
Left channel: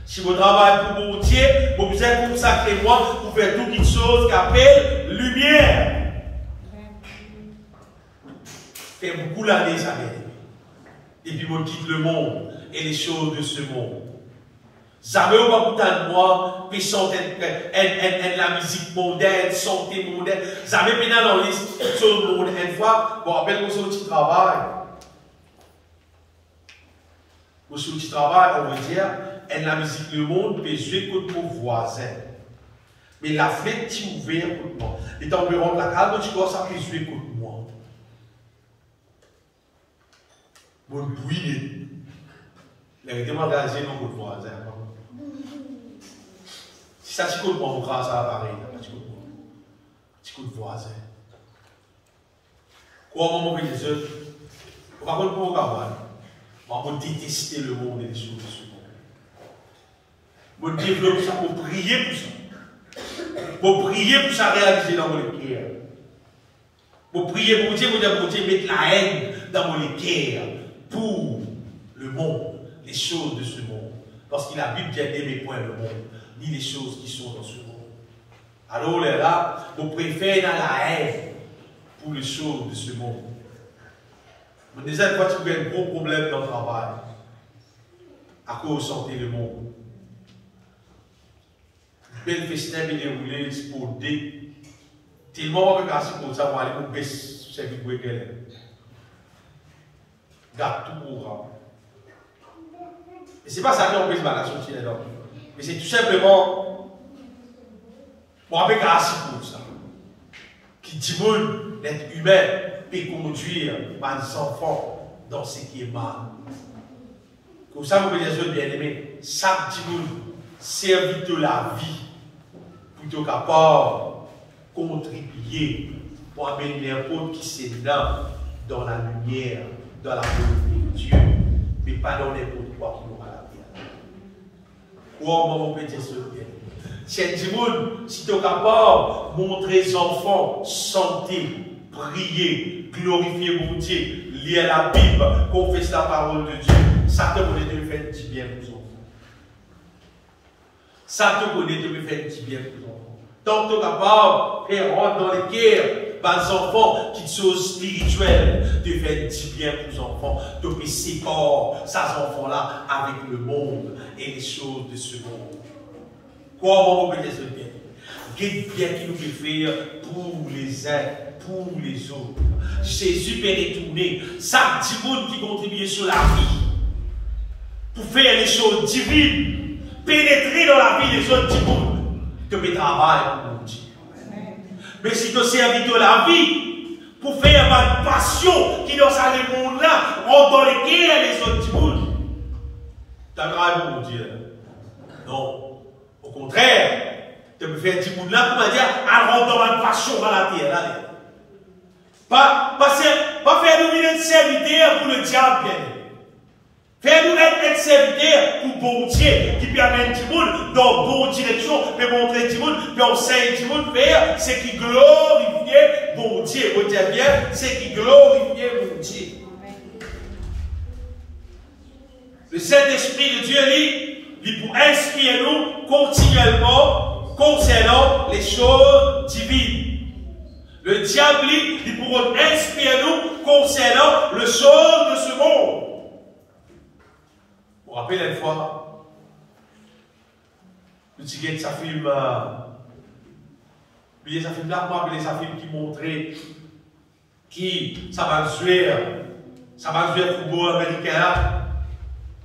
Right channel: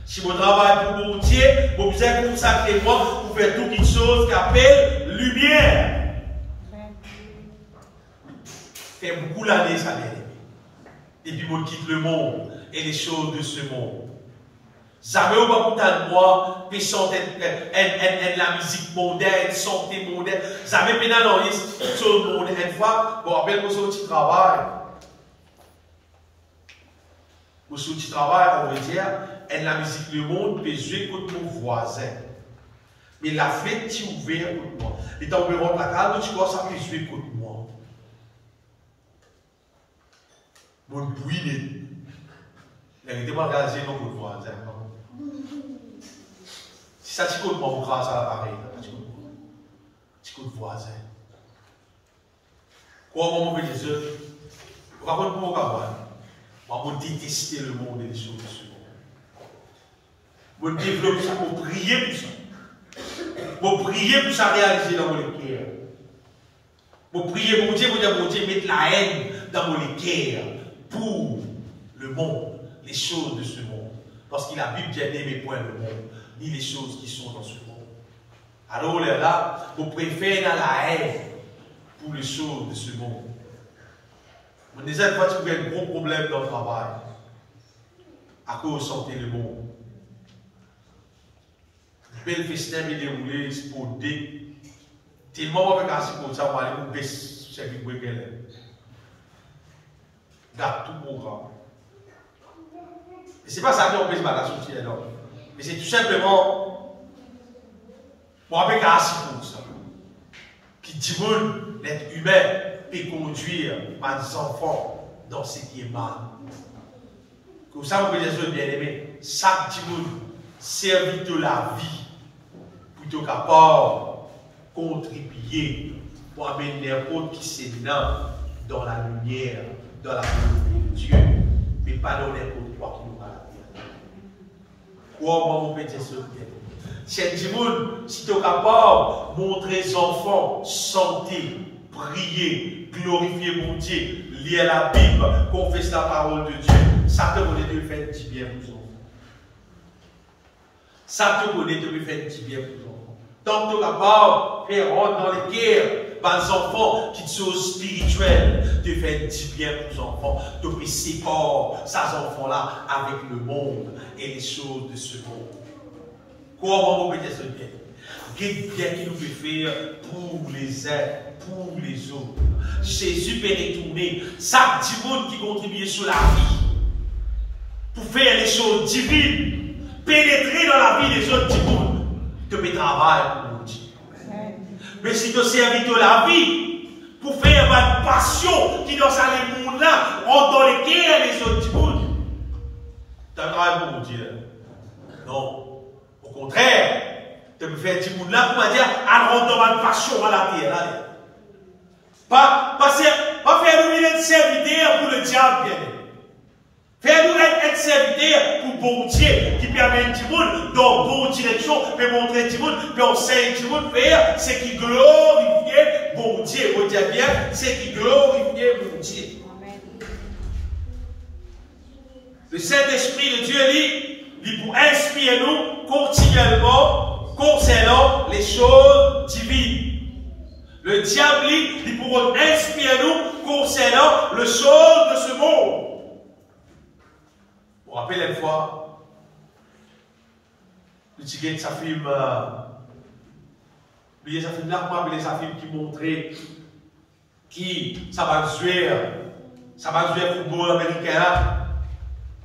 Si vous travaillez pour mon Dieu, vous pouvez consacrer moi pour faire toute une chose qu'appelle lumière. Fait beaucoup d'années, ça vient. Et puis, on quitte le monde et les choses de ce monde. Jamais on va écouter de moi, puis chanter la musique mondaine, santé mondaine. Jamais pendant dans les choses mondaines. Une fois, bon, rappelle que c'est un petit travail. Pour ce petit travail, on veut dire, la musique le monde peut jouer contre mon voisin. Mais la fête est ouverte contre moi. Et dans le rendre la calme, tu vois, ça peut jouer contre moi. Mon bruit, la vérité m'a réalisé non pour voisin. Si ça t'écoute moi, mon frère, ça va pareil. T'écoute voisin. Quoi, on veut les autres? On va prendre pour le campagne. Moi, je détester le monde et les choses de ce monde. Je développe ça pour prier pour ça. Pour prier pour ça réaliser dans mon cœur. Pour prier pour Dieu, mettre la haine dans mon cœur pour le monde, les choses de ce monde. Parce que la Bible dit n'aimez point le monde, ni les choses qui sont dans ce monde. Alors là, vous préférez dans la haine pour les choses de ce monde. Vous disais, quand tu as un gros problème dans le travail, à cause de santé le monde. Belle festin est déroulé pour des. Tellement avec assez pour ça, pour aller pour baisser ce qui est qu'elle garde tout programme. Et ce n'est pas ça qui empêche la sortie là-dedans. Mais c'est tout simplement pour avec assez pour ça. Qui dit que l'être humain peut conduire les enfants dans ce qui est mal. Comme ça, vous pouvez dire, bien aimé, chaque monde servit de la vie plutôt capable contribuer pour amener n'importe qui c'est dans la lumière, dans la volonté de Dieu, mais pas dans n'importe quoi qui nous va la terre. Comment on peut dire ça? Si tu es capable de montrer aux enfants, santé, prier, glorifier mon Dieu, lire la Bible, confesser la parole de Dieu, ça te connaît de faire du bien pour les enfants. Ça te connaît de faire du bien pour les enfants. Tant que tu es capable de faire rentrer dans les guerres, par les enfants qui sont spirituels, de faire du bien pour les enfants, de faire séparer ces enfants-là avec le monde et les choses de ce monde. Comment on peut dire ce bien? Quel bien qu'il nous peut faire pour les uns, pour les autres. Jésus peut retourner chaque monde qui contribue sur la vie pour faire les choses divines, pénétrer dans la vie des autres monde. Tu peux travailler pour mon Dieu. Mais si tu servis de la vie pour faire une passion qui dans ce monde-là rentre dans les guerres les autres monde, tu as travaillé pour mon Dieu. Non. Au contraire, tu peux faire du monde là pour me dire, elle rentre dans ma passion à la terre. Là. Pas faire nous une serviteur pour le diable, bien. Faire nous être serviteur pour bon Dieu, qui peut amener du monde dans la bonne direction, peut montrer du monde, peut enseigner du monde, faire ce qui glorifie bon Dieu. Vous dites bien, ce qui glorifie bon Dieu. Le Saint-Esprit de Dieu, il pour inspirer nous continuellement concernant les choses divines. Le diable, il pour inspirer nous concernant les choses de ce monde. Vous vous rappelez une fois, le petit gars de sa film, sa film là, moi, appelé sa film qui montrait qui ça va jouer football américain là.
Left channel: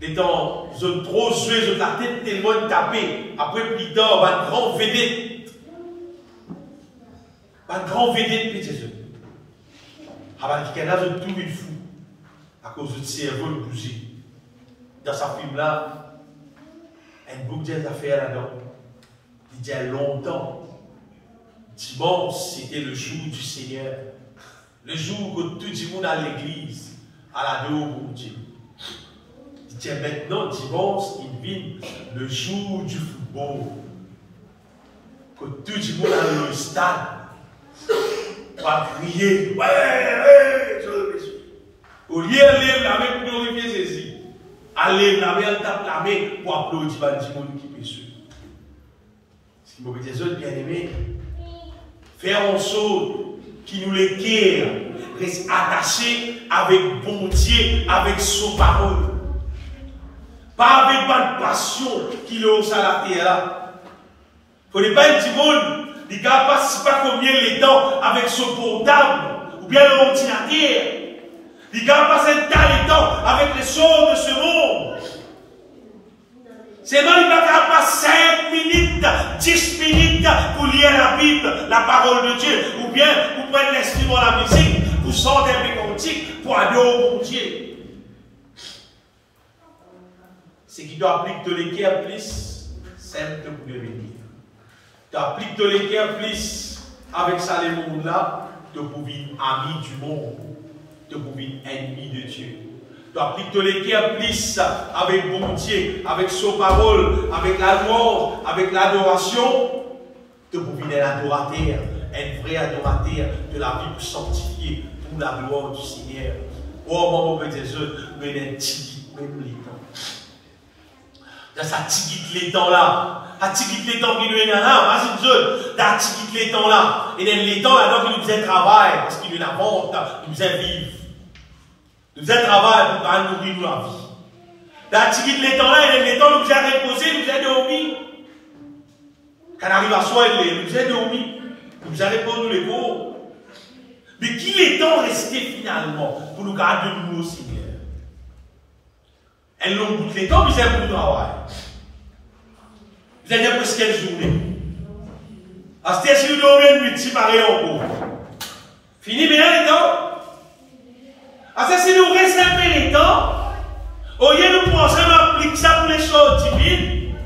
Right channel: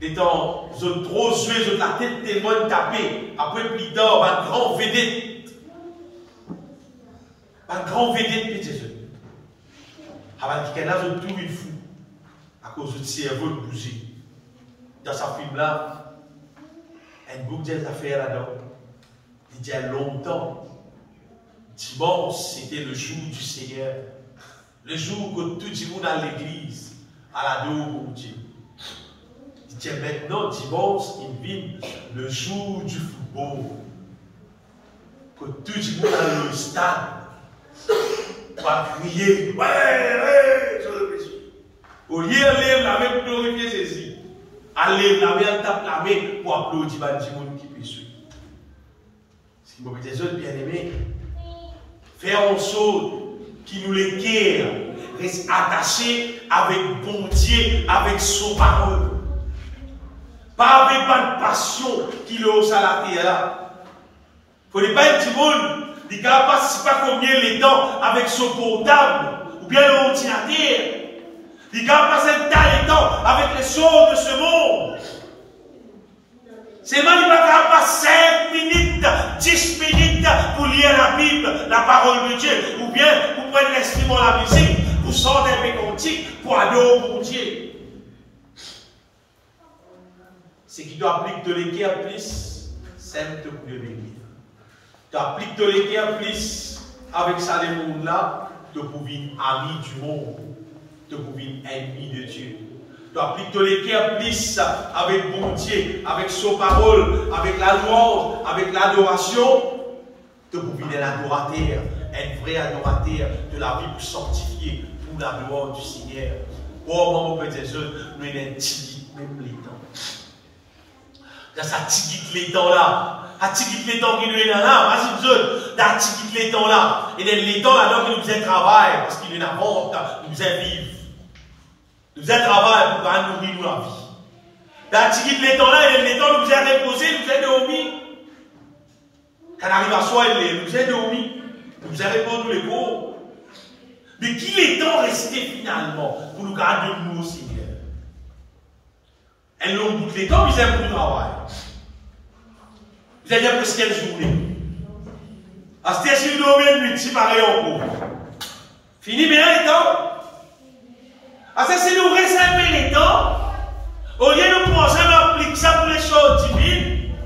Étant zone trop jouée, zone la tête tellement tapée. Après, plus tard, un grand vedette. Un grand vedette, petit jeune. Avant qu'il y ait zone tout une fou. À cause du cerveau de bouger. Dans sa film-là, un beaucoup d'affaires là-dedans. Il dit il y a longtemps. Dimanche, c'était le jour du Seigneur. Le jour que tout le monde à l'église, à la dos pour Dieu. C'est maintenant, dimanche, il vit le jour du football. Que tout le monde dans le stade va crier. Ouais, au lieu de lever la main pour glorifier Jésus, à lever la main, tape la main pour applaudir le monde qui peut suivre. Ce qui m'a dit, les autres bien-aimés, faire en sorte qui nous les guère, reste attaché avec bon Dieu, avec son parole. Pas avec une passion qui est au salaire là. Il ne faut pas un petit monde qui ne passe pas combien les temps avec son portable ou bien l'ordinateur. Il ne passe un temps avec les choses de ce monde. C'est même pas capable 5 minutes, 10 minutes pour lire la Bible, la parole de Dieu, ou bien pour prendre l'instrument, la musique, pour sortir des cantiques, pour adorer mon Dieu. C'est qui doit appliquer de l'équerre plus, simple pour le venir. Tu appliques de l'équerre plus avec ça, les mondes là, tu peux être ami du monde, tu peux être ennemi de Dieu. Tu appliques de l'équerre plus avec bon Dieu, avec sa parole, avec la louange, avec l'adoration. Tu peux venir adorateur, un vrai adorateur de la vie pour sanctifier pour la gloire du Seigneur. Oh, mon petit Dieu, nous avons tigit même les temps. Dans sa tigit les temps là, à tigit les temps qui nous est là, vas-y, Dieu, dans tigit les temps là, et dans les temps là, nous faisons travail, parce qu'il nous invente, nous faisons vivre. Nous faisons travail pour nourrir nous la vie. Dans tigit les temps là, et dans les temps, nous faisons reposer, nous faisons dormir. Quand on arrive à soi, nous faisons dormir, nous faisons répondre les cours. Mais qu'il est temps resté finalement pour nous garder de nous au Seigneur? Elles l'ont toutes les temps, mais ils aiment pour le travail. Vous allez dire presque quelle journée? À ce si nous dormons une nuit, c'est pareil en cours. Fini bien les temps? À ce si nous réservons les temps, au lieu de nous penser à appliquer ça pour les choses divines,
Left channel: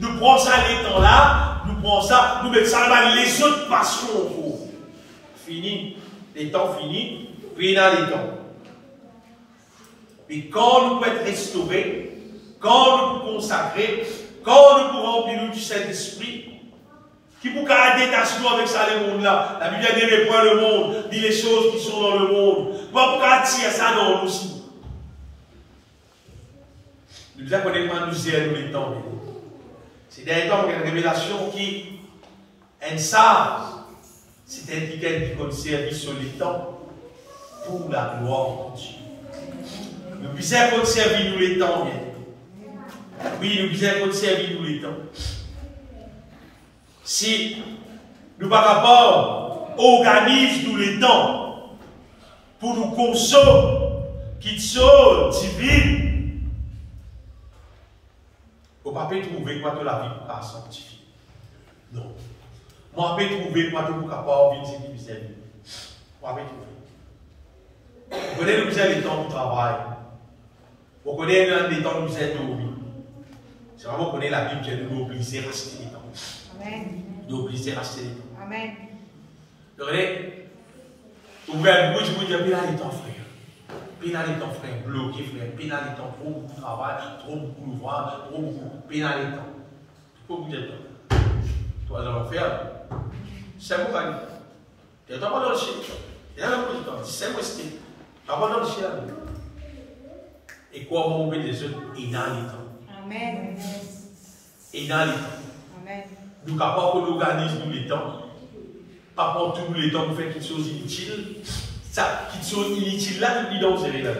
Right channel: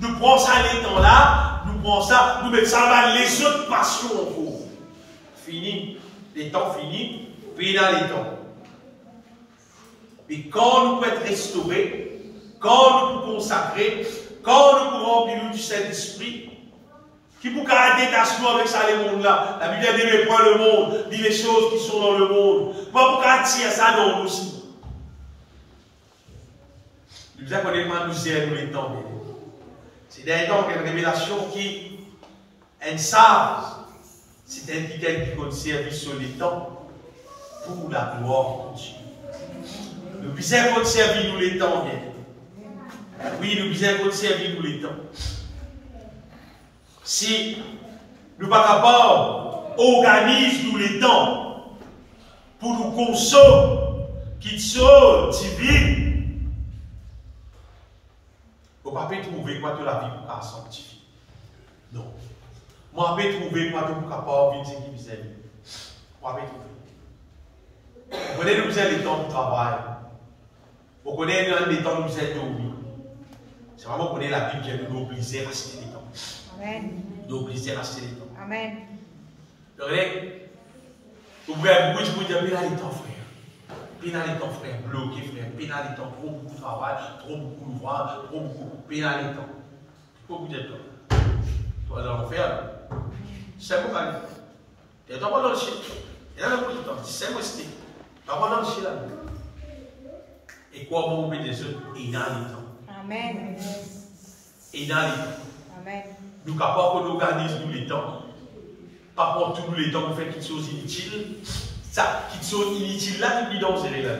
nous prenons ça les temps là, nous prenons ça, nous mettons ça dans les autres passions en cours. Fini. Les temps finis, puis dans les temps. Mais quand nous pouvons être restaurés, quand nous pouvons consacrer, quand nous pouvons remplir du Saint-Esprit, qui peut garder détachement avec ça, les mondes là. La Bible dit ne point le monde, dit les choses qui sont dans le monde. Pas pour attirer ça dans nous aussi. Nous avons des nous les temps. C'est des temps, il y a une révélation qui est savent. C'est quelqu'un qui conserve sur les temps pour la gloire de Dieu. Nous puissions conserver nous les temps, bien. Oui, nous puissions conserver nous les temps. Si nous ne sommes pas capables d'organiser nous les temps pour nous consommer, qui sont divines, vous ne pouvez pas trouver quoi de la vie pour sanctifier. Non. Moi, je vais trouver quoi de vous capable de venir vis-à-vis. Moi, je vais trouver. Vous connaissez nous les temps de travail. Vous connaissez les temps de nous dormir. C'est vraiment qu'on est la Bible qui nous oblige à racheter les temps. Amen. Nous oblige à racheter les temps. Amen. Vous voyez, vous voyez, vous dire, puis là les temps, frère. Puis là les temps, frère, bloqué, frère. Puis là les temps, trop beaucoup de travail, trop beaucoup d'ouvrage, trop beaucoup. Puis là les temps. Pourquoi vous dites ça? Toi, dans l'enfer. C'est mon gars. Tu n'es pas dans le chien. Il y a un peu de temps. C'est mon style. Tu n'es pas dans le chien. Et quoi, mon bébé des autres, et dans les temps. Amen. Et dans les temps. Amen. Nous, capable qu'on organise nous les temps. Pas pour tous les temps, nous faisons quelque chose inutile. Ça, quelque chose inutile là, nous disons, c'est là.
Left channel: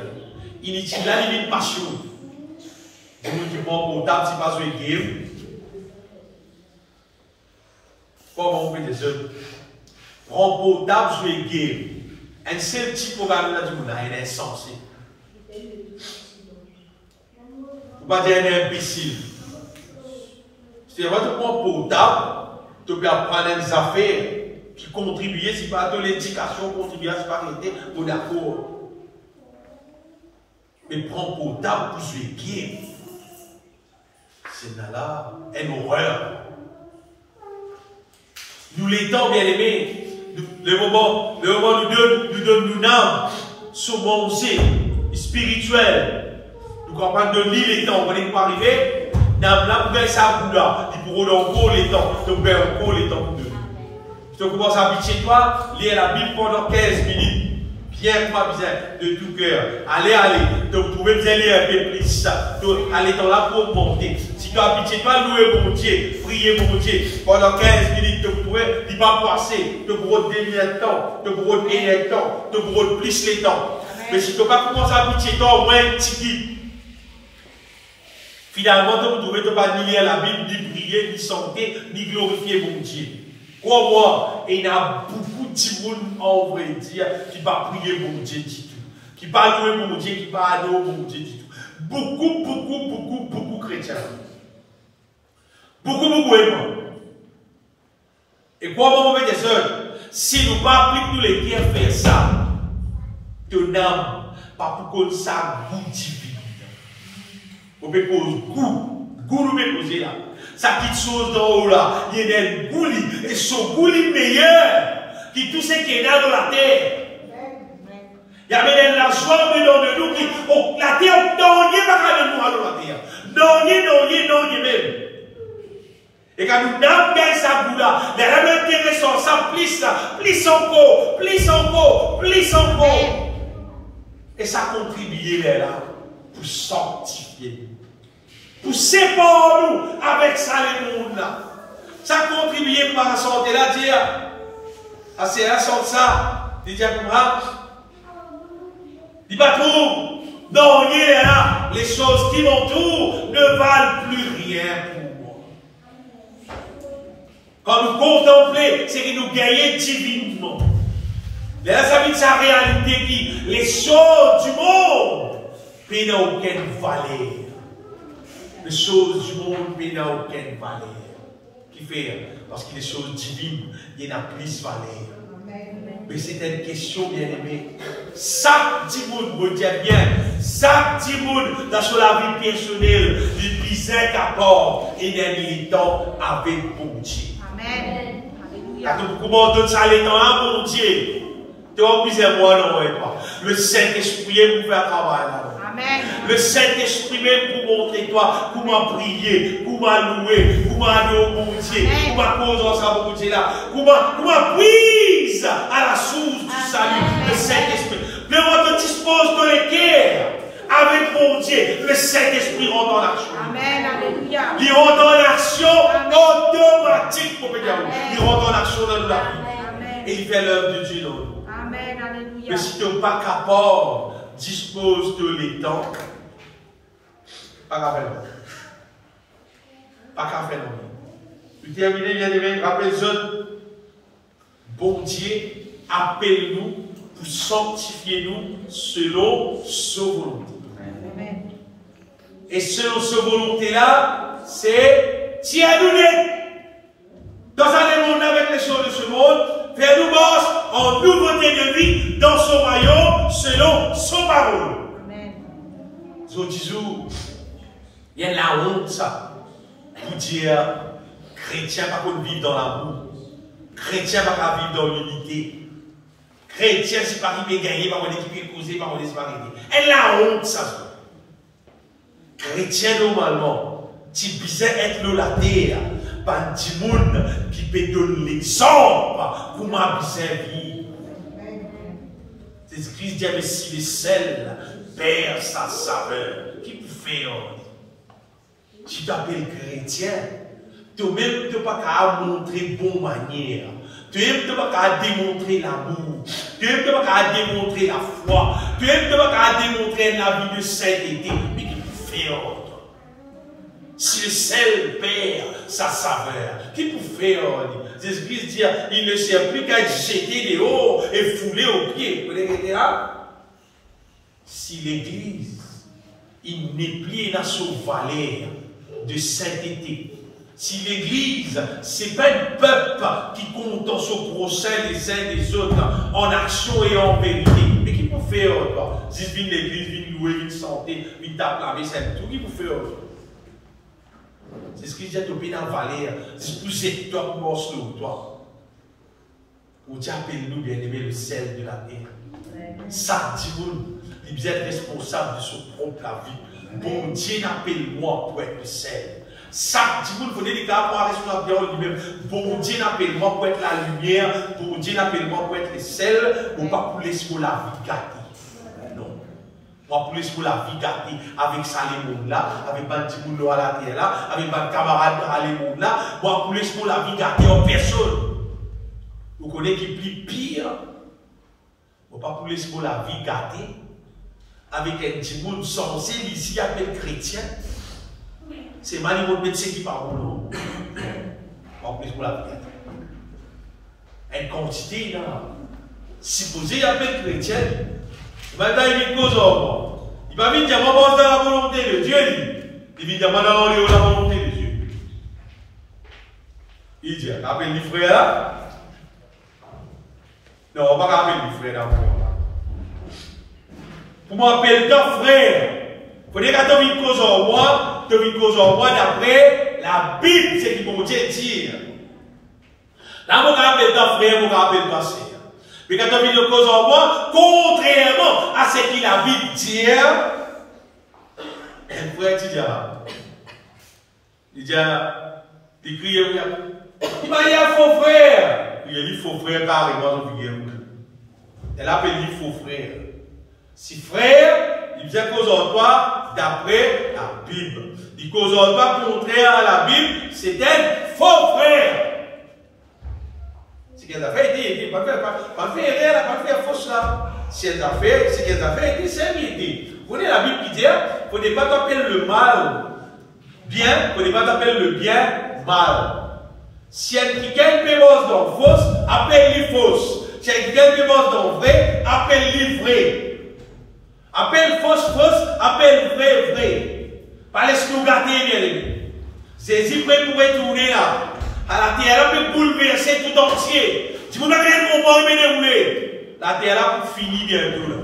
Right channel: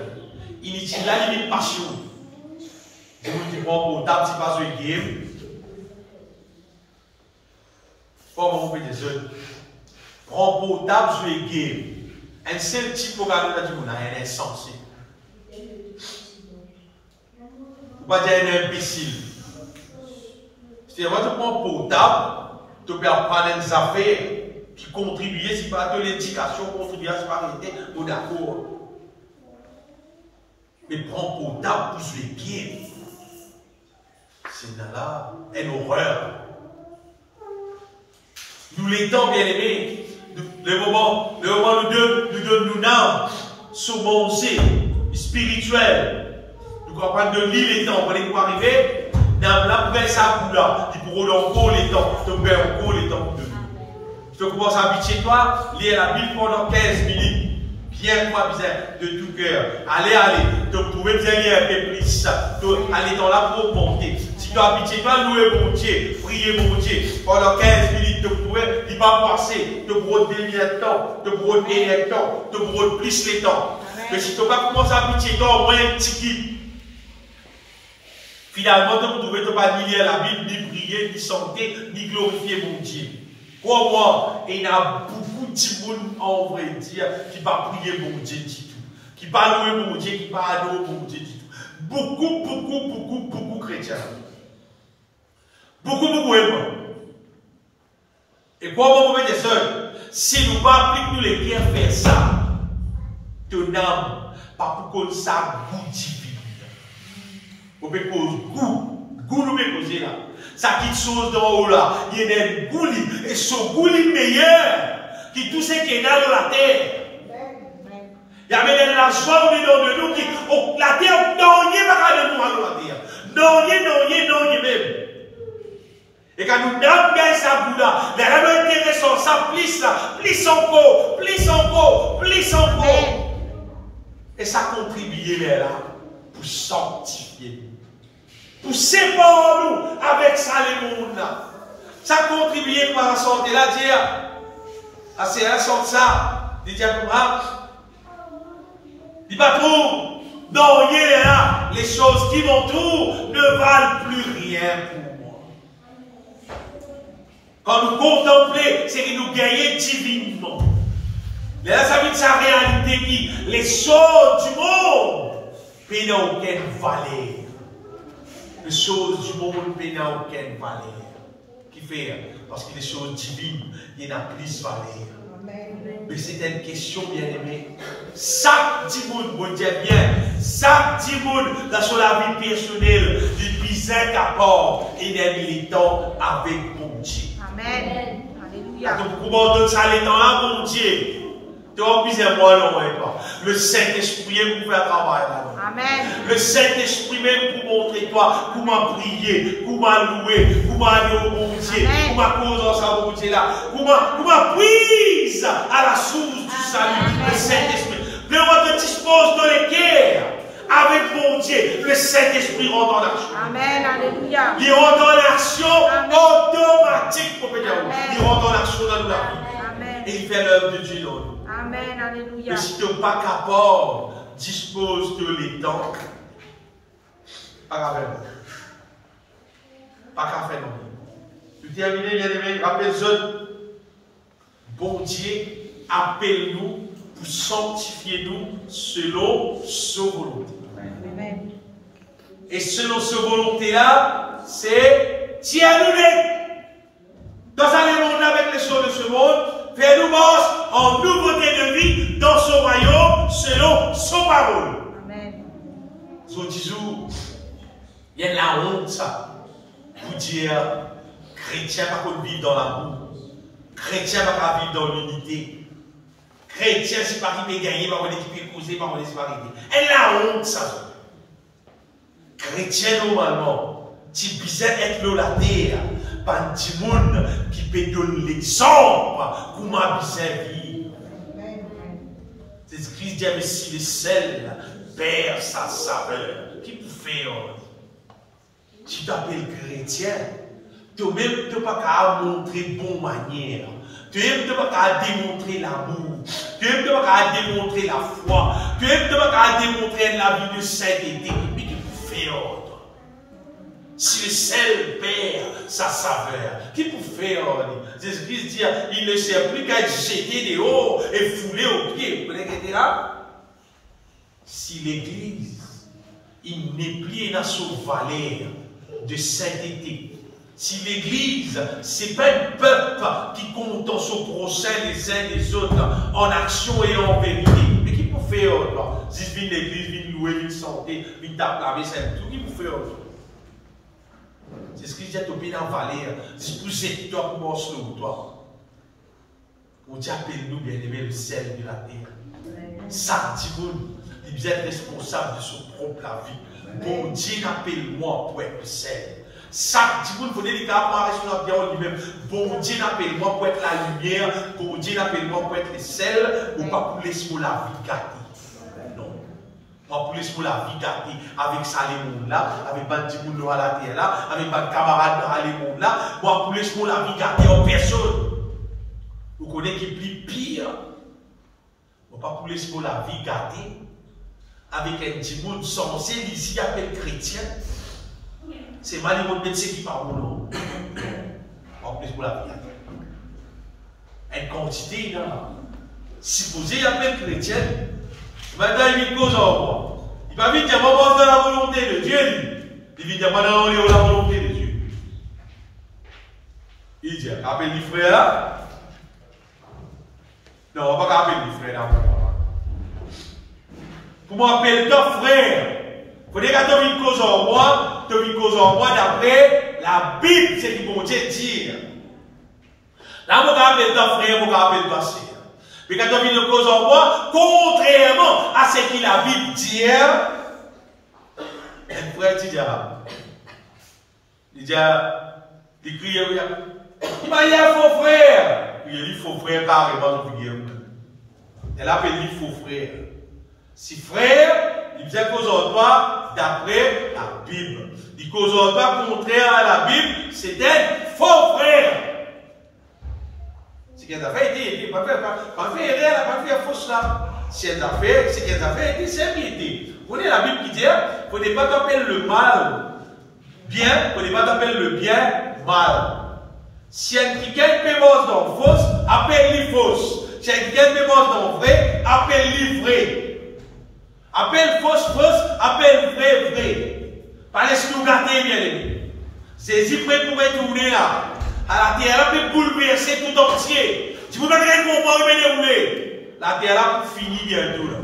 Inutile là, il y a une passion. C'est nous qui prenons portable, c'est pas sur les game. Comment on fait des œufs? Prends portable, je vais guérir. Un seul type de programme, on a dit, on est insensé. Ou pas dire un imbécile. C'est-à-dire, tu prends portable, tu peux apprendre des affaires qui contribuent, si pas de l'éducation, contribuer, si pas arrêter, ou d'accord. Mais prends portable pour se guérir. C'est là une horreur. Nous l'étons, bien aimés, le moment nous n'avons sur mon spirituel. Nous comprenons de l'île les temps. Vous voyez quoi arriver? Dans la poubelle, ça boule là. Il pourrait encore les temps. Tu perds encore les temps de nous. Si tu commences à habituer toi, lire la Bible pendant 15 minutes. Bien quoi, de tout cœur. Allez. Donc, vous pouvez bien lire un peu plus. Allez dans la pour monter. Si tu as habitué toi, louer mon Dieu, prier mon Dieu. Pendant 15 minutes, tu pouvais, il va passer. Tu pourras dévier le temps. Tu pourras gagner le temps. Tu pourras plus les temps. Mais si tu n'as pas commencé à habituer toi, au moins un petit guide. Finalement, tu ne pouvais pas ni lire la Bible, ni prier, ni chanter, ni glorifier mon Dieu. Crois-moi, il y a beaucoup de monde en vrai dire qui va prier mon Dieu du tout. Qui va louer mon Dieu, qui va adorer mon Dieu du tout. Beaucoup chrétiens. Beaucoup aimants. Et crois-moi, mes frères, si nous ne pas appliquer les pierres faire ça, ton âme, pas pour qu'on ça goût divin. Vous pouvez causer goût nous pouvez causer là. Ça quitte chose d'en haut là, il y a des goulis, et ce goulis meilleur, qui tout ce qui est dans la terre. Il y a même la joie dedans de nous qui, la terre, non, il n'y a pas de nous à la terre. Non, il même. Et quand nous n'avons pas ça, Bouddha, mais elle a intéressant, ça plus encore. Et ça contribue là, pour sanctifier nous. Pour séparer nous avec ça, les mondes là. Ça contribue pour la santé là, dire. Ah, c'est la santé ça. Dit Diakoumra. Dit pas tout. Non, il y a là, les choses qui m'entourent ne valent plus rien pour moi. Quand nous contemplons, c'est que nous gagnons divinement. Les amis de sa réalité qui, les choses du monde, n'ont aucune valeur. Les choses du monde n'ont aucune valeur. Qui fait? Parce que les choses divines, il y en a plus valeur. Mais c'est une question, bien aimé. Chaque monde, vous dites bien, chaque monde dans son vie personnelle, il bisait qu'apporte et des militants avec bon Dieu. Amen. Quand vous commandez ça, les temps là, bon Dieu. Tu vas piser moi, non, pas. Le Saint-Esprit est pour faire travail là. Amen. Le Saint-Esprit même pour montrer toi comment prier, comment louer, comment aller au bon Dieu, comment causer ça bon Dieu là, comment puise à la source du salut, le Saint-Esprit. Le moment que tu disposes de l'équerre avec mon Dieu, le Saint-Esprit rentre en action. Amen, alléluia. Il rentre en action automatique, pour il rentre en action dans la vie. Et il fait l'œuvre de Dieu dans nous. Amen, alléluia. Mais si tu n'es pas capable, dispose de l'étang, pas qu'à faire. Pas qu'à faire non. Pour terminer, bien aimé, rappelle-vous, bon Dieu, appelle-nous pour sanctifier nous selon sa volonté. Amen. Et selon sa volonté-là, c'est tiens-nous dans un monde avec les choses de ce monde, fais-nous marche en nouveauté de vie dans son royaume selon son parole. Amen. So, il y a la honte, ça, pour dire chrétien pas qu'on vivre dans l'amour, chrétien pas vivre dans l'unité. Chrétien, si pas qui peut gagner, pas qu'on est causé, pas qu'on est séparé. Et la honte, ça. Chrétien, normalement, tu peux être là, la terre, pas un petit monde qui peut donner l'exemple, comment bien vivre. C'est Christ dit, mais si le sel perd sa saveur, qui peut faire? Tu t'appelles chrétien, toi-même, tu n'as pas qu'à montrer bonne manière. Tu n'as pas qu'à démontrer l'amour. Tu n'as pas qu'à démontrer la foi. Tu n'as pas qu'à démontrer la vie de sainteté. Mais qui peut faire? Si le sel perd sa saveur, qui peut faire? Jésus-Christ dit, il ne sert plus qu'à jeter des hauts et fouler aux pieds. Vous voyez là? Si l'église, il n'est plus dans son valeur de sainteté, si l'église, ce n'est pas un peuple qui compte dans son prochain les uns les autres en action et en vérité, mais qui peut faire? Si vient l'église, vient louer, vient santé, vient taper la vaisselle, tout qui peut faire? C'est ce qu'il dit à Tobin en valeur. C'est pour c'est toi pour morceau, toi. Pour Dieu appelle-nous bien aimé le sel de la terre. Ça, Timoun, il doit être responsable de son propre vie. Bon Dieu n'appelle-moi pour être le sel. Ça, Timoun, il faut dire qu'il a pas responsable lui-même. Bon Dieu n'appelle-moi pour être la lumière. Bon Dieu n'appelle-moi pour être le sel. Ou pas pour laisser la vie gâtée. Moi, pour laisser la vie gâtée avec ça, les mondes là, avec ma petit boulot à la terre là, avec ma camarade dans les mondes là, moi, pour laisser la vie gâtée en personne. Vous connaissez qui est pire? Moi, pas pour laisser la vie gâtée avec un petit monde censé, ici, appelé chrétien. C'est mal mon médecin qui parle, non? Moi, pour laisser la vie gâtée. Une quantité, là. Supposé, appelé chrétien. Maintenant, il vit cause en moi. Il va vite dire, moi, dans la volonté de Dieu. Il vit dire, moi, dans la volonté de Dieu. Il dit, appelle les frères là. Non, on ne va pas appeler les frères là. Pour m'appeler ton frère, il faut dire que tu vis cause en moi, tu vis cause en moi d'après la Bible, c'est ce que mon Dieu dit. Là, on va appeler ton frère, on va appeler ta sœur. Mais quand on vit une cause en moi, contrairement à ce qu'il a Bible dit, un frère il crie, il m'a dit un faux frère. Il a dit faux frère carrément dans le guerre. Elle appelle lui faux frère. Si frère, il faisait cause en toi d'après la Bible. Il cause en toi contraire à la Bible, c'est un faux frère. C'est qu'elle a fait aider, pas faire erreur, pas faire fausse là. Si elle a fait, c'est qu'elle a fait aider, c'est aider. Vous voyez la Bible qui dit, vous ne pas t'appeler le mal bien, vous ne pas t'appeler le bien mal. Si elle qui gagne pémence dans fausse, appelle-lui fausse. Si elle qui gagne pémence dans vrai, appelle-lui vrai. Appelle fausse, appelle vrai, vrai. Pas laisse nous garder, bien aimé. Jésus prêt pour retourner à la terre, là, pour bouleverser tout entier. Si vous n'avez rien compris, mais dérouler. La terre là pour finir bientôt là.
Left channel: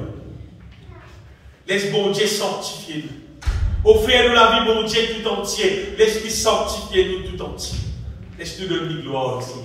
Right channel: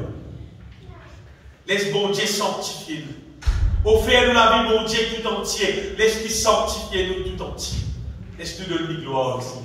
Laisse bon Dieu sanctifier nous. Offre-nous la vie, bon Dieu, tout entier. Laisse-lui sanctifier nous tout entier. Laisse-nous donner gloire aussi.